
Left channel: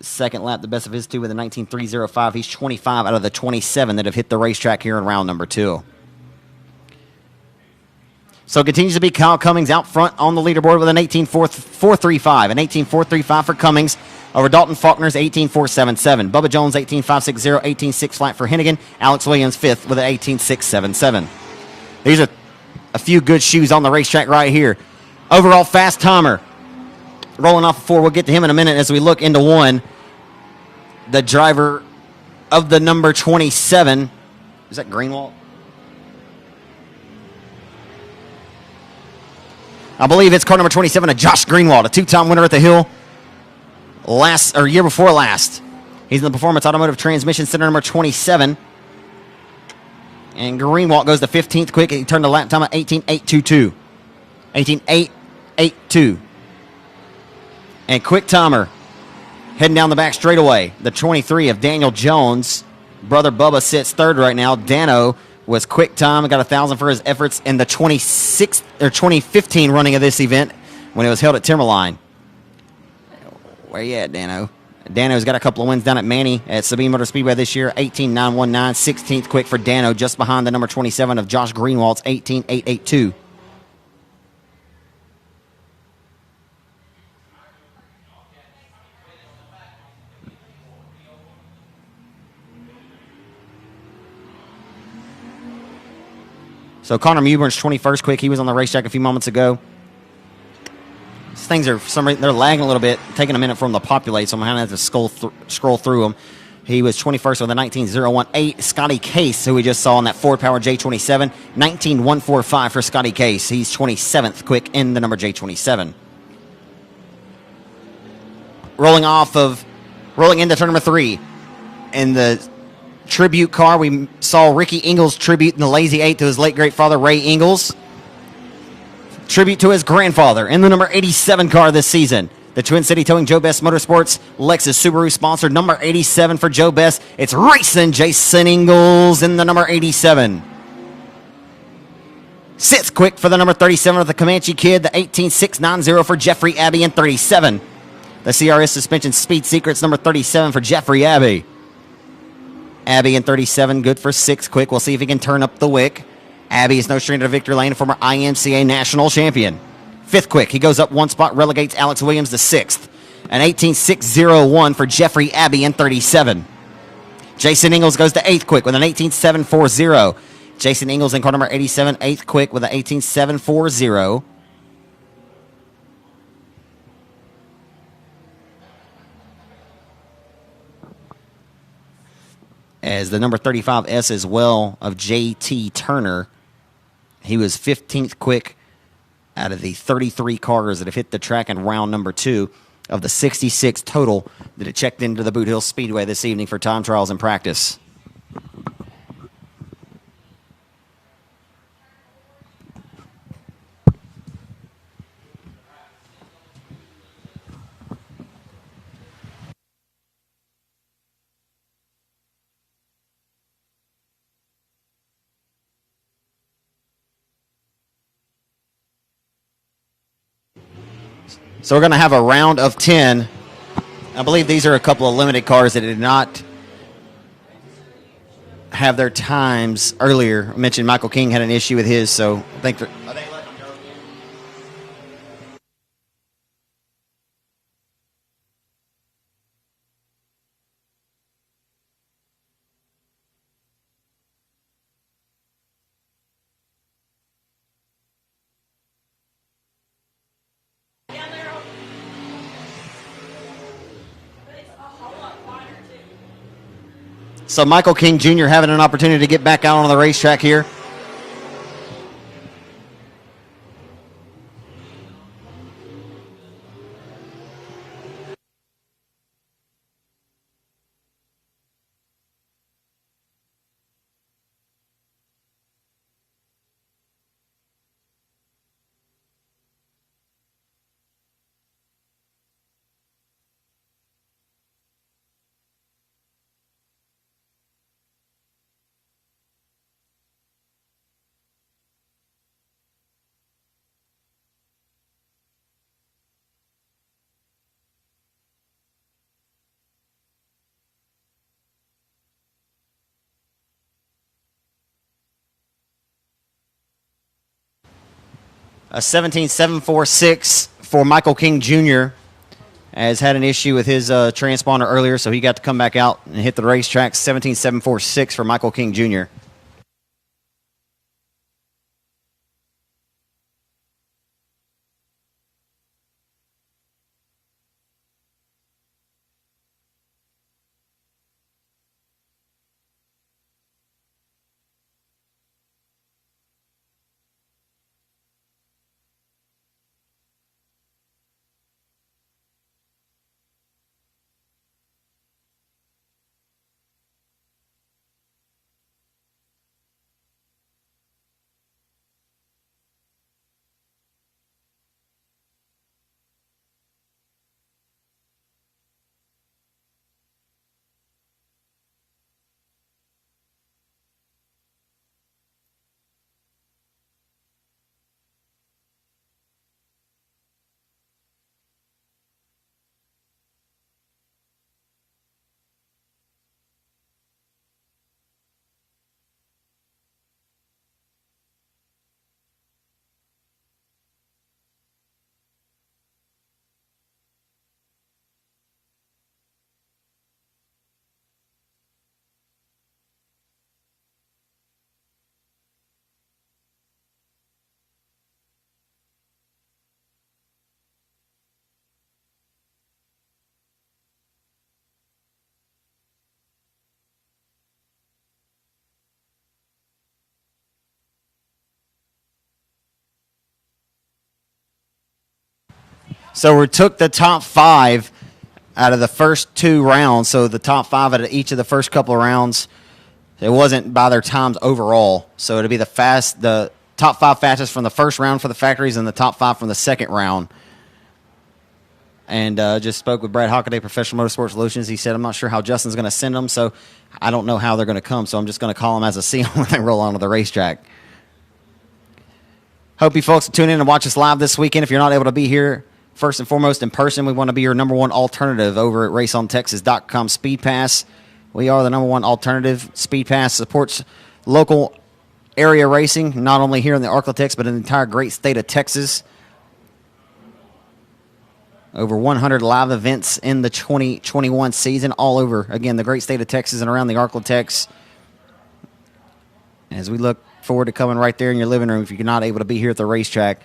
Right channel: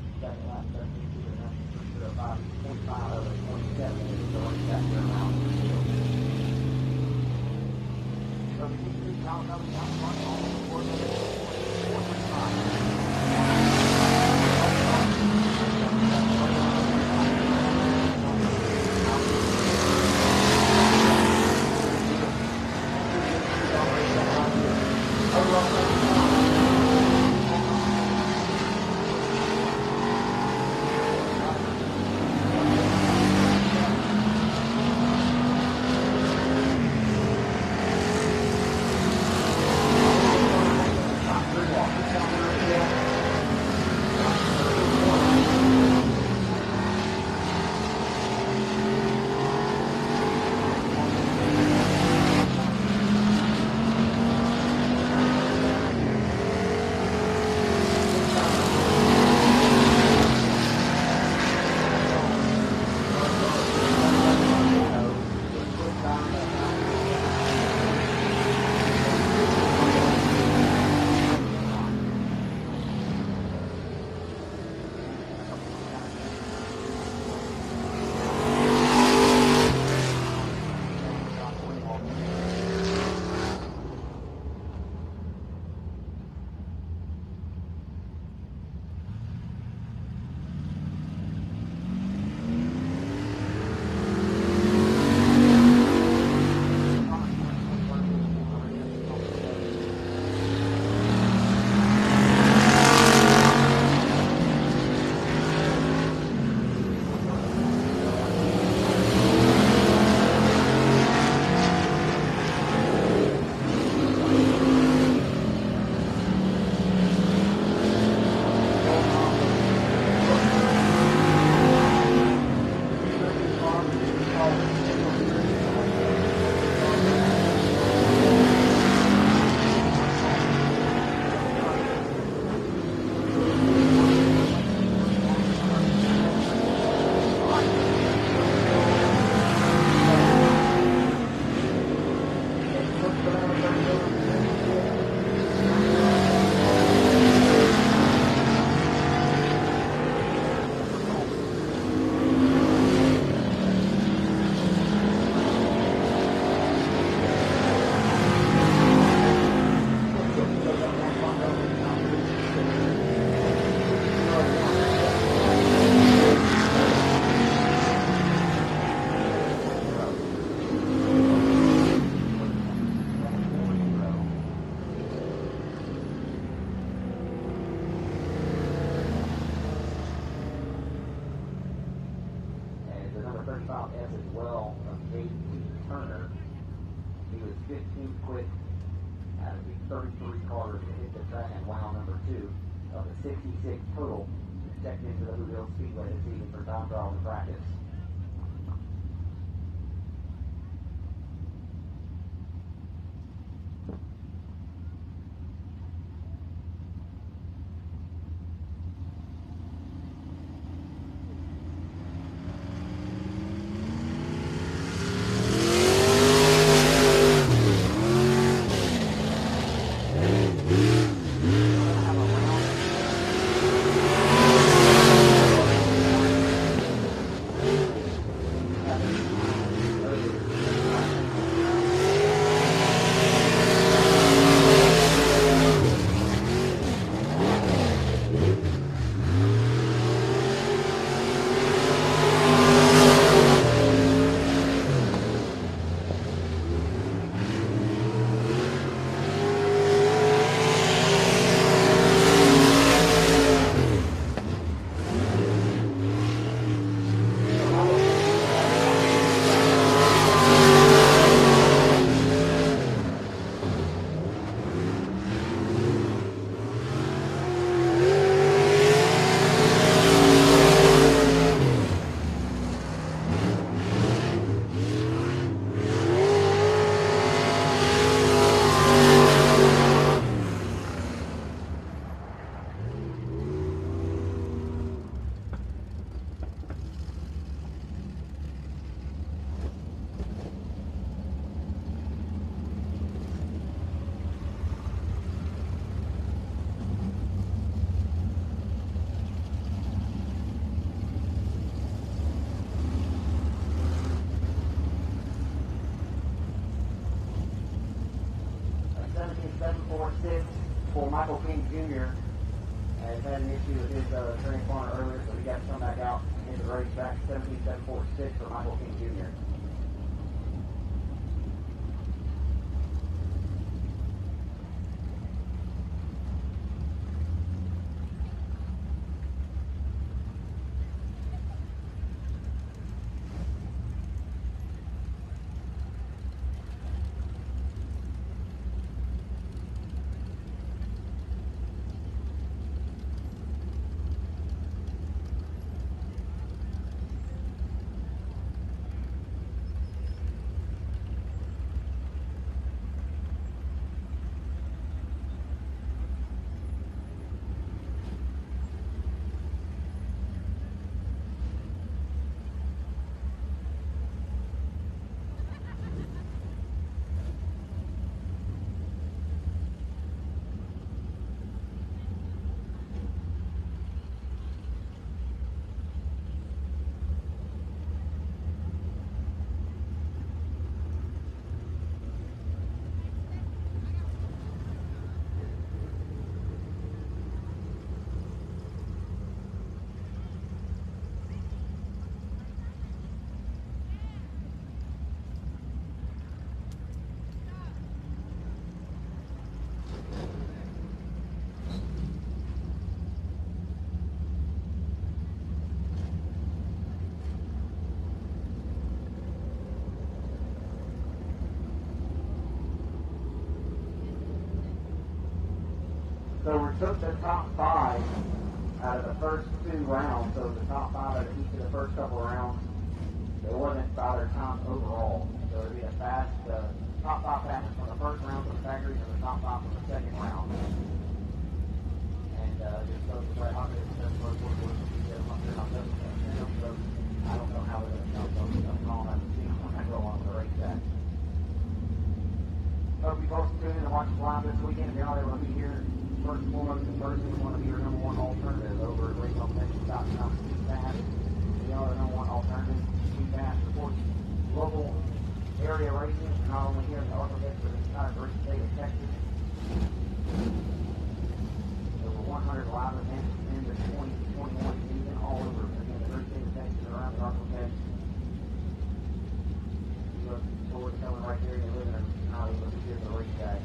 Second lap, the best of his two with a 19.305. He's 25 out of the 27 that have hit the racetrack here in round number 2. So it continues to be Kyle Cummings out front on the leaderboard with an 18.435. An 18.435 for Cummings over Dalton Faulkner's 18.477. Bubba Jones 18.560, 18.6 flat for Hennigan. Alex Williams 5th with an 18.677. These are a few good shoes on the racetrack right here. Overall fast timer. Rolling off 4, we'll get to him in a minute as we look into 1. The driver of the number 27. Is that Greenwald? I believe it's car number 27 of Josh Greenwald, a 2-time winner at the Hill year before last. He's in the Performance Automotive Transmission Center number 27. And Greenwald goes to 15th quick. He turned the lap time at 18.822. 18.882. And quick timer heading down the back straightaway. The 23 of Daniel Jones. Brother Bubba sits third right now. Dano was quick time and got 1,000 for his efforts in the 2015 running of this event when it was held at Timberline. Where you at, Dano? Dano's got a couple of wins down at Manny at Sabine Motor Speedway this year. 18.919, 16th quick for Dano, just behind the number 27 of Josh Greenwald's 18.882. So Connor Mewburn's 21st quick. He was on the racetrack a few moments ago. These things are, for some reason, they're lagging a little bit. It's taking a minute for them to populate, so I'm going to have to scroll through them. He was 21st with a 19.018. Scotty Case, who we just saw in that Ford Power J27, 19.145 for Scotty Case. He's 27th quick in the number J27. Rolling into turn number 3. And the tribute car, we saw Ricky Ingalls tribute in the Lazy 8 to his late great father, Ray Ingalls. Tribute to his grandfather in the number 87 car this season. The Twin City Towing Joe Best Motorsports Lexus Subaru sponsor, number 87 for Joe Best. It's racing Jason Ingalls in the number 87. 6th quick for the number 37 of the Comanche Kid, the 18.690 for Jeffrey Abbey in 37. The CRS Suspension Speed Secrets, number 37 for Jeffrey Abbey. Abbey in 37, good for 6th quick. We'll see if he can turn up the wick. Abbey is no stranger to victory lane, former IMCA national champion. 5th quick, he goes up one spot, relegates Alex Williams to 6th. An 18.601 for Jeffrey Abbey in 37. Jason Ingles goes to 8th quick with an 18.740. Jason Ingles in car number 87, 8th quick with an 18.740. As the number 35S as well of J.T. Turner, he was 15th quick out of the 33 cars that have hit the track in round number 2 of the 66 total that have checked into the Boothill Speedway this evening for time trials and practice. So we're going to have a round of 10. I believe these are a couple of limited cars that did not have their times earlier. I mentioned Michael King had an issue with his, so I think that so Michael King Jr. having an opportunity to get back out on the racetrack here. A 17.746 for Michael King Jr. has had an issue with his transponder earlier, so he got to come back out and hit the racetrack. 17.746 for Michael King Jr. So we took the top 5 out of the first 2 rounds. So the top 5 out of each of the first couple of rounds, it wasn't by their times overall. So it'll be the top 5 fastest from the first round for the factories and the top 5 from the second round. And just spoke with Brad Hockaday, Professional Motorsport Solutions. He said, I'm not sure how Justin's going to send them, so I don't know how they're going to come. So I'm just going to call them as I see them when they roll onto the racetrack. Hope you folks tune in and watch us live this weekend. If you're not able to be here, first and foremost in person, we want to be your number one alternative over at raceontexas.com SpeedPass. We are the number one alternative. SpeedPass supports local area racing, not only here in the Arklatex, but in the entire great state of Texas. Over 100 live events in the 2021 season all over, again, the great state of Texas and around the Arklatex. As we look forward to coming right there in your living room if you're not able to be here at the racetrack.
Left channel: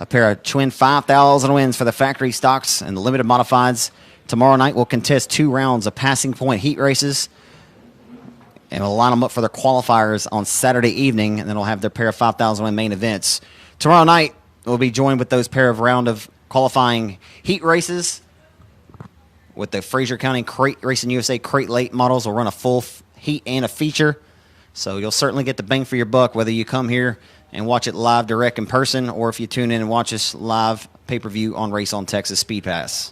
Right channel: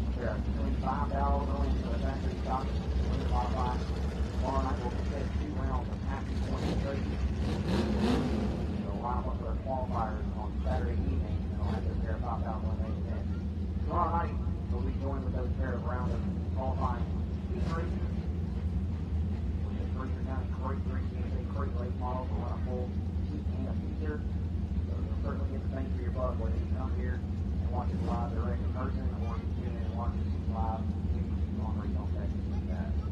A pair of twin 5,000 wins for the factory stocks and the limited modifieds. Tomorrow night we'll contest 2 rounds of passing point heat races. And we'll line them up for their qualifiers on Saturday evening, and then we'll have their pair of 5,000 win main events. Tomorrow night we'll be joined with those pair of round of qualifying heat races with the Fraser County Crate Racing USA Crate Late models. Will run a full heat and a feature. So you'll certainly get the bang for your buck whether you come here and watch it live direct in person or if you tune in and watch us live pay-per-view on Race on Texas SpeedPass.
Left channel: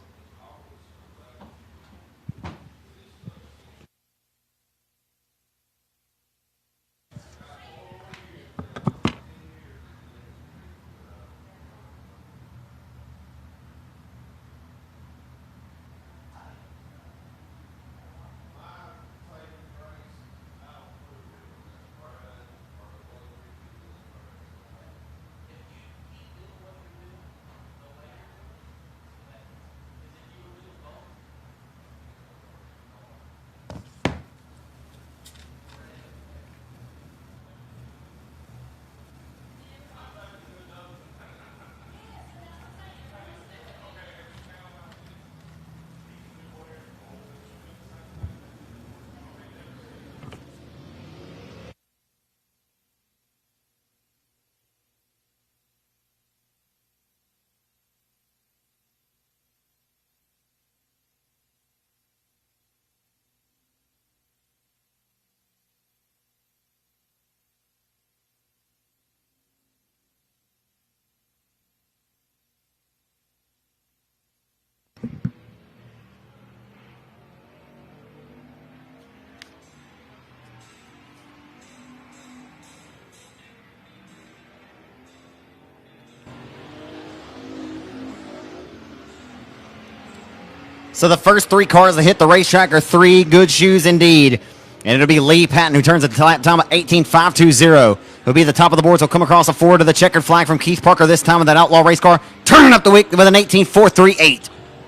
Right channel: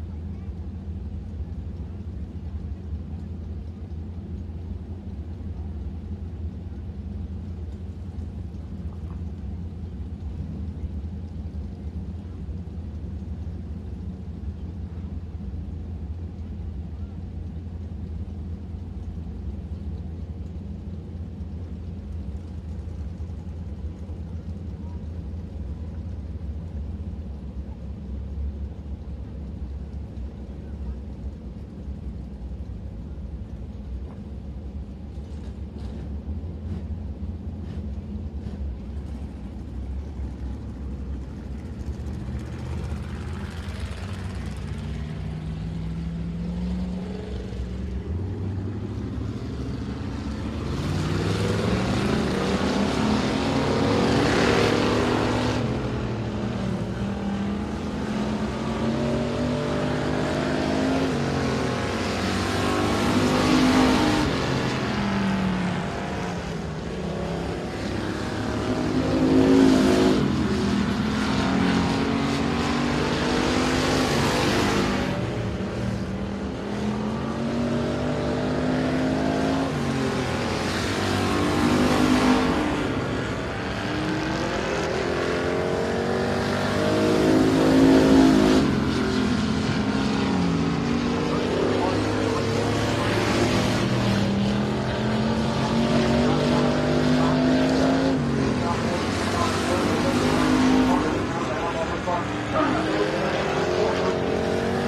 So the first 3 cars that hit the racetrack are 3 good shoes indeed. And it'll be Lee Patton, who turns a lap time of 18.520. He'll be at the top of the boards. He'll come across the forward to the checkered flag from Keith Parker, this time with that outlaw race car, turning up the wick with an 18.438.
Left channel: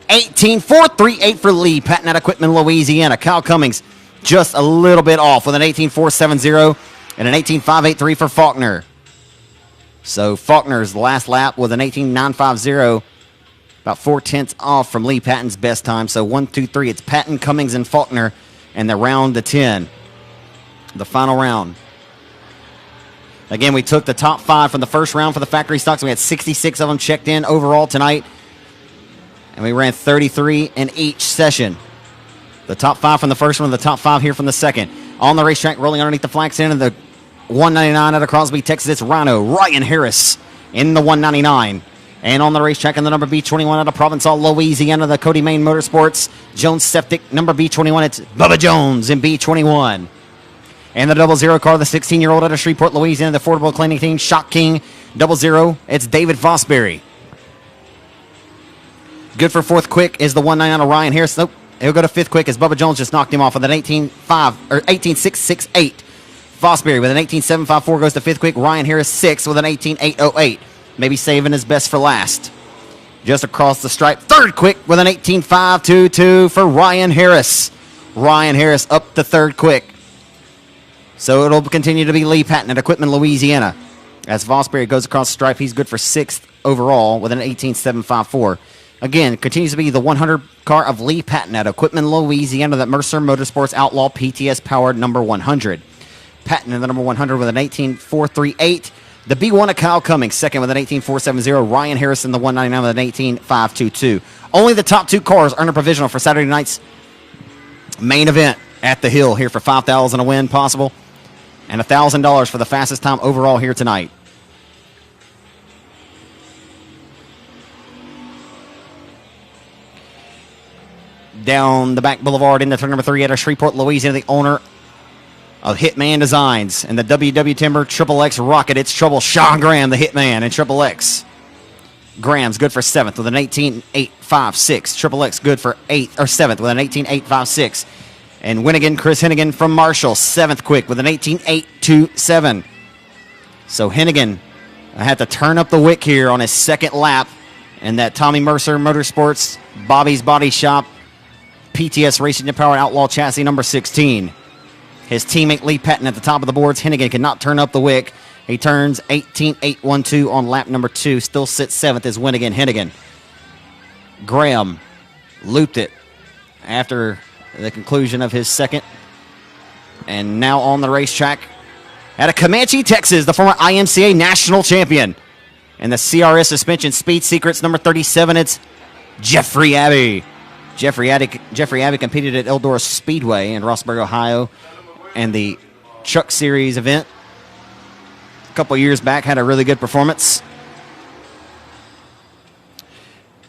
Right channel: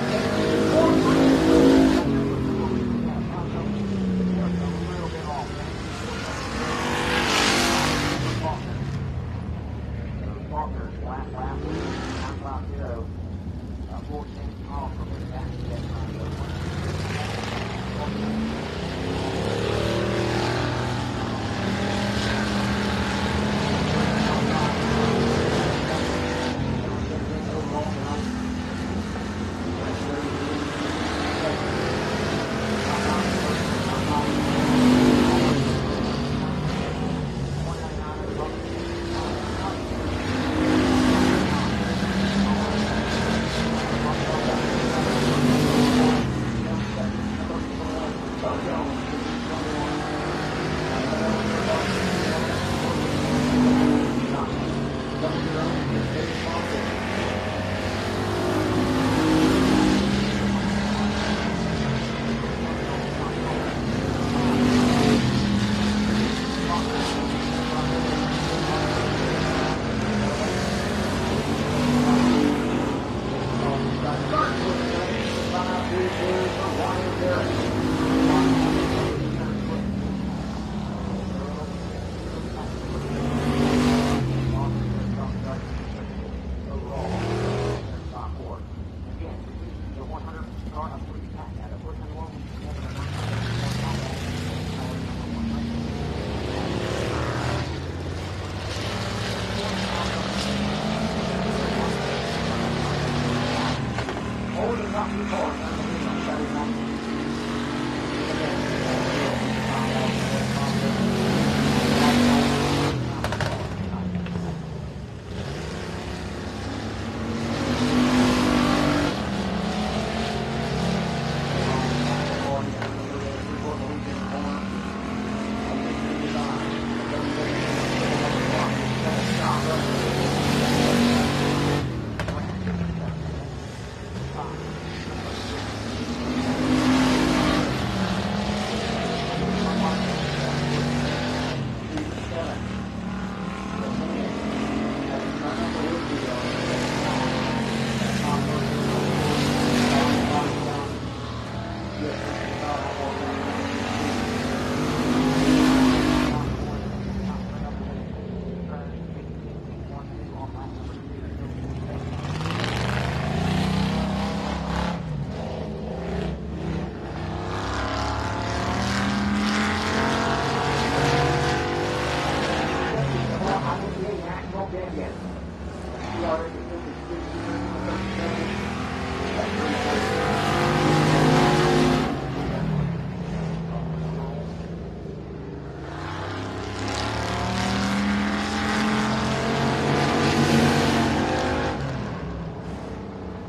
18.438 for Lee Patton at Equipment, Louisiana. Kyle Cummings just a little bit off with an 18.470 and an 18.583 for Faulkner. So Faulkner's last lap with an 18.950. About 4/10 off from Lee Patton's best time. So 1, 2, 3. It's Patton, Cummings, and Faulkner, and the round to 10. The final round. Again, we took the top 5 from the first round for the factory stocks. We had 66 of them checked in overall tonight. And we ran 33 in each session. The top 5 from the first one, the top 5 here from the second. On the racetrack, rolling underneath the flag stand in the 199 out of Crosby, Texas, it's Ryan Harris in the 199. And on the racetrack in the number B21 out of Provençal, Louisiana, the Cody Main Motorsports, Jones Septic, number B21, it's Bubba Jones in B21. And the 00 car, the 16-year-old out of Shreveport, Louisiana, the affordable cleaning team, Shock King, 00, it's David Fosbury. Good for 4th quick is the 199 of Ryan Harris. Nope, he'll go to 5th quick as Bubba Jones just knocked him off with an 18.668. Fosbury with an 18.754 goes to 5th quick. Ryan Harris 6th with an 18.808. Maybe saving his best for last. Just across the stripe, 3rd quick with an 18.522 for Ryan Harris. Ryan Harris up to 3rd quick. So it'll continue to be Lee Patton at Equipment, Louisiana. As Fosbury goes across the stripe, he's good for 6th overall with an 18.754. Again, continues to be the 100 car of Lee Patton at Equipment, Louisiana, that Mercer Motorsports Outlaw PTS powered number 100. Patton in the number 100 with an 18.438. The B1 of Kyle Cummings, 2nd with an 18.470. Ryan Harrison, the 199 with an 18.522. Only the top 2 cars earn a provisional for Saturday night's main event at the Hill here for $5,000 a win possible and $1,000 for the fastest time overall here tonight. Down the back boulevard into turn number 3 out of Shreveport, Louisiana, the owner of Hitman Designs. And the WW Timber Triple X Rocket, it's trouble. Sean Graham, the Hitman, and Triple X. Graham's good for 7th with an 18.856. Triple X good for 7th with an 18.856. And Hennigan, Chris Hennigan from Marshall, 7th quick with an 18.827. So Hennigan had to turn up the wick here on his second lap. And that Tommy Mercer Motorsports, Bobby's Body Shop, PTS Racing Power Outlaw Chassis number 16. His teammate Lee Patton at the top of the boards. Hennigan cannot turn up the wick. He turns 18.812 on lap number 2. Still sits 7th as Hennigan. Graham looped it after the conclusion of his second. And now on the racetrack out of Comanche, Texas, the former IMCA national champion. And the CRS Suspension Speed Secrets number 37, it's Jeffrey Abbey. Jeffrey Abbey competed at Eldora Speedway in Rossburg, Ohio, and the Truck Series event a couple years back. Had a really good performance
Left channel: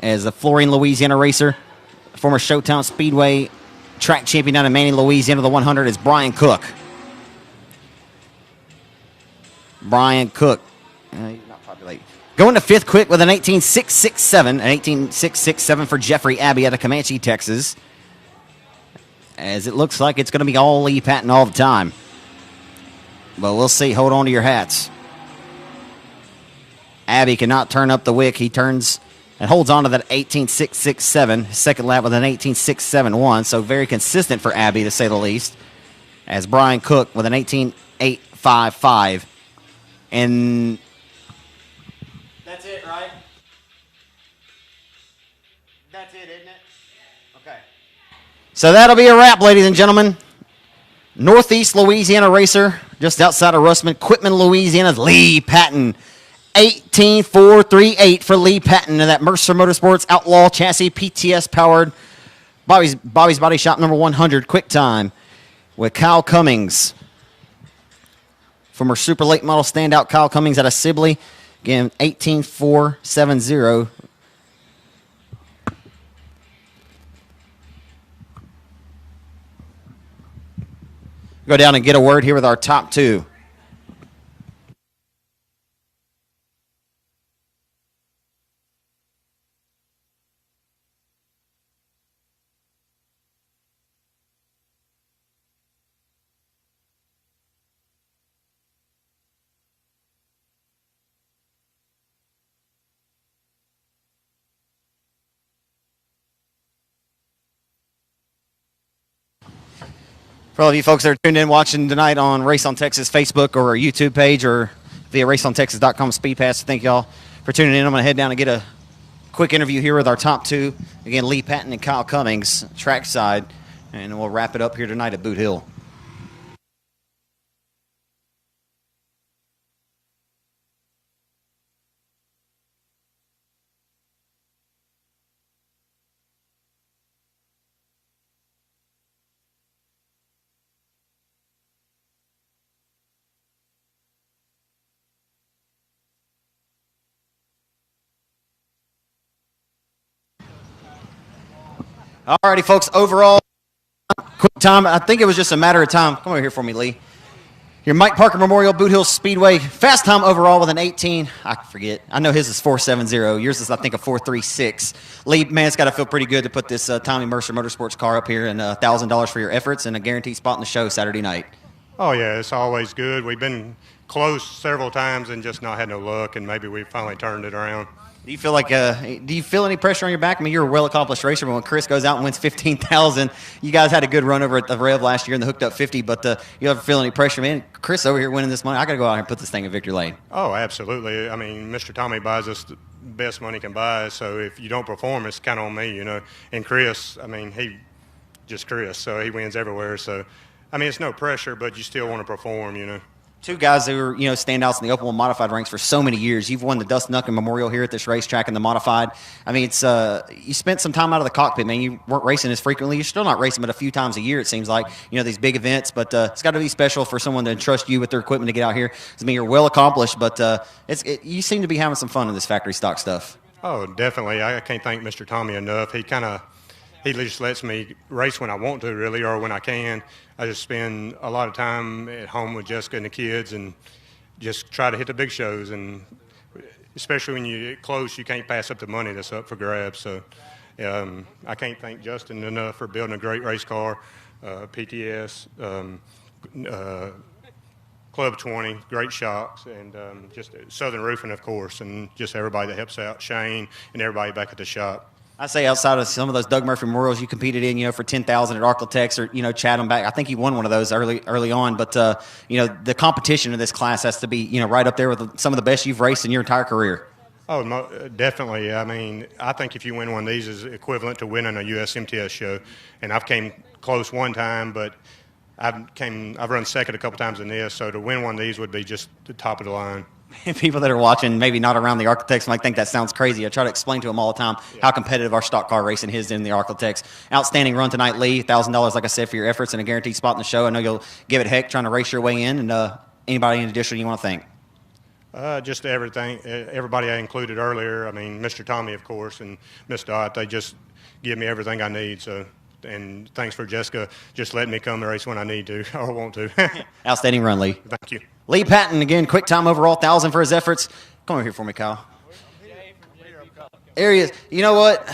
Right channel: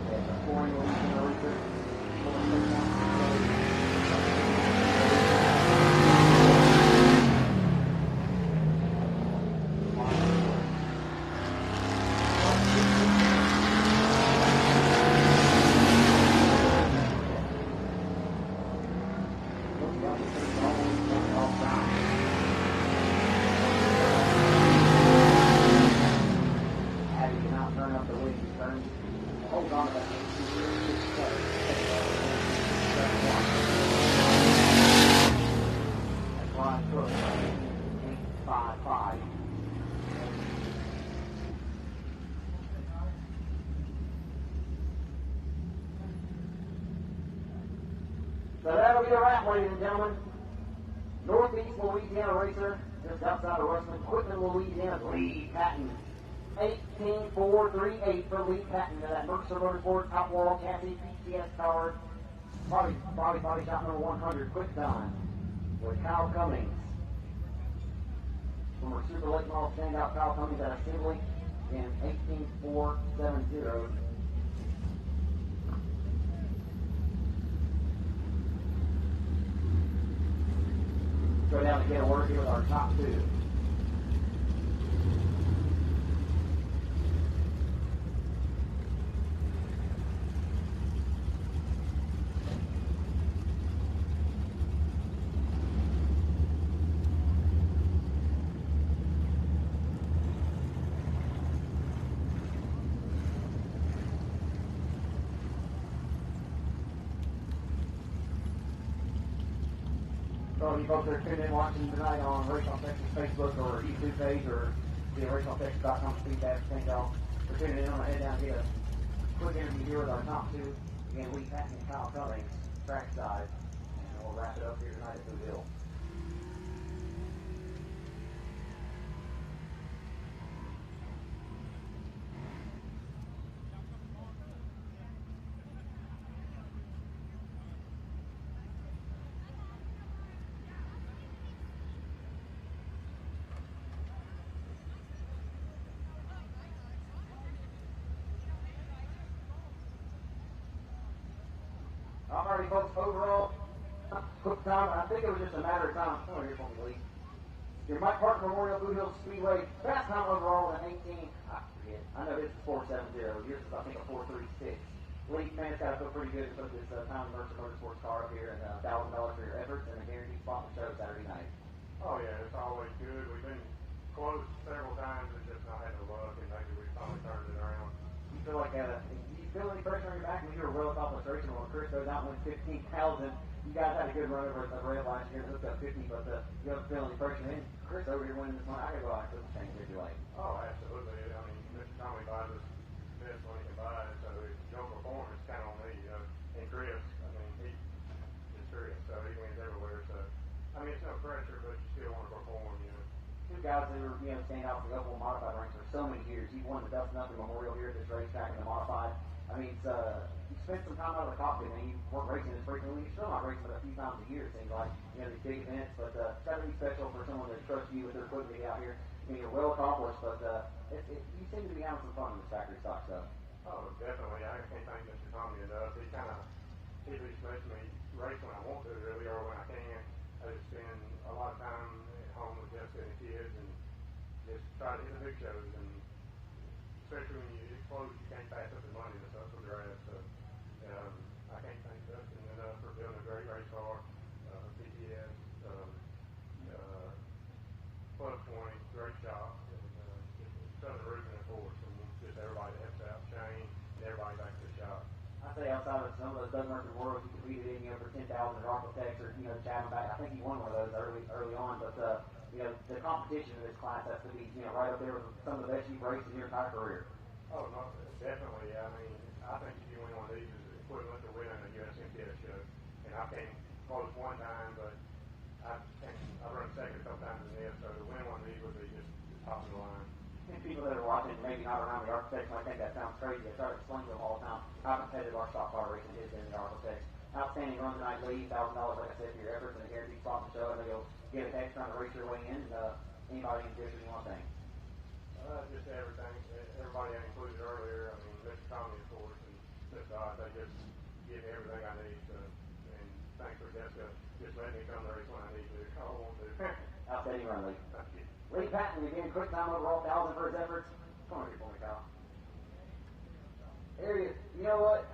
as a Florine, Louisiana racer. Former Showtown Speedway track champion down in Manning, Louisiana. The 100 is Brian Cook. Brian Cook going to 5th quick with an 18.667. An 18.667 for Jeffrey Abbey out of Comanche, Texas. As it looks like it's going to be all Lee Patton all the time. But we'll see. Hold on to your hats. Abbey cannot turn up the wick. He turns and holds on to that 18.667. Second lap with an 18.671. So very consistent for Abbey, to say the least. As Brian Cook with an 18.855. And that's it, right? That's it, isn't it? Okay. So that'll be a wrap, ladies and gentlemen. Northeast Louisiana racer, just outside of Russman, Quitman, Louisiana's Lee Patton. 18.438 for Lee Patton in that Mercer Motorsports Outlaw Chassis PTS powered Bobby's Body Shop number 100 quick time with Kyle Cummings. Former Super Late Model standout Kyle Cummings out of Sibley. Again, 18.470. Go down and get a word here with our top 2. For all of you folks that are tuned in watching tonight on Race on Texas Facebook or our YouTube page or via raceontexas.com SpeedPass, thank y'all for tuning in. I'm going to head down and get a quick interview here with our top 2. Again, Lee Patton and Kyle Cummings, trackside, and we'll wrap it up here tonight at Boot Hill. Alrighty, folks, overall, quick time. I think it was just a matter of time. Come over here for me, Lee. Your Mike Parker Memorial Boot Hill Speedway. Fast time overall with an 18. I forget. I know his is 4.70. Yours is, I think, a 4.36. Lee, man, it's got to feel pretty good to put this Tommy Mercer Motorsports car up here and $1,000 for your efforts and a guaranteed spot in the show Saturday night. Oh, yeah, it's always good. We've been close several times and just not had no luck, and maybe we finally turned it around. Do you feel like do you feel any pressure on your back? I mean, you're a well-accomplished racer, but when Chris goes out and wins 15,000, you guys had a good run over at the Rev last year in the hooked up 50, but you ever feel any pressure? Man, Chris over here winning this money, I got to go out here and put this thing in victory lane. Oh, absolutely. I mean, Mr. Tommy buys us the best money can buy, so if you don't perform, it's kind of on me, you know. And Chris, I mean, Chris, so he wins everywhere. So, I mean, it's no pressure, but you still want to perform, you know. Two guys who were, standouts in the open wheel modified ranks for so many years. You've won the Dustin Duncan Memorial here at this racetrack in the modified. I mean, it's you spent some time out of the cockpit, man. You weren't racing as frequently. You're still not racing but a few times a year, it seems like, these big events. But it's got to be special for someone to entrust you with their equipment to get out here. I mean, you're well accomplished, but you seem to be having some fun in this factory stock stuff. Oh, definitely. I can't thank Mr. Tommy enough. He just lets me race when I want to, really, or when I can. I just spend a lot of time at home with Jessica and the kids and just try to hit the big shows. And especially when you get close, you can't pass up the money that's up for grabs. So I can't thank Justin enough for building a great race car, PTS, Club 20, great shocks, and just Southern Roofing, of course, and just everybody that helps out, Shane, and everybody back at the shop. I say outside of some of those Doug Murphy Memorials you competed in, for 10,000 at Arklatex or, Chatham back. I think you won one of those early on. But, the competition in this class has to be, right up there with some of the best you've raced in your entire career. Oh, definitely. I mean, I think if you win one of these is equivalent to winning a USMTS show. And I've came close one time, but I've run second a couple times in this. So to win one of these would be just the top of the line. People that are watching, maybe not around the Arklatex, might think that sounds crazy. I try to explain to them all the time how competitive our stock car racing is in the Arklatex. Outstanding run tonight, Lee. $1,000, like I said, for your efforts and a guaranteed spot in the show. I know you'll give it heck trying to race your way in. And anybody in addition you want to thank? Just everything, everybody I included earlier. I mean, Mr. Tommy, of course, and Miss Dot. They just give me everything I need. So, and thanks for Jessica just letting me come to race when I need to or want to. Outstanding run, Lee. Thank you. Lee Patton, again, quick time overall, 1,000 for his efforts. Come over here for me, Kyle. There he is. You know what?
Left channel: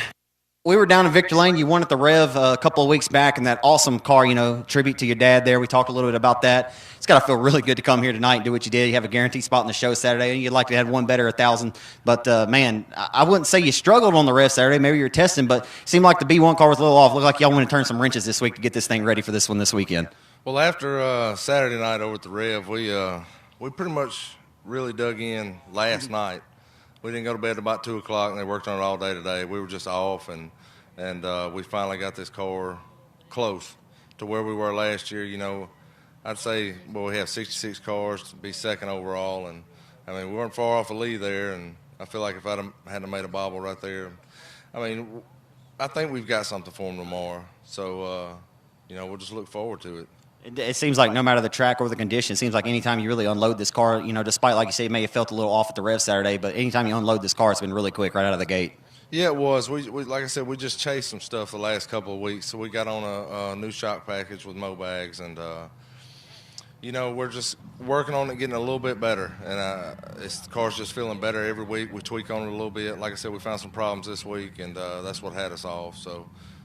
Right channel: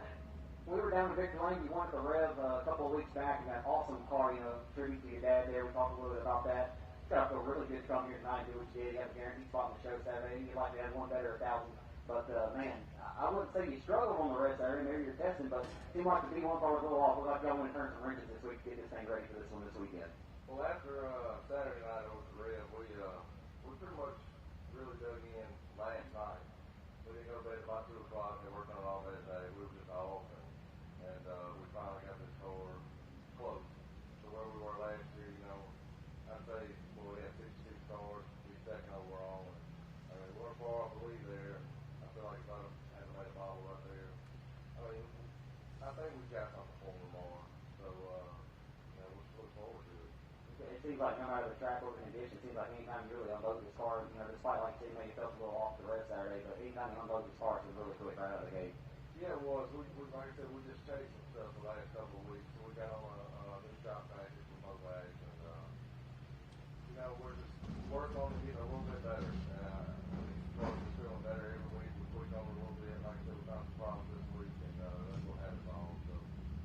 We were down in Victor Lane. You won at the Rev a couple of weeks back in that awesome car, tribute to your dad there. We talked a little bit about that. It's got to feel really good to come here tonight and do what you did. You have a guaranteed spot in the show Saturday, and you'd like to have one better, 1,000. But, man, I wouldn't say you struggled on the Rev Saturday. Maybe you were testing, but it seemed like the B1 car was a little off. Looked like y'all wanted to turn some wrenches this week to get this thing ready for this one this weekend. Well, after Saturday night over at the Rev, we pretty much really dug in last night. We didn't go to bed at about 2 o'clock, and they worked on it all day today. We were just off, and we finally got this car close to where we were last year. I'd say, we have 66 cars to be second overall, and I mean, we weren't far off a lead there, and I feel like if I'd had made a bobble right there, I mean, I think we've got something for them tomorrow. So, we'll just look forward to it. It seems like no matter the track or the condition, it seems like anytime you really unload this car, despite, like you say, it may have felt a little off at the Rev Saturday, but anytime you unload this car, it's been really quick right out of the gate. Yeah, it was. We like I said, we just chased some stuff the last couple of weeks, so we got on a new shock package with Mobags, and we're just working on it, getting a little bit better, and the car's just feeling better every week. We tweak on it a little bit. Like I said, we found some problems this week, and that's what had us off.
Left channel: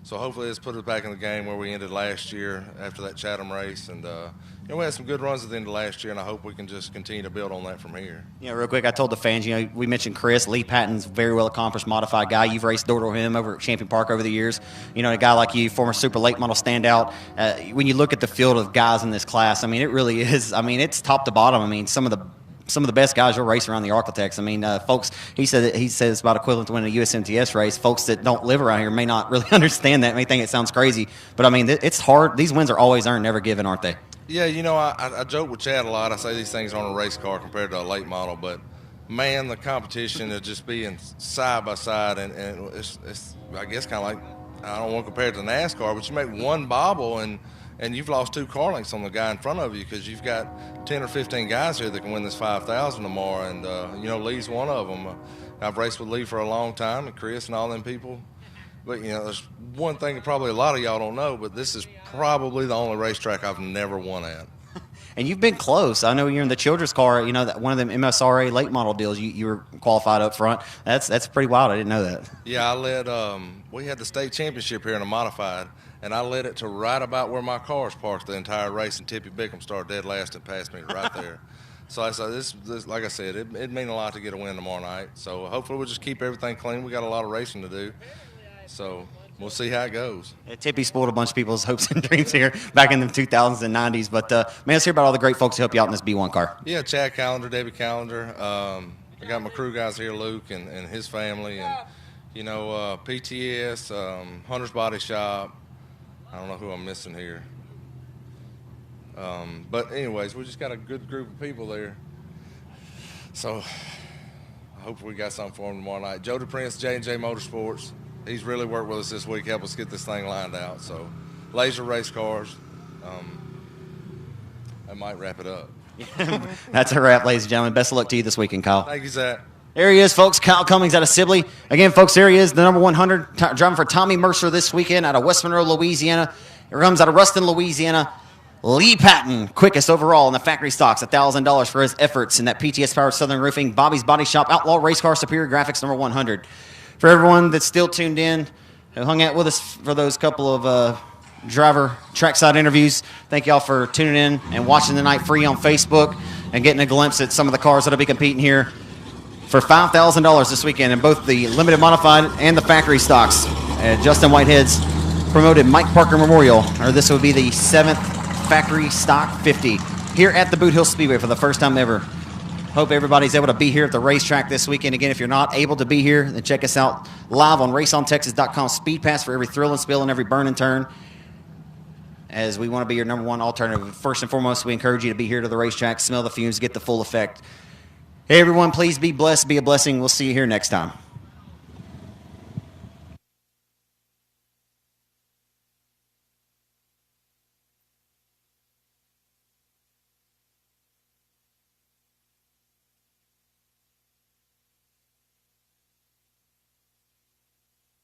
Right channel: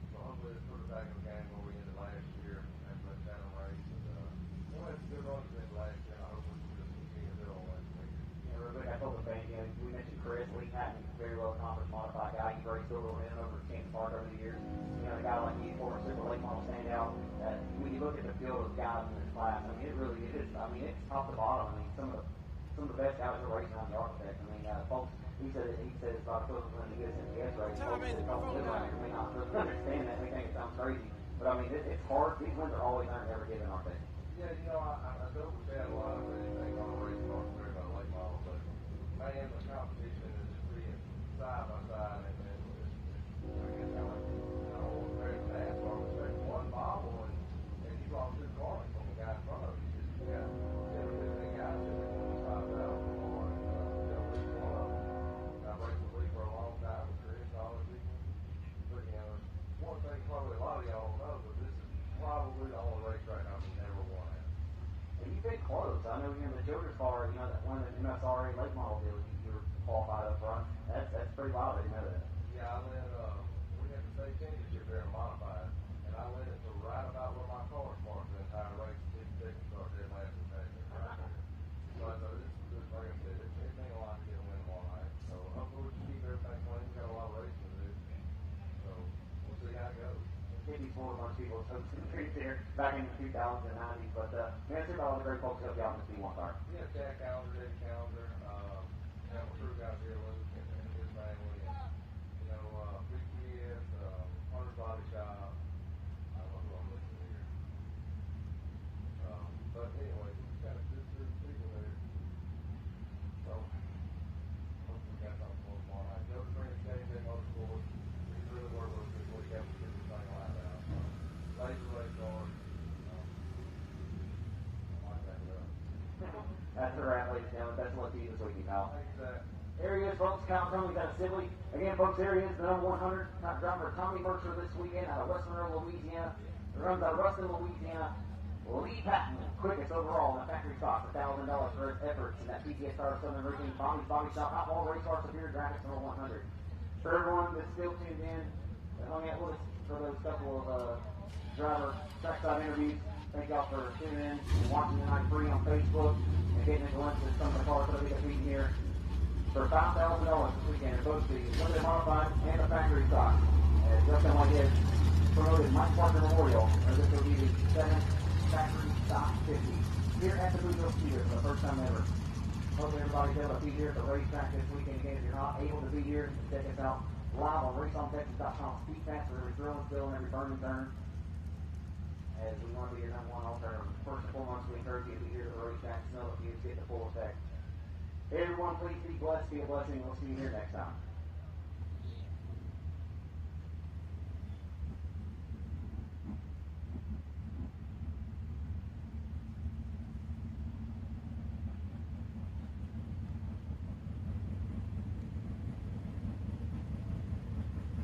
So hopefully it's put us back in the game where we ended last year after that Chatham race. And we had some good runs at the end of last year, and I hope we can just continue to build on that from here. Real quick, I told the fans, we mentioned Chris. Lee Patton's a very well-accomplished modified guy. You've raced door to him over at Champion Park over the years. A guy like you, former super late model standout. When you look at the field of guys in this class, I mean, it really is. I mean, it's top to bottom. I mean, some of the best guys you'll race around the Arklatex. I mean, folks, he says about equivalent to winning a USMTS race. Folks that don't live around here may not really understand that, may think it sounds crazy. But, I mean, it's hard. These wins are always earned, never given, aren't they? Yeah, I joke with Chad a lot. I say these things aren't a race car compared to a late model. But, man, the competition is just being side by side. And it's I guess, kind of like, I don't want to compare it to NASCAR, but you make one bobble and you've lost 2 car lengths on the guy in front of you because you've got 10 or 15 guys here that can win this 5,000 tomorrow, and Lee's one of them. I've raced with Lee for a long time, and Chris and all them people. But there's one thing that probably a lot of y'all don't know, but this is probably the only racetrack I've never won at. And you've been close. I know you're in the children's car. One of them MSRA late model deals. You were qualified up front. That's pretty wild. I didn't know that. Yeah, I led. We had the state championship here in a modified. And I led it to right about where my car's parked the entire race, and Tippy Bickham started dead last and passed me right there. So I said, this like I said, it'd mean a lot to get a win tomorrow night. So hopefully we'll just keep everything clean. We got a lot of racing to do. So we'll see how it goes. Yeah, Tippy spoiled a bunch of people's hopes and dreams here back in the 2000s and 90s. But, man, let's hear about all the great folks who help you out in this B1 car. Yeah, Chad Callender, David Callender. I got my crew guys here, Luke and his family. And, PTS, Hunter's Body Shop. I don't know who I'm missing here. But anyways, we just got a good group of people there. So hopefully we got something for them tomorrow night. Joe DePrince, J&J Motorsports. He's really worked with us this week, help us get this thing lined out. So laser race cars. I might wrap it up. That's a wrap, ladies and gentlemen. Best of luck to you this weekend, Kyle. Thank you, Zach. There he is, folks. Kyle Cummings out of Sibley. Again, folks, there he is, the number 100, driving for Tommy Mercer this weekend out of West Monroe, Louisiana. He comes out of Ruston, Louisiana. Lee Patton, quickest overall in the factory stocks, $1,000 for his efforts in that PTS Powered Southern Roofing. Bobby's Body Shop, Outlaw Race Car, Superior Graphics, number 100. For everyone that's still tuned in, who hung out with us for those couple of driver trackside interviews, thank y'all for tuning in and watching the night free on Facebook and getting a glimpse at some of the cars that'll be competing here for $5,000 this weekend in both the limited modified and the factory stocks. Justin Whitehead's promoted Mike Parker Memorial, or this would be the 7th factory stock 50 here at the Boothill Speedway for the first time ever. Hope everybody's able to be here at the racetrack this weekend. Again, if you're not able to be here, then check us out live on raceontexas.com. SpeedPass for every thrill and spill and every burn and turn, as we want to be your number one alternative. First and foremost, we encourage you to be here to the racetrack, smell the fumes, get the full effect. Hey, everyone, please be blessed, be a blessing. We'll see you here next time.